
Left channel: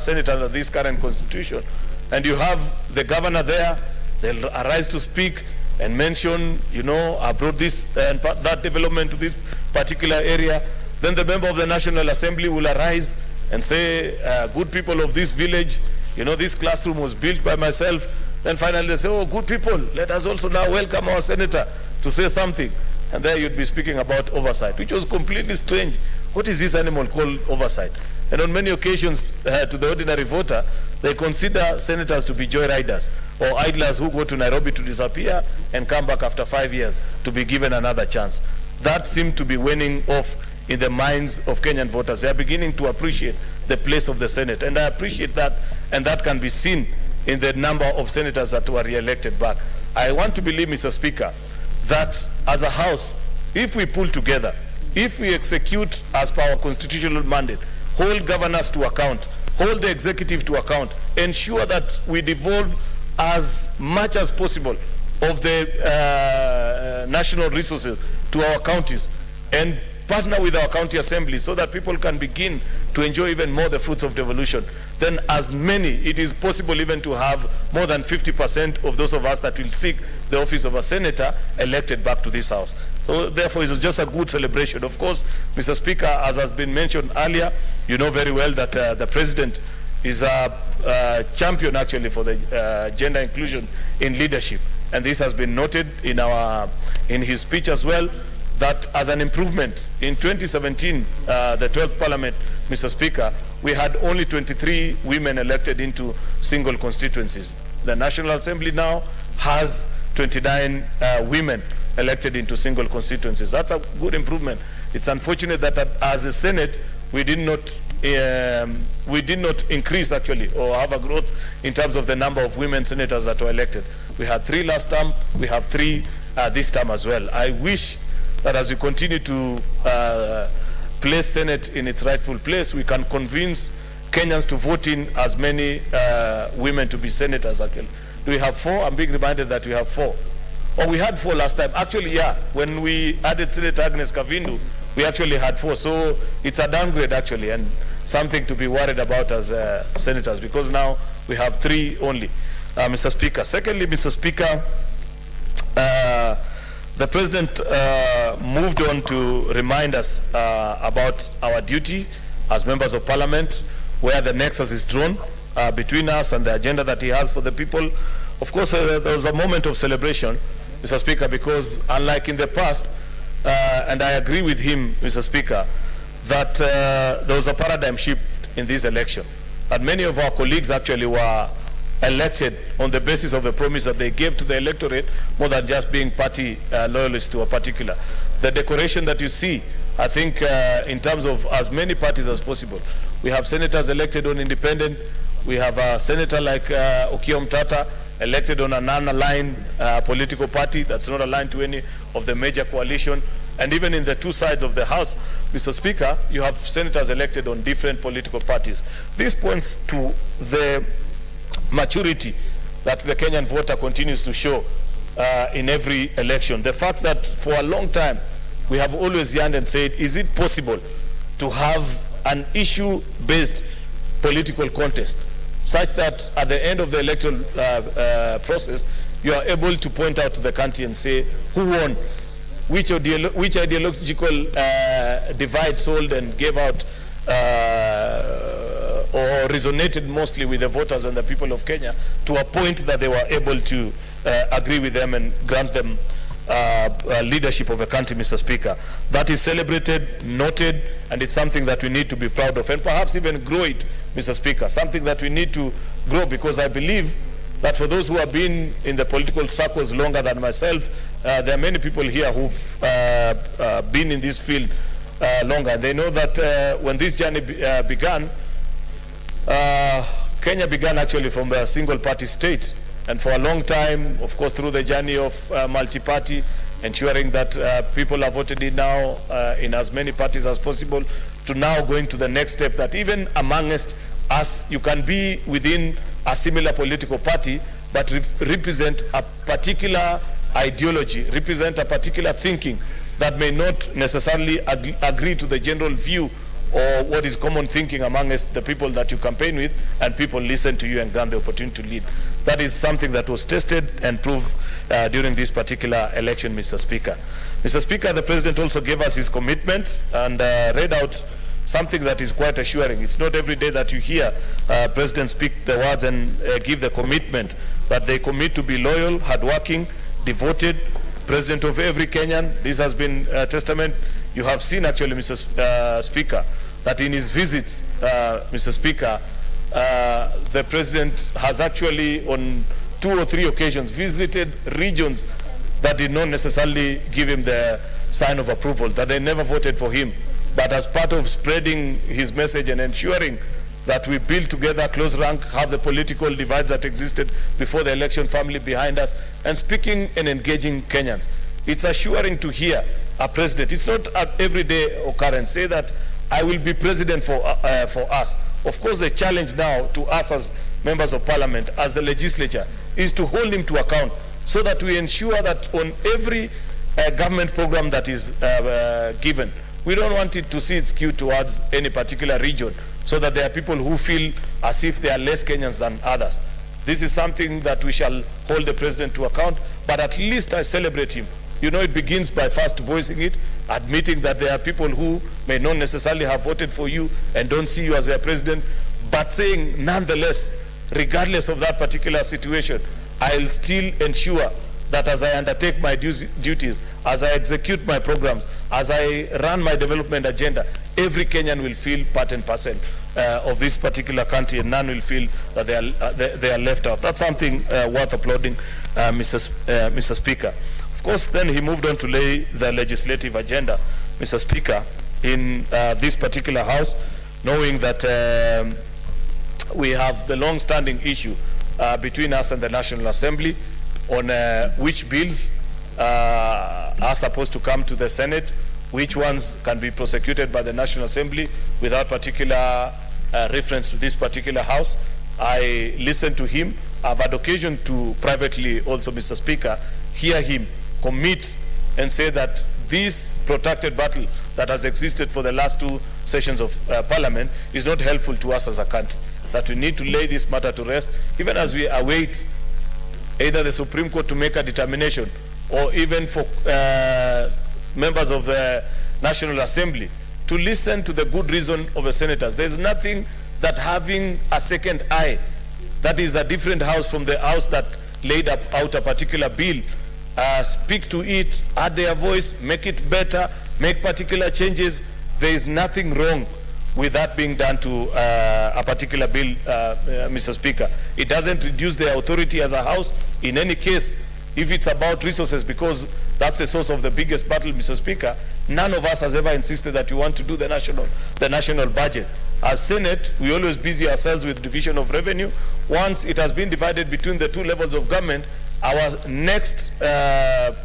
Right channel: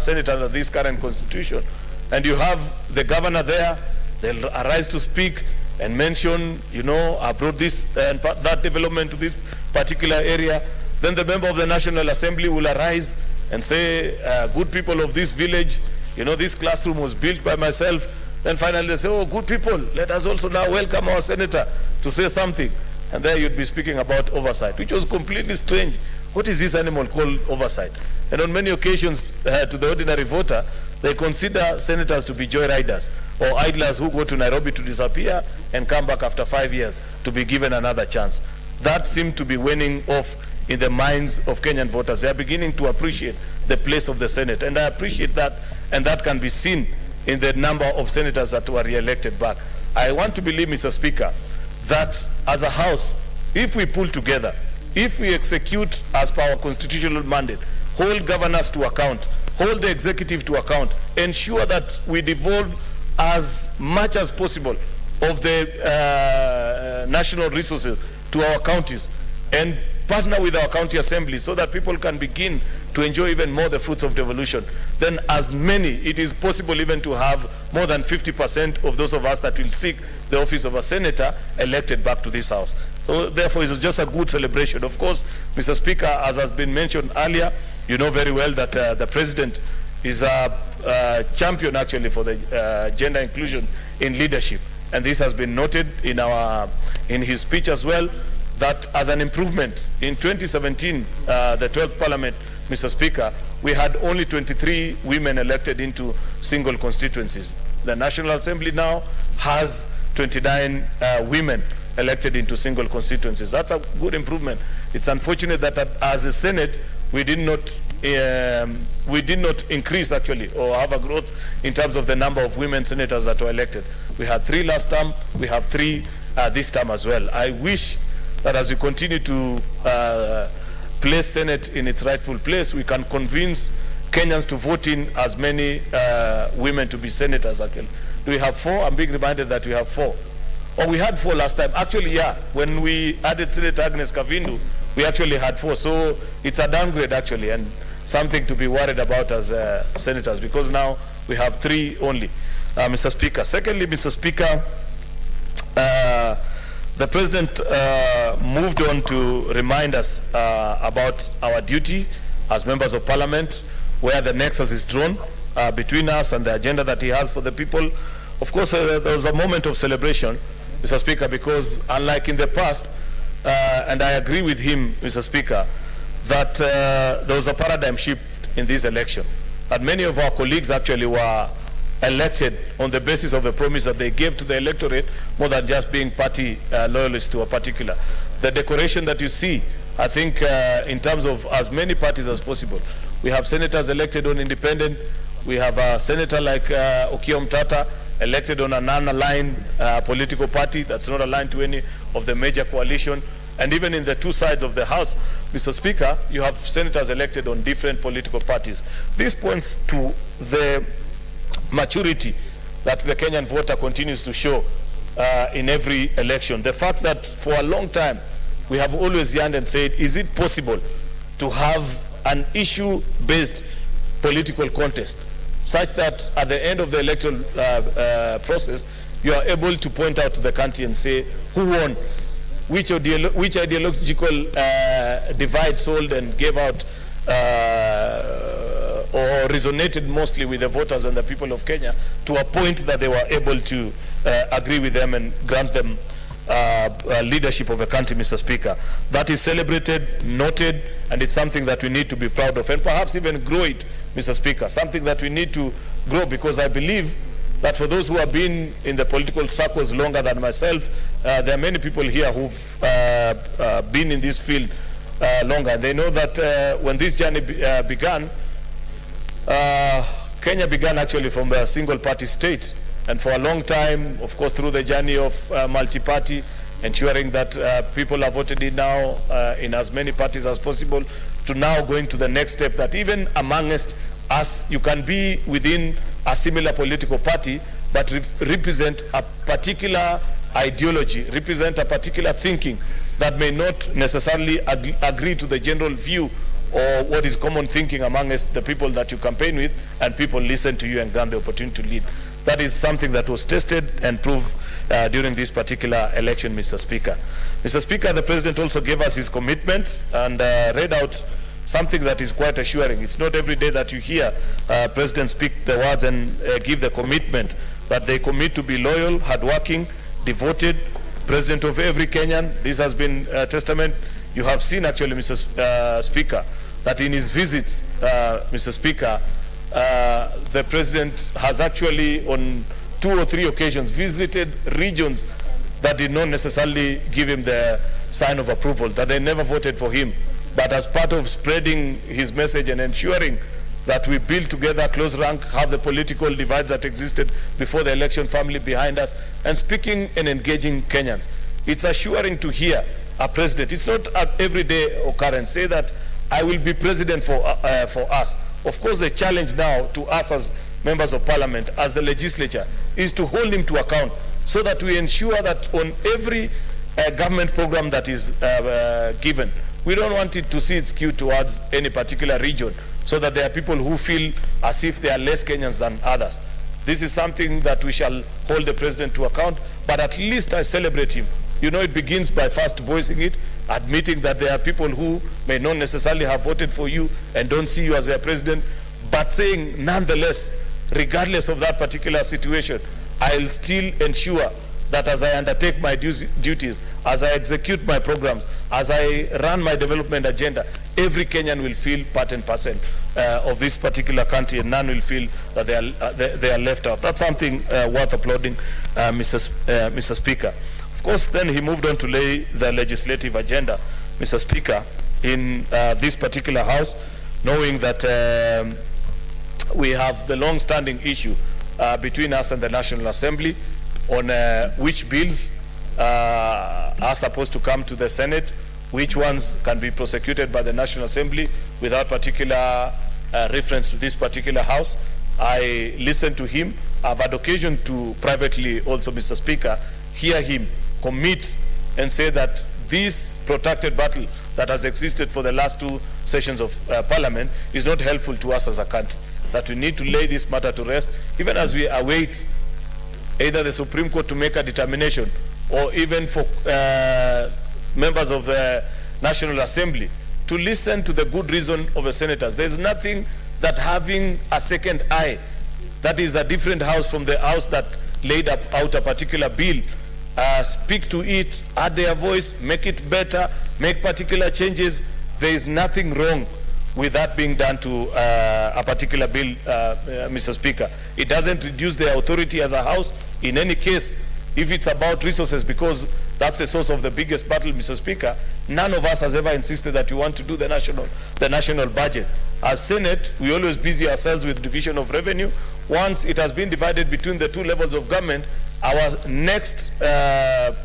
Senate under this current constitution. And you have the governor there, they'll arise to speak and mention, you know, I brought this and that development to this particular area. Then the member of the National Assembly will arise and say, good people of this village, you know, this classroom was built by myself. Then finally they say, oh, good people, let us also now welcome our senator to say something. And there you'd be speaking about oversight, which was completely strange. What is this animal called oversight? And on many occasions, to the ordinary voter, they consider senators to be joyriders or idlers who go to Nairobi to disappear and come back after 5 years to be given another chance. That seemed to be waning off in the minds of Kenyan voters. They are beginning to appreciate the place of the Senate, and I appreciate that, and that can be seen in the number of senators that were re-elected back. I want to believe, Mr. Speaker, that as a House, if we pull together, if we execute as per our constitutional mandate, hold governors to account, hold the executive to account, ensure that we devolve as much as possible of the national resources to our counties and partner with our county assembly so that people can begin to enjoy even more the fruits of devolution, then as many, it is possible even to have more than 50% of those of us that will seek the office of a senator elected back to this house. So therefore, it was just a good celebration. Of course, Mr. Speaker, as has been mentioned earlier, you know very well that the President is a champion actually for the gender inclusion in leadership. And this has been noted in his speech as well, that as an improvement, in 2017, the 12th Parliament, Mr. Speaker, we had only 23 women elected into single constituencies. The National Assembly now has 29 women elected into single constituencies. That's a good improvement. It's unfortunate that as a Senate, we did not increase actually or have a growth in terms of the number of women senators that were elected. We had 3 last term, we have 3 this term as well. I wish that as we continue to place Senate in its rightful place, we can convince Kenyans to vote in as many women to be senators actually. Do we have 4? I'm being reminded that we have 4. Or we had 4 last time. Actually, yeah, when we added Senator Agnes Kavindu, we actually had 4. So it's a downgrade actually, and something to be worried about as senators, because now we have 3 only, Mr. Speaker. Secondly, Mr. Speaker, the President moved on to remind us about our duty as members of Parliament, where the nexus is drawn between us and the agenda that he has for the people. Of course, there was a moment of celebration, Mr. Speaker, because unlike in the past, and I agree with him, Mr. Speaker, that there was a paradigm shift in this election. And many of our colleagues actually were elected on the basis of a promise that they gave to the electorate more than just being party loyalists to a particular. The decoration that you see I think in terms of as many parties as possible. We have senators elected on independent. We have a senator like Okiya Mtata elected on a non-aligned political party that's not aligned to any of the major coalition. And even in the two sides of the House, Mr. Speaker, you have senators elected on different political parties. This points to the maturity that the Kenyan voter continues to show in every election. The fact that for a long time, we have always yearned and said, is it possible to have an issue-based political contest such that at the end of the electoral process, you are able to point out to the country and say who won, which ideological divide sold and gave out or resonated mostly with the voters and the people of Kenya to a point that they were able to agree with them and grant them leadership of a country, Mr. Speaker. That is celebrated, noted, and it's something that we need to be proud of and perhaps even grow it, Mr. Speaker, something that we need to grow, because I believe that for those who have been in the political circles longer than myself, there are many people here who've been in this field longer. They know that when this journey began, Kenya began actually from a single-party state. And for a long time, of course, through the journey of multi-party, ensuring that people are voted in now in as many parties as possible, to now going to the next step that even amongst us, you can be within a similar political party, but represent a particular ideology, represent a particular thinking that may not necessarily agree to the general view or what is common thinking amongst the people that you campaign with, and people listen to you and grant the opportunity to lead. That is something that was tested and proved during this particular election, Mr. Speaker. Mr. Speaker, the President also gave us his commitment and read out something that is quite assuring. It's not every day that you hear President speak the words and give the commitment that they commit to be loyal, hardworking, devoted, President of every Kenyan. This has been a testament. You have seen actually, Mr. Speaker, that in his visits, Mr. Speaker, the President has actually on 2 or 3 occasions visited regions that did not necessarily give him the sign of approval, that they never voted for him. But as part of spreading his message and ensuring that we build together, close rank, have the political divides that existed before the election firmly behind us, and speaking and engaging Kenyans. It's assuring to hear a president, it's not an everyday occurrence, say that I will be president for us. Of course, the challenge now to us as members of parliament, as the legislature, is to hold him to account so that we ensure that on every government program that is given, we don't want it to see it skewed towards any particular region, so that there are people who feel as if they are less Kenyans than others. This is something that we shall hold the president to account, but at least I celebrate him. You know, it begins by first voicing it, admitting that there are people who may not necessarily have voted for you and don't see you as their president, but saying, nonetheless, regardless of that particular situation, I'll still ensure that as I undertake my duties, as I execute my programs, as I run my development agenda, every Kenyan will feel part and parcel of this particular country, and none will feel that they are left out. That's something worth applauding, Mr. Speaker. Of course, then he moved on to lay the legislative agenda, Mr. Speaker, in this particular House, knowing that we have the long-standing issue between us and the National Assembly on which bills are supposed to come to the Senate, which ones can be prosecuted by the National Assembly without particular reference to this particular House. I listened to him. I've had occasion to privately also, Mr. Speaker, hear him commit and say that this protracted battle that has existed for the last 2 sessions of Parliament is not helpful to us as a country, that we need to lay this matter to rest, even as we await either the Supreme Court to make a determination, or even for members of the National Assembly to listen to the good reason of the senators. There's nothing that having a second eye, that is a different house from the house that laid out a particular bill, speak to it, add their voice, make it better, make particular changes. There is nothing wrong with that being done to a particular bill, Mr. Speaker. It doesn't reduce their authority as a house. In any case, if it's about resources, because that's the source of the biggest battle, Mr. Speaker, none of us has ever insisted that we want to do the national budget. As Senate, we always busy ourselves with division of revenue. Once it has been divided between the two levels of government, our next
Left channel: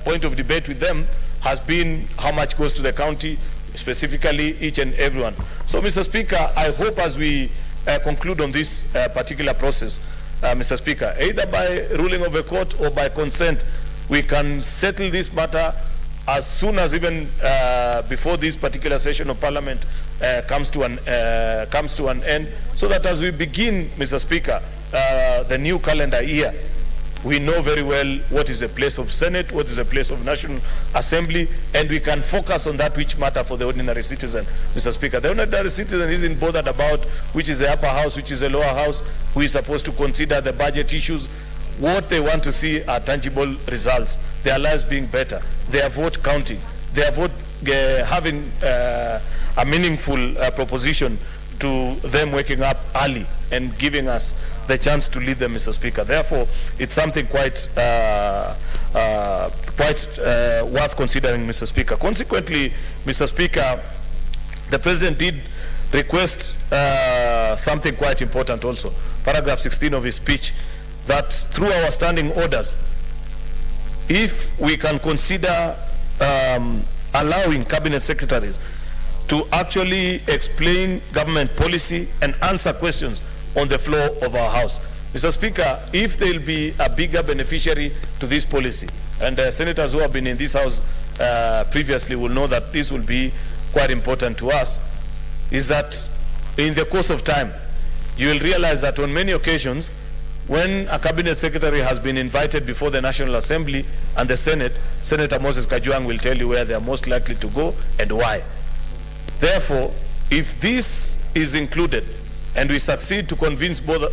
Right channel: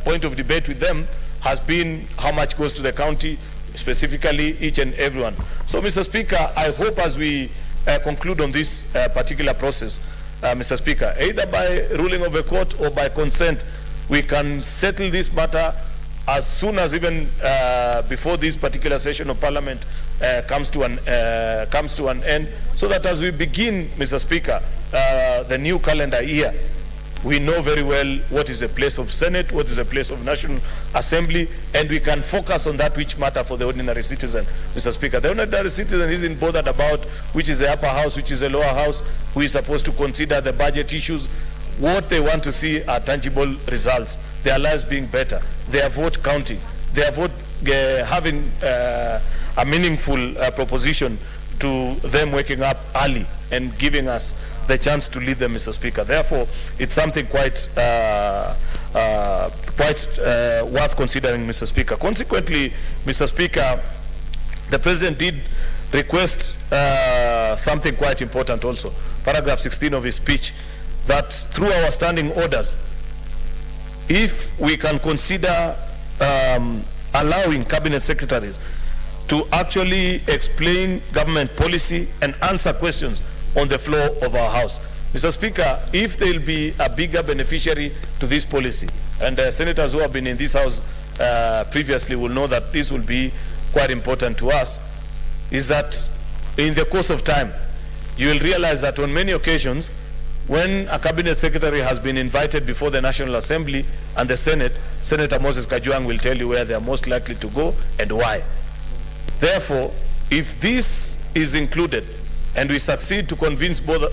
point of debate with them has been how much goes to the county, specifically each and everyone. So, Mr. Speaker, I hope as we conclude on this particular process, Mr. Speaker, either by ruling of a court or by consent, we can settle this matter as soon as even before this particular session of Parliament comes to an end, so that as we begin, Mr. Speaker, the new calendar year, we know very well what is the place of Senate, what is the place of National Assembly, and we can focus on that which matter for the ordinary citizen, Mr. Speaker. The ordinary citizen isn't bothered about which is the upper house, which is the lower house, who is supposed to consider the budget issues. What they want to see are tangible results, their lives being better, their vote counting, their vote having a meaningful proposition to them waking up early and giving us the chance to lead them, Mr. Speaker. Therefore, it's something quite worth considering, Mr. Speaker. Consequently, Mr. Speaker, the President did request something quite important also. Paragraph 16 of his speech, that through our standing orders, if we can consider allowing cabinet secretaries to actually explain government policy and answer questions on the floor of our House. Mr. Speaker, if there will be a bigger beneficiary to this policy, and senators who have been in this House previously will know that this will be quite important to us, is that in the course of time, you will realize that on many occasions, when a cabinet secretary has been invited before the National Assembly and the Senate, Senator Moses Kajwang will tell you where they are most likely to go and why. Therefore, if this is included and we succeed to convince both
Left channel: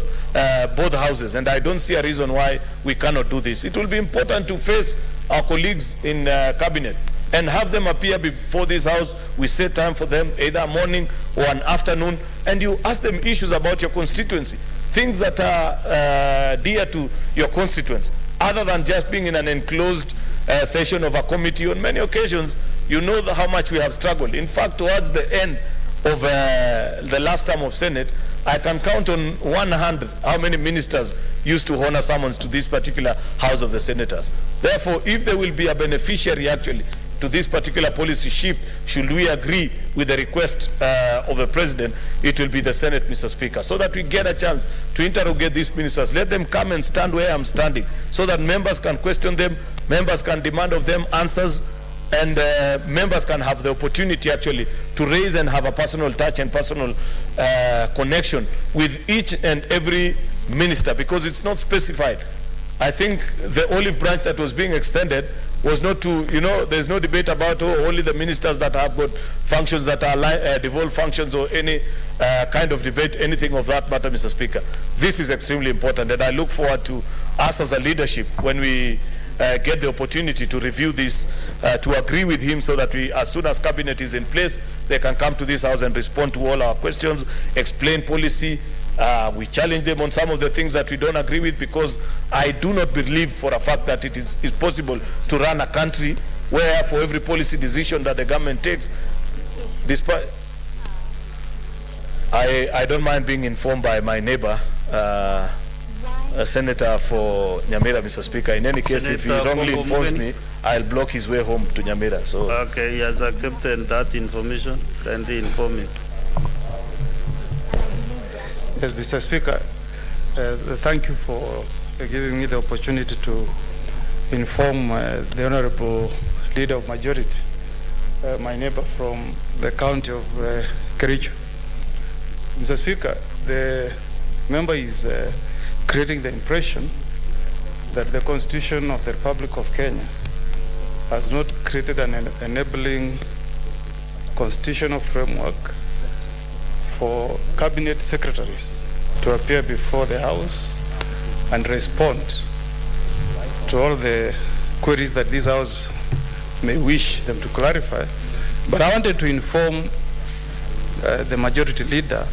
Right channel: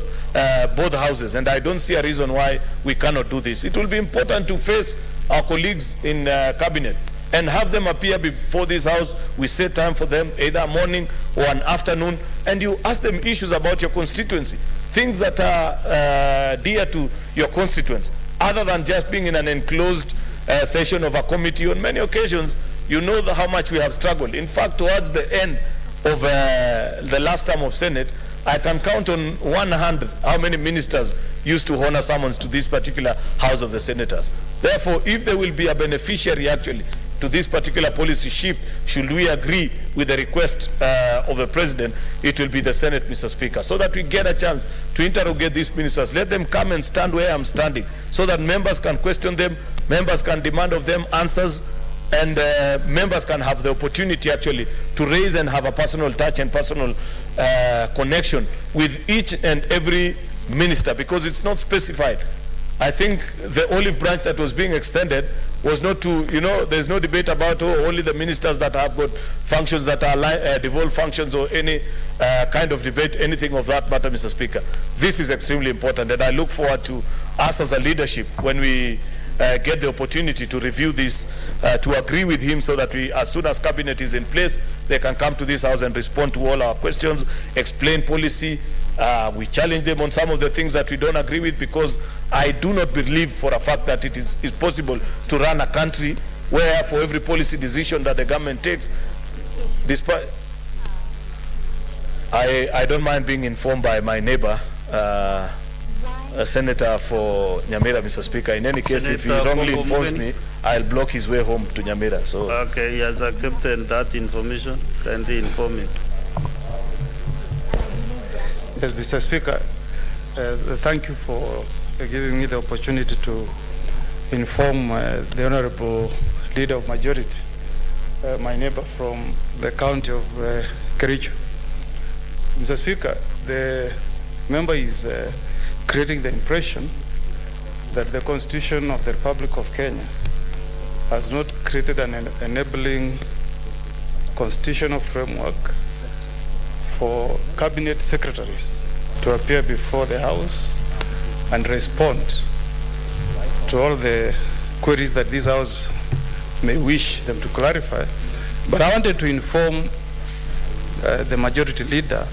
houses, and I don't see a reason why we cannot do this, it will be important to face our colleagues in cabinet and have them appear before this House. We set time for them, either a morning or an afternoon, and you ask them issues about your constituency, things that are dear to your constituents, other than just being in an enclosed session of a committee. On many occasions, you know how much we have struggled. In fact, towards the end of the last term of Senate, I can count on one hand how many ministers used to honor summons to this particular House of the Senators. Therefore, if there will be a beneficiary actually to this particular policy shift, should we agree with the request of the President, it will be the Senate, Mr. Speaker, so that we get a chance to interrogate these ministers. Let them come and stand where I'm standing, so that members can question them, members can demand of them answers, and members can have the opportunity actually to raise and have a personal touch and personal connection with each and every minister, because it's not specified. I think the olive branch that was being extended was not to, there's no debate about only the ministers that have got functions that are devolved functions or any kind of debate, anything of that matter, Mr. Speaker. This is extremely important, and I look forward to us as a leadership, when we get the opportunity to review this, to agree with him, so that we, as soon as cabinet is in place, they can come to this House and respond to all our questions, explain policy. We challenge them on some of the things that we don't agree with, because I do not believe for a fact that it is possible to run a country where for every policy decision that the government takes, despite, I don't mind being informed by my neighbor, a senator for Nyamira, Mr. Speaker. In any case, if he wrongly informs me, I'll block his way home to Nyamira. So. Okay, he has accepted that information. Kindly inform me. Yes, Mr. Speaker, thank you for giving me the opportunity to inform the Honorable Leader of Majority, my neighbor from the county of Kericho. Mr. Speaker, the member is creating the impression that the Constitution of the Republic of Kenya has not created an enabling constitutional framework for cabinet secretaries to appear before the House and respond to all the queries that this House may wish them to clarify. But I wanted to inform the Majority Leader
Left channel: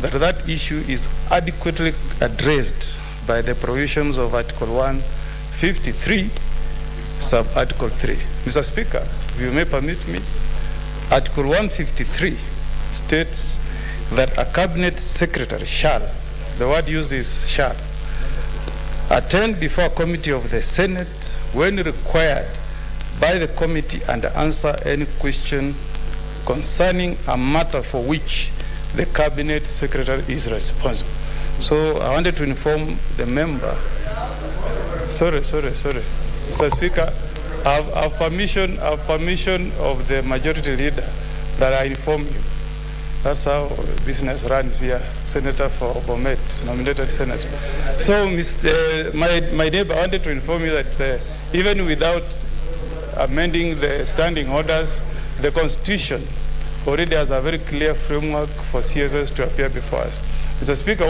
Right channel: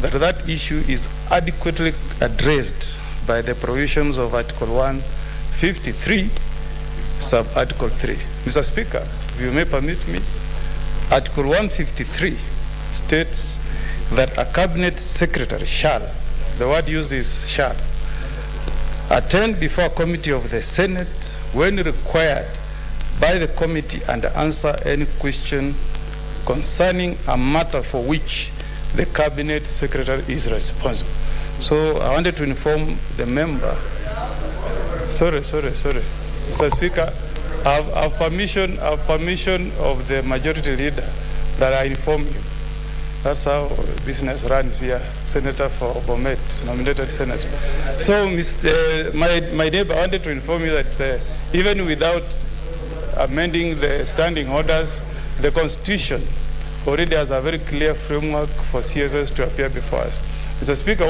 that that issue is adequately addressed by the provisions of Article 153 sub-Article 3. Mr. Speaker, if you may permit me, Article 153 states that a cabinet secretary shall, the word used is shall, attend before a committee of the Senate when required by the committee and answer any question concerning a matter for which the cabinet secretary is responsible. So I wanted to inform the member. Sorry. Mr. Speaker, I have permission of the majority leader that I inform you. That's how business runs here. Senator for Bomet, nominated senator. So, my neighbor, I wanted to inform you that even without amending the standing orders, the Constitution already has a very clear framework for CSS to appear before us. Mr. Speaker,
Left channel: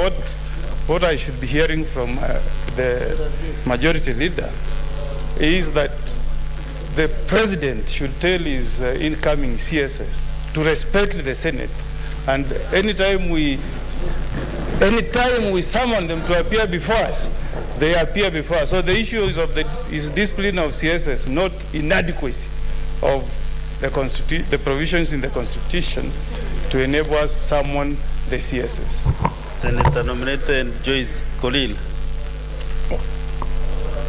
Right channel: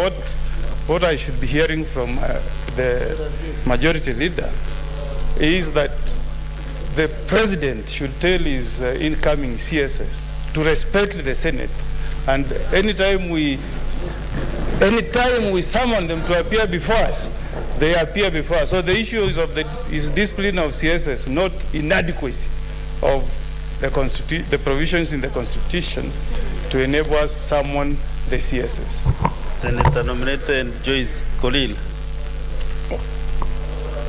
what I should be hearing from the majority leader is that the president should tell his incoming CSS to respect the Senate, and anytime we summon them to appear before us, they appear before us. So the issue is discipline of CSS, not inadequacy of the provisions in the Constitution to enable us summon the CSS. Senator nominated Joyce Kolil.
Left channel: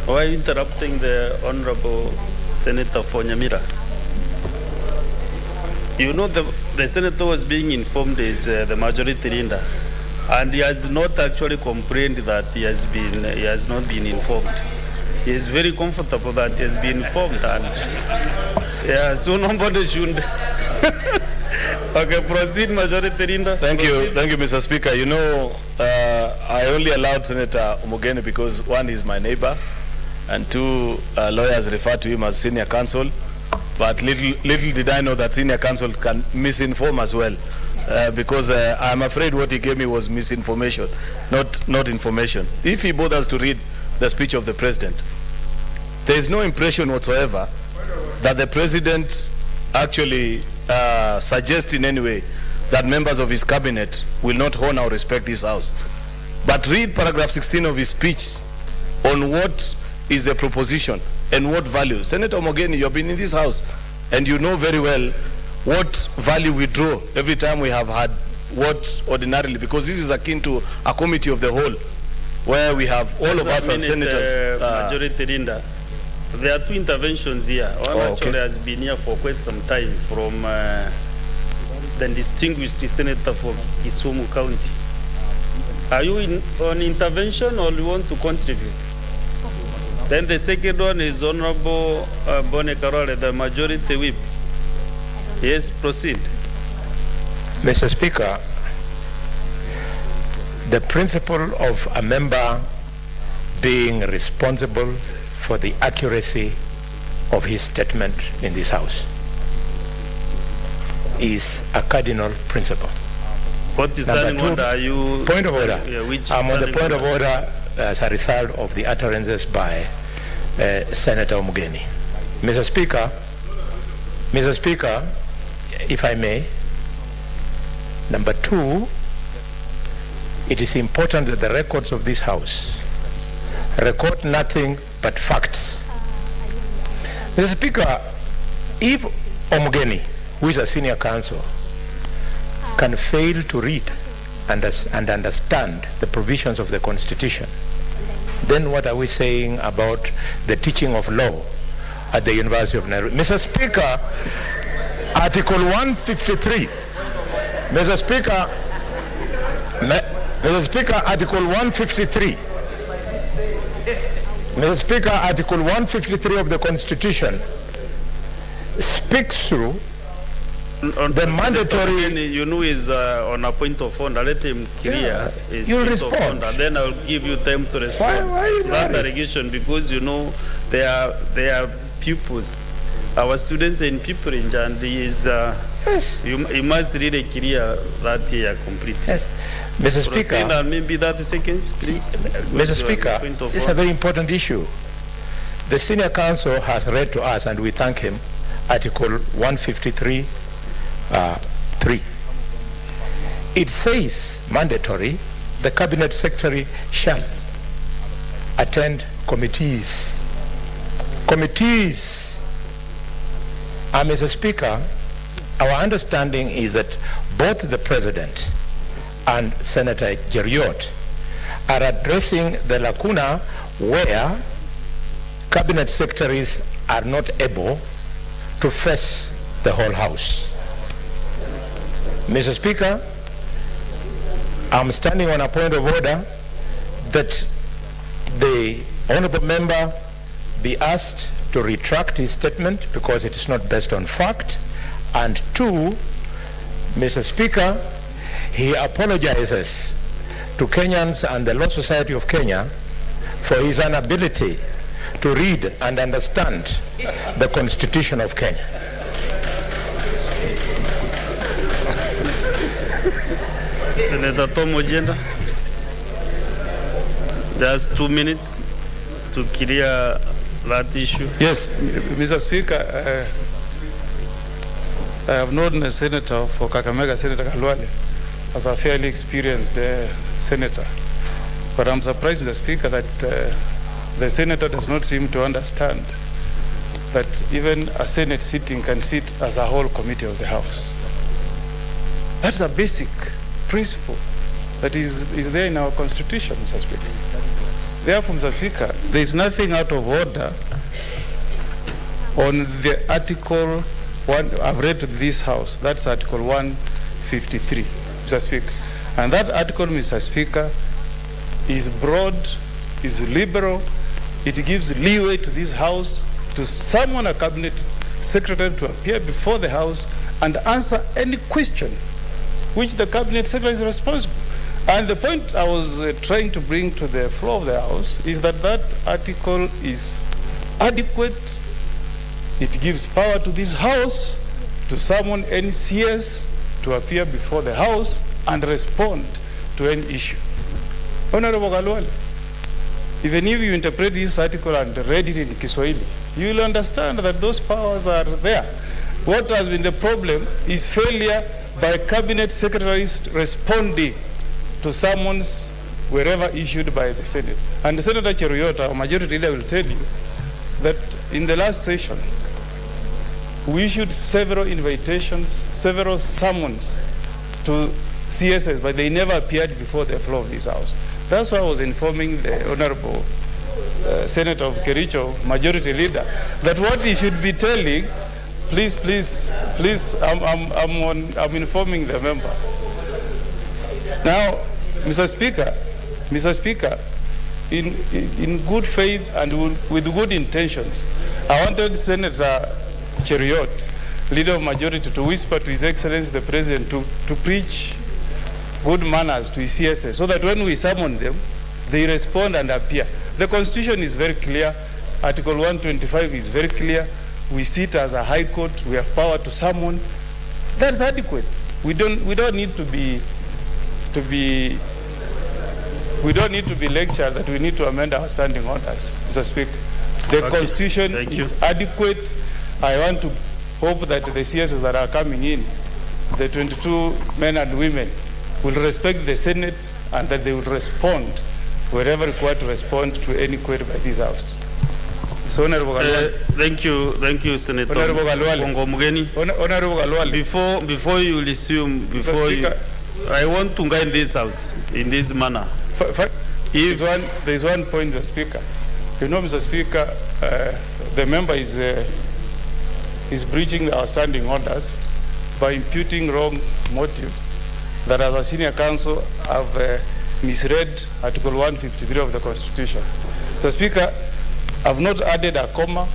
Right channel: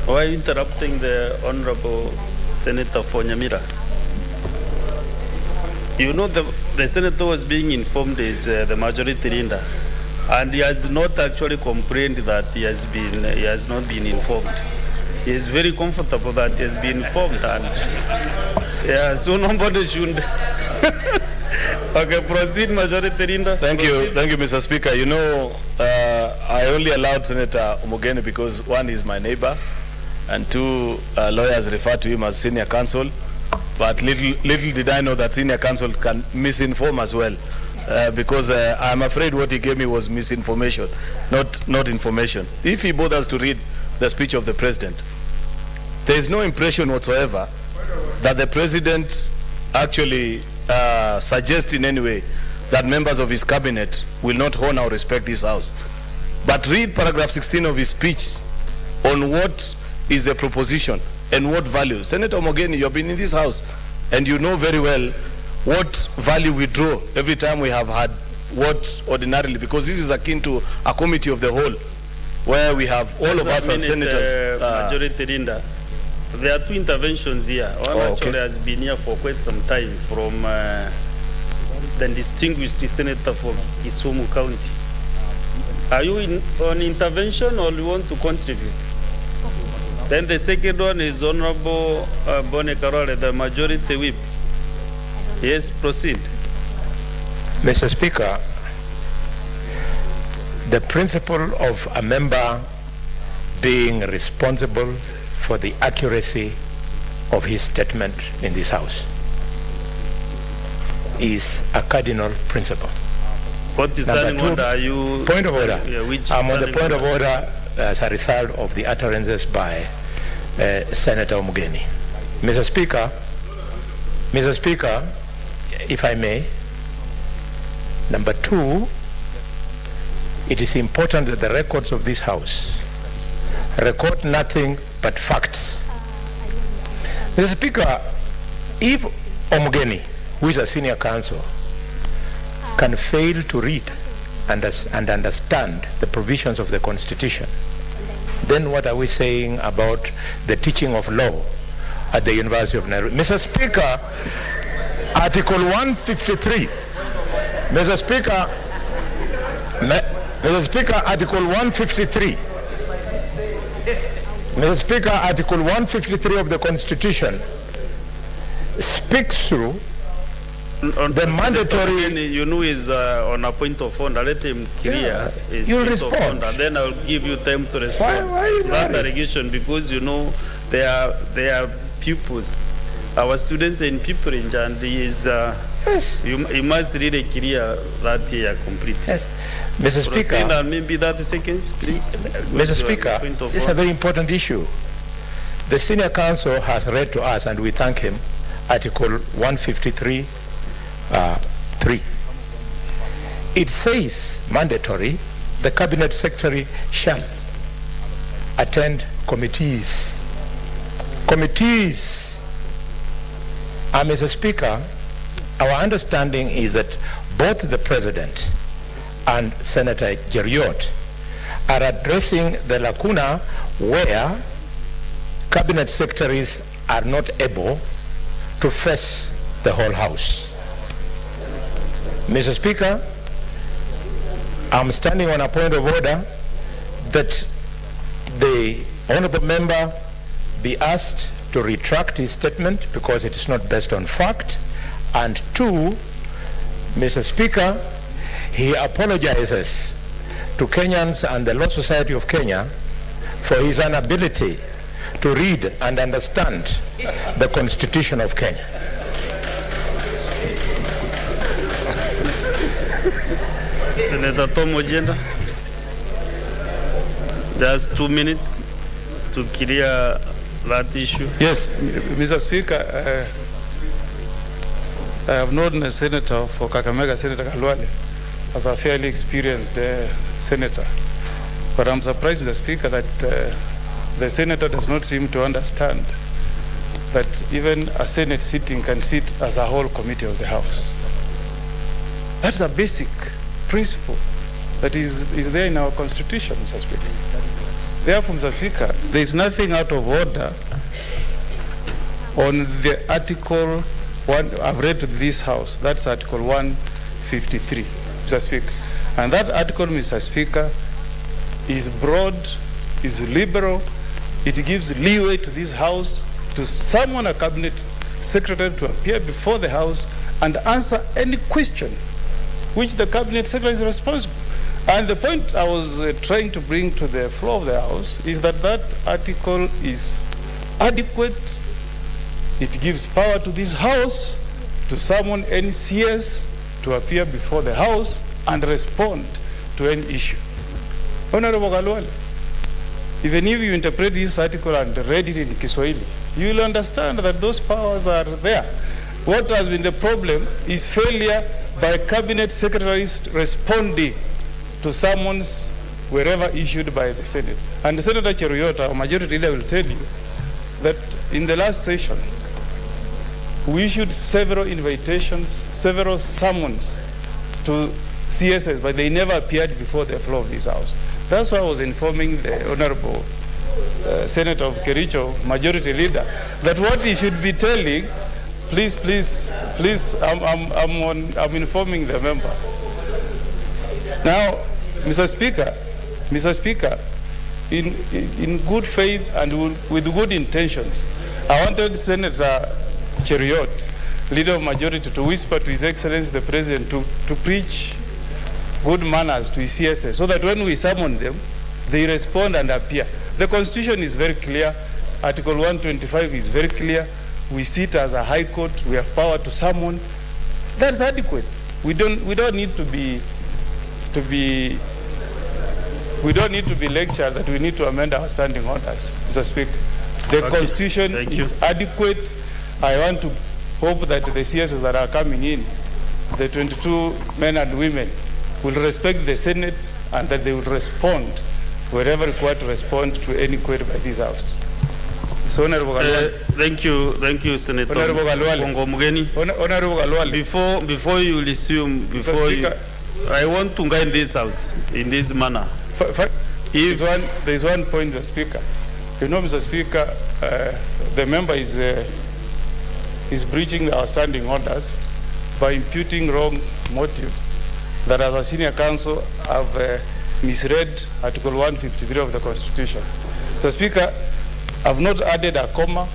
Why interrupting the Honorable Senator for Nyamira? You know, the senator was being informed is the majority leader, and he has not actually complained that he has not been informed. He is very comfortable that he has been informed, and yeah, so nobody should. Okay, proceed, majority leader. Thank you, Mr. Speaker. You know, I only allowed Senator Omogeni because one is my neighbor, and two lawyers refer to him as senior counsel. But little did I know that senior counsel can misinform as well, because I'm afraid what he gave me was misinformation, not information. If he bothers to read the speech of the president, there is no impression whatsoever that the president actually suggests in any way that members of his cabinet will not honor or respect this house. But read paragraph 16 of his speech on what is a proposition and what value. Senator Omogeni, you have been in this house and you know very well what value we draw every time we have had what ordinarily, because this is akin to a committee of the whole where we have all of us as senators. Majority leader, there are two interventions here. One actually has been here for quite some time from the distinguished senator from Kisumu County. Are you on intervention or you want to contribute? Then the second one is Honorable Bone Karole, the majority whip. Yes, proceed. Mr. Speaker, the principle of a member being responsible for the accuracy of his statement in this House is a cardinal principle. What is standing order? Are you point of order? I'm on the point of order as a result of the utterances by Senator Omogeni. Mr. Speaker, if I may, number two, it is important that the records of this House record nothing but facts. Mr. Speaker, if Omogeni, who is a senior counsel, can fail to read and understand the provisions of the Constitution, then what are we saying about the teaching of law at the University of Nairobi? Mr. Speaker, Article 153. Mr. Speaker, Article 153. Mr. Speaker, Article 153 of the Constitution speaks through the mandatory. You know, is on a point of order. Let him clear his you'll point of respond. order. Then I'll give you time to respond. Why you that worried? allegation, because you know they are pupils. Our students are in pupillage, and he is. You must really clear that he are complete. Yes. Mr. Speaker, and maybe 30 seconds, please. Mr. Speaker, it's a very important issue. The senior counsel has read to us, and we thank him, Article 153, 3. It says mandatory, the cabinet secretary shall attend committees Committees, Mr. Speaker, our understanding is that both the President and Senator Cheriot are addressing the lacuna where cabinet secretaries are not able to face the whole House. Mr. Speaker, I'm standing on a point of order that the honorable member be asked to retract his statement because it is not based on fact. And two, Mr. Speaker, he apologizes to Kenyans and the Law Society of Kenya for his inability to read and understand the Constitution of Kenya. Senator Tom Ojenda, just 2 minutes to clear that issue. Yes, Mr. Speaker, I have known a senator for Kakamega, Senator Kalwale, as a fairly experienced senator. But I'm surprised, Mr. Speaker, that the senator does not seem to understand that even a Senate sitting can sit as a whole committee of the House. That's a basic principle that is there in our Constitution, Mr. Speaker. Therefore, Mr. Speaker, there is nothing out of order on the article one I've read to this House. That's Article 153, Mr. Speaker. And that article, Mr. Speaker, is broad, is liberal. It gives leeway to this House to summon a cabinet secretary to appear before the House and answer any question which the cabinet secretary is responsible. And the point I was trying to bring to the floor of the House is that that article is adequate. It gives power to this House to summon any CS to appear before the House and respond to any issue. Honorable Kalwale, even if you interpret this article and read it in Kiswahili, you will understand that those powers are there. What has been the problem is failure by cabinet secretaries responding to summons wherever issued by the Senate. And Senator Cheriot, our majority leader, will tell you that in the last session, we issued several invitations, several summons to CSS, but they never appeared before the floor of this House. That's why I was informing the Honorable Senator of Kericho, majority leader, that what he should be telling, please, I'm informing the member. Now, Mr. Speaker, in good faith and with good intentions, I wanted Senator Cheriot, leader of majority, to whisper to His Excellency the President to preach good manners to his CSS, so that when we summon them, they respond and appear. The Constitution is very clear. Article 125 is very clear. We sit as a high court. We have power to summon. That's adequate. We don't need to be lectured that we need to amend our standing orders, Mr. Speaker. The Constitution is adequate. I want to hope that the CSs that are coming in, the 22 men and women, will respect the Senate and that they will respond wherever required to respond to any query by this House. So, Honorable Kalwale. Thank you, Senator. Honorable Kalwale. Honorable Kalwale. Before you resume, I want to guide this House in this manner. There's one point, Mr. Speaker. You know, Mr. Speaker, the member is breaching our standing orders by imputing wrong motive that as a senior counsel I've misread Article 153 of the Constitution. Mr. Speaker, I've not added a comma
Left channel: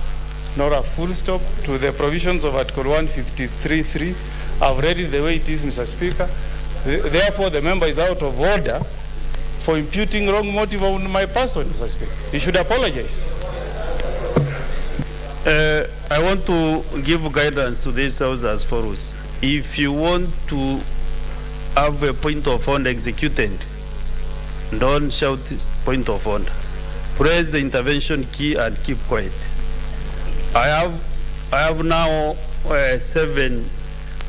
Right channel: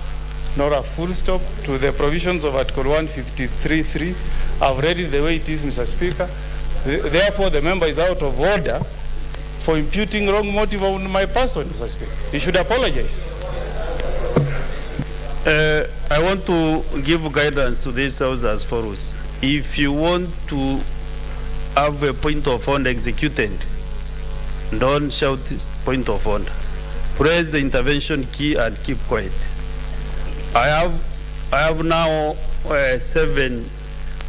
nor a full stop to the provisions of Article 153.3. I've read it the way it is, Mr. Speaker. Therefore, the member is out of order for imputing wrong motive on my person, Mr. Speaker. He should apologize. I want to give guidance to this House as follows. If you want to have a point of order executed, don't shout this point of order. Press the intervention key and keep quiet. I have now 7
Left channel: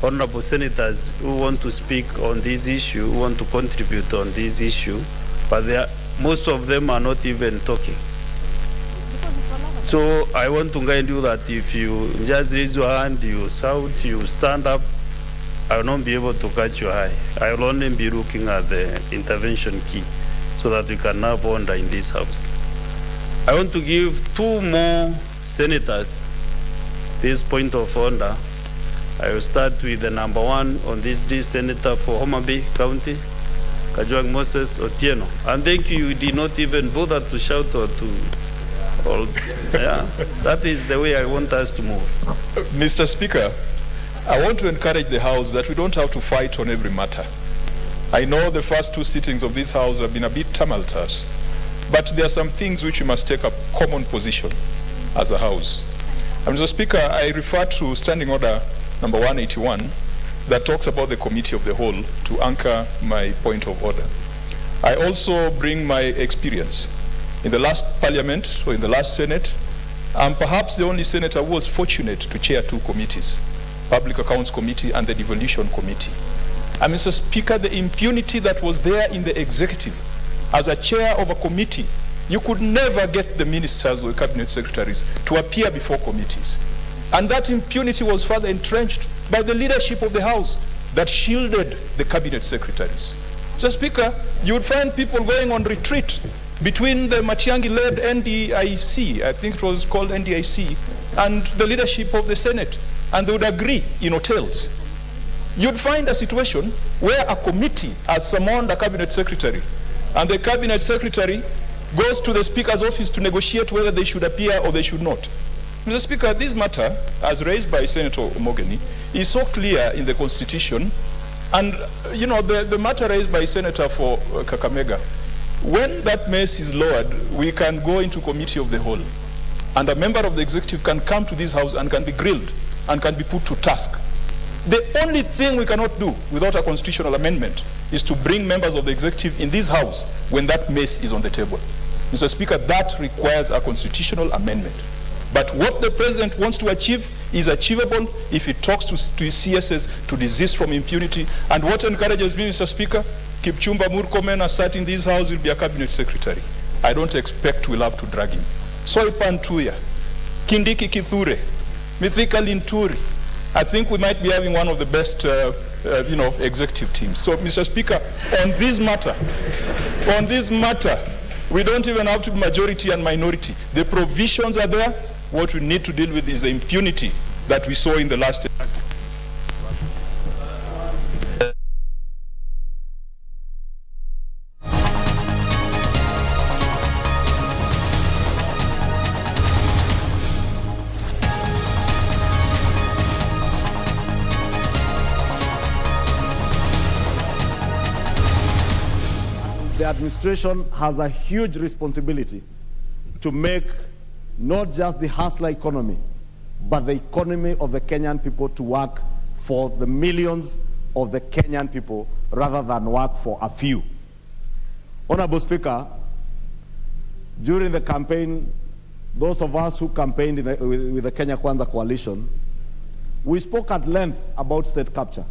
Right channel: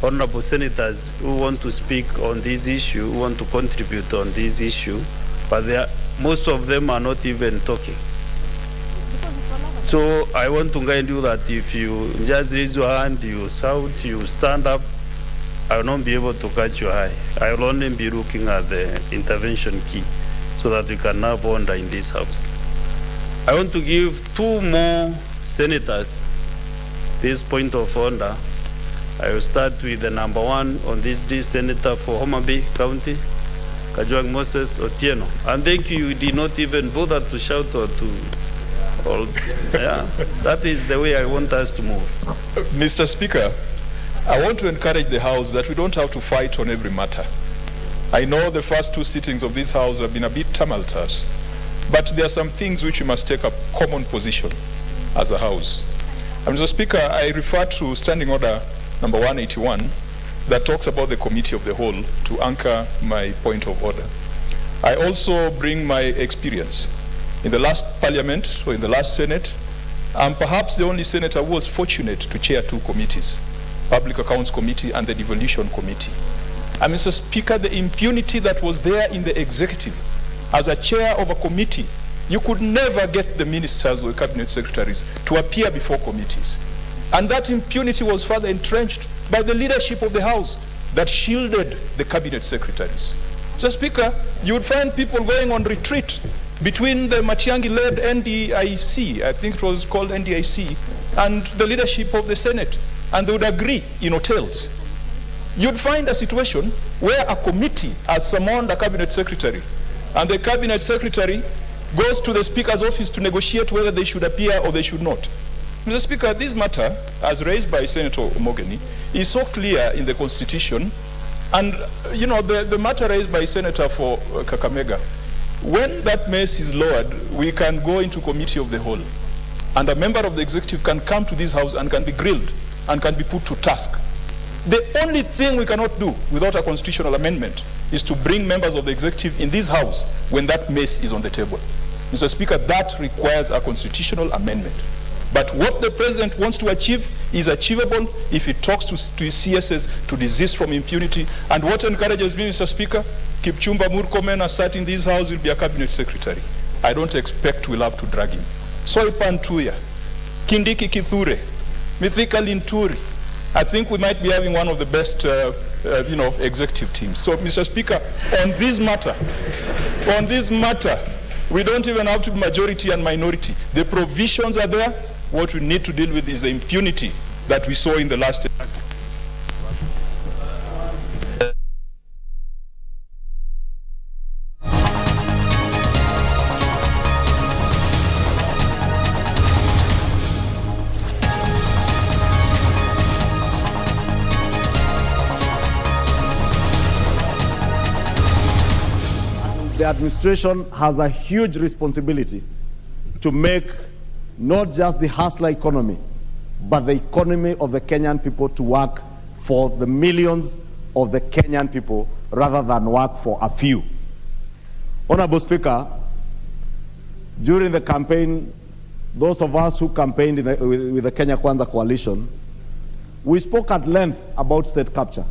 honorable senators who want to speak on this issue, who want to contribute on this issue, but most of them are not even talking. So I want to guide you that if you just raise your hand, you shout, you stand up, I will not be able to catch your eye. I will only be looking at the intervention key so that we can have order in this house. I want to give 2 more senators this point of order. I will start with the number 1 on this list, Senator for Homa Bay County, Kajwang Moses Otieno. And thank you, you did not even bother to shout or to, yeah, that is the way I want us to move. Mr. Speaker, I want to encourage the House that we don't have to fight on every matter. I know the first 2 sittings of this House have been a bit tumultuous, but there are some things which we must take a common position as a House. And Mr. Speaker, I refer to Standing Order number 181 that talks about the Committee of the Whole to anchor my point of order. I also bring my experience. In the last Parliament, or in the last Senate, I'm perhaps the only senator who was fortunate to chair 2 committees, Public Accounts Committee and the Devolution Committee. And Mr. Speaker, the impunity that was there in the executive, as a chair of a committee, you could never get the ministers or the cabinet secretaries to appear before committees. And that impunity was further entrenched by the leadership of the House that shielded the cabinet secretaries. Mr. Speaker, you would find people going on retreat between the Matiang'i-led NDIC, I think it was called NDIC, and the leadership of the Senate, and they would agree in hotels. You'd find a situation where a committee has summoned a cabinet secretary, and the cabinet secretary goes to the Speaker's office to negotiate whether they should appear or they should not. Mr. Speaker, this matter, as raised by Senator Omogeni, is so clear in the Constitution, and you know, the matter raised by Senator for Kakamega, when that mess is lowered, we can go into Committee of the Whole, and a member of the executive can come to this House and can be grilled and can be put to task. The only thing we cannot do without a constitutional amendment is to bring members of the executive in this House when that mess is on the table. Mr. Speaker, that requires a constitutional amendment. But what the President wants to achieve is achievable if he talks to his CSS to desist from impunity. And what encourages me, Mr. Speaker, Kipchumba Murkomen, as sat in this House, will be a cabinet secretary. I don't expect we'll have to drag him. Soipan Tuya, Kindiki Kithure, Mithika Linturi. I think we might be having one of the best executive teams. So, Mr. Speaker, on this matter, we don't even have to be majority and minority. The provisions are there. What we need to deal with is the impunity that we saw in the last. The administration has a huge responsibility to make not just the hustler economy, but the economy of the Kenyan people to work for the millions of the Kenyan people rather than work for a few. Honorable Speaker, during the campaign, those of us who campaigned with the Kenya Kwanza coalition, we spoke at length about state capture.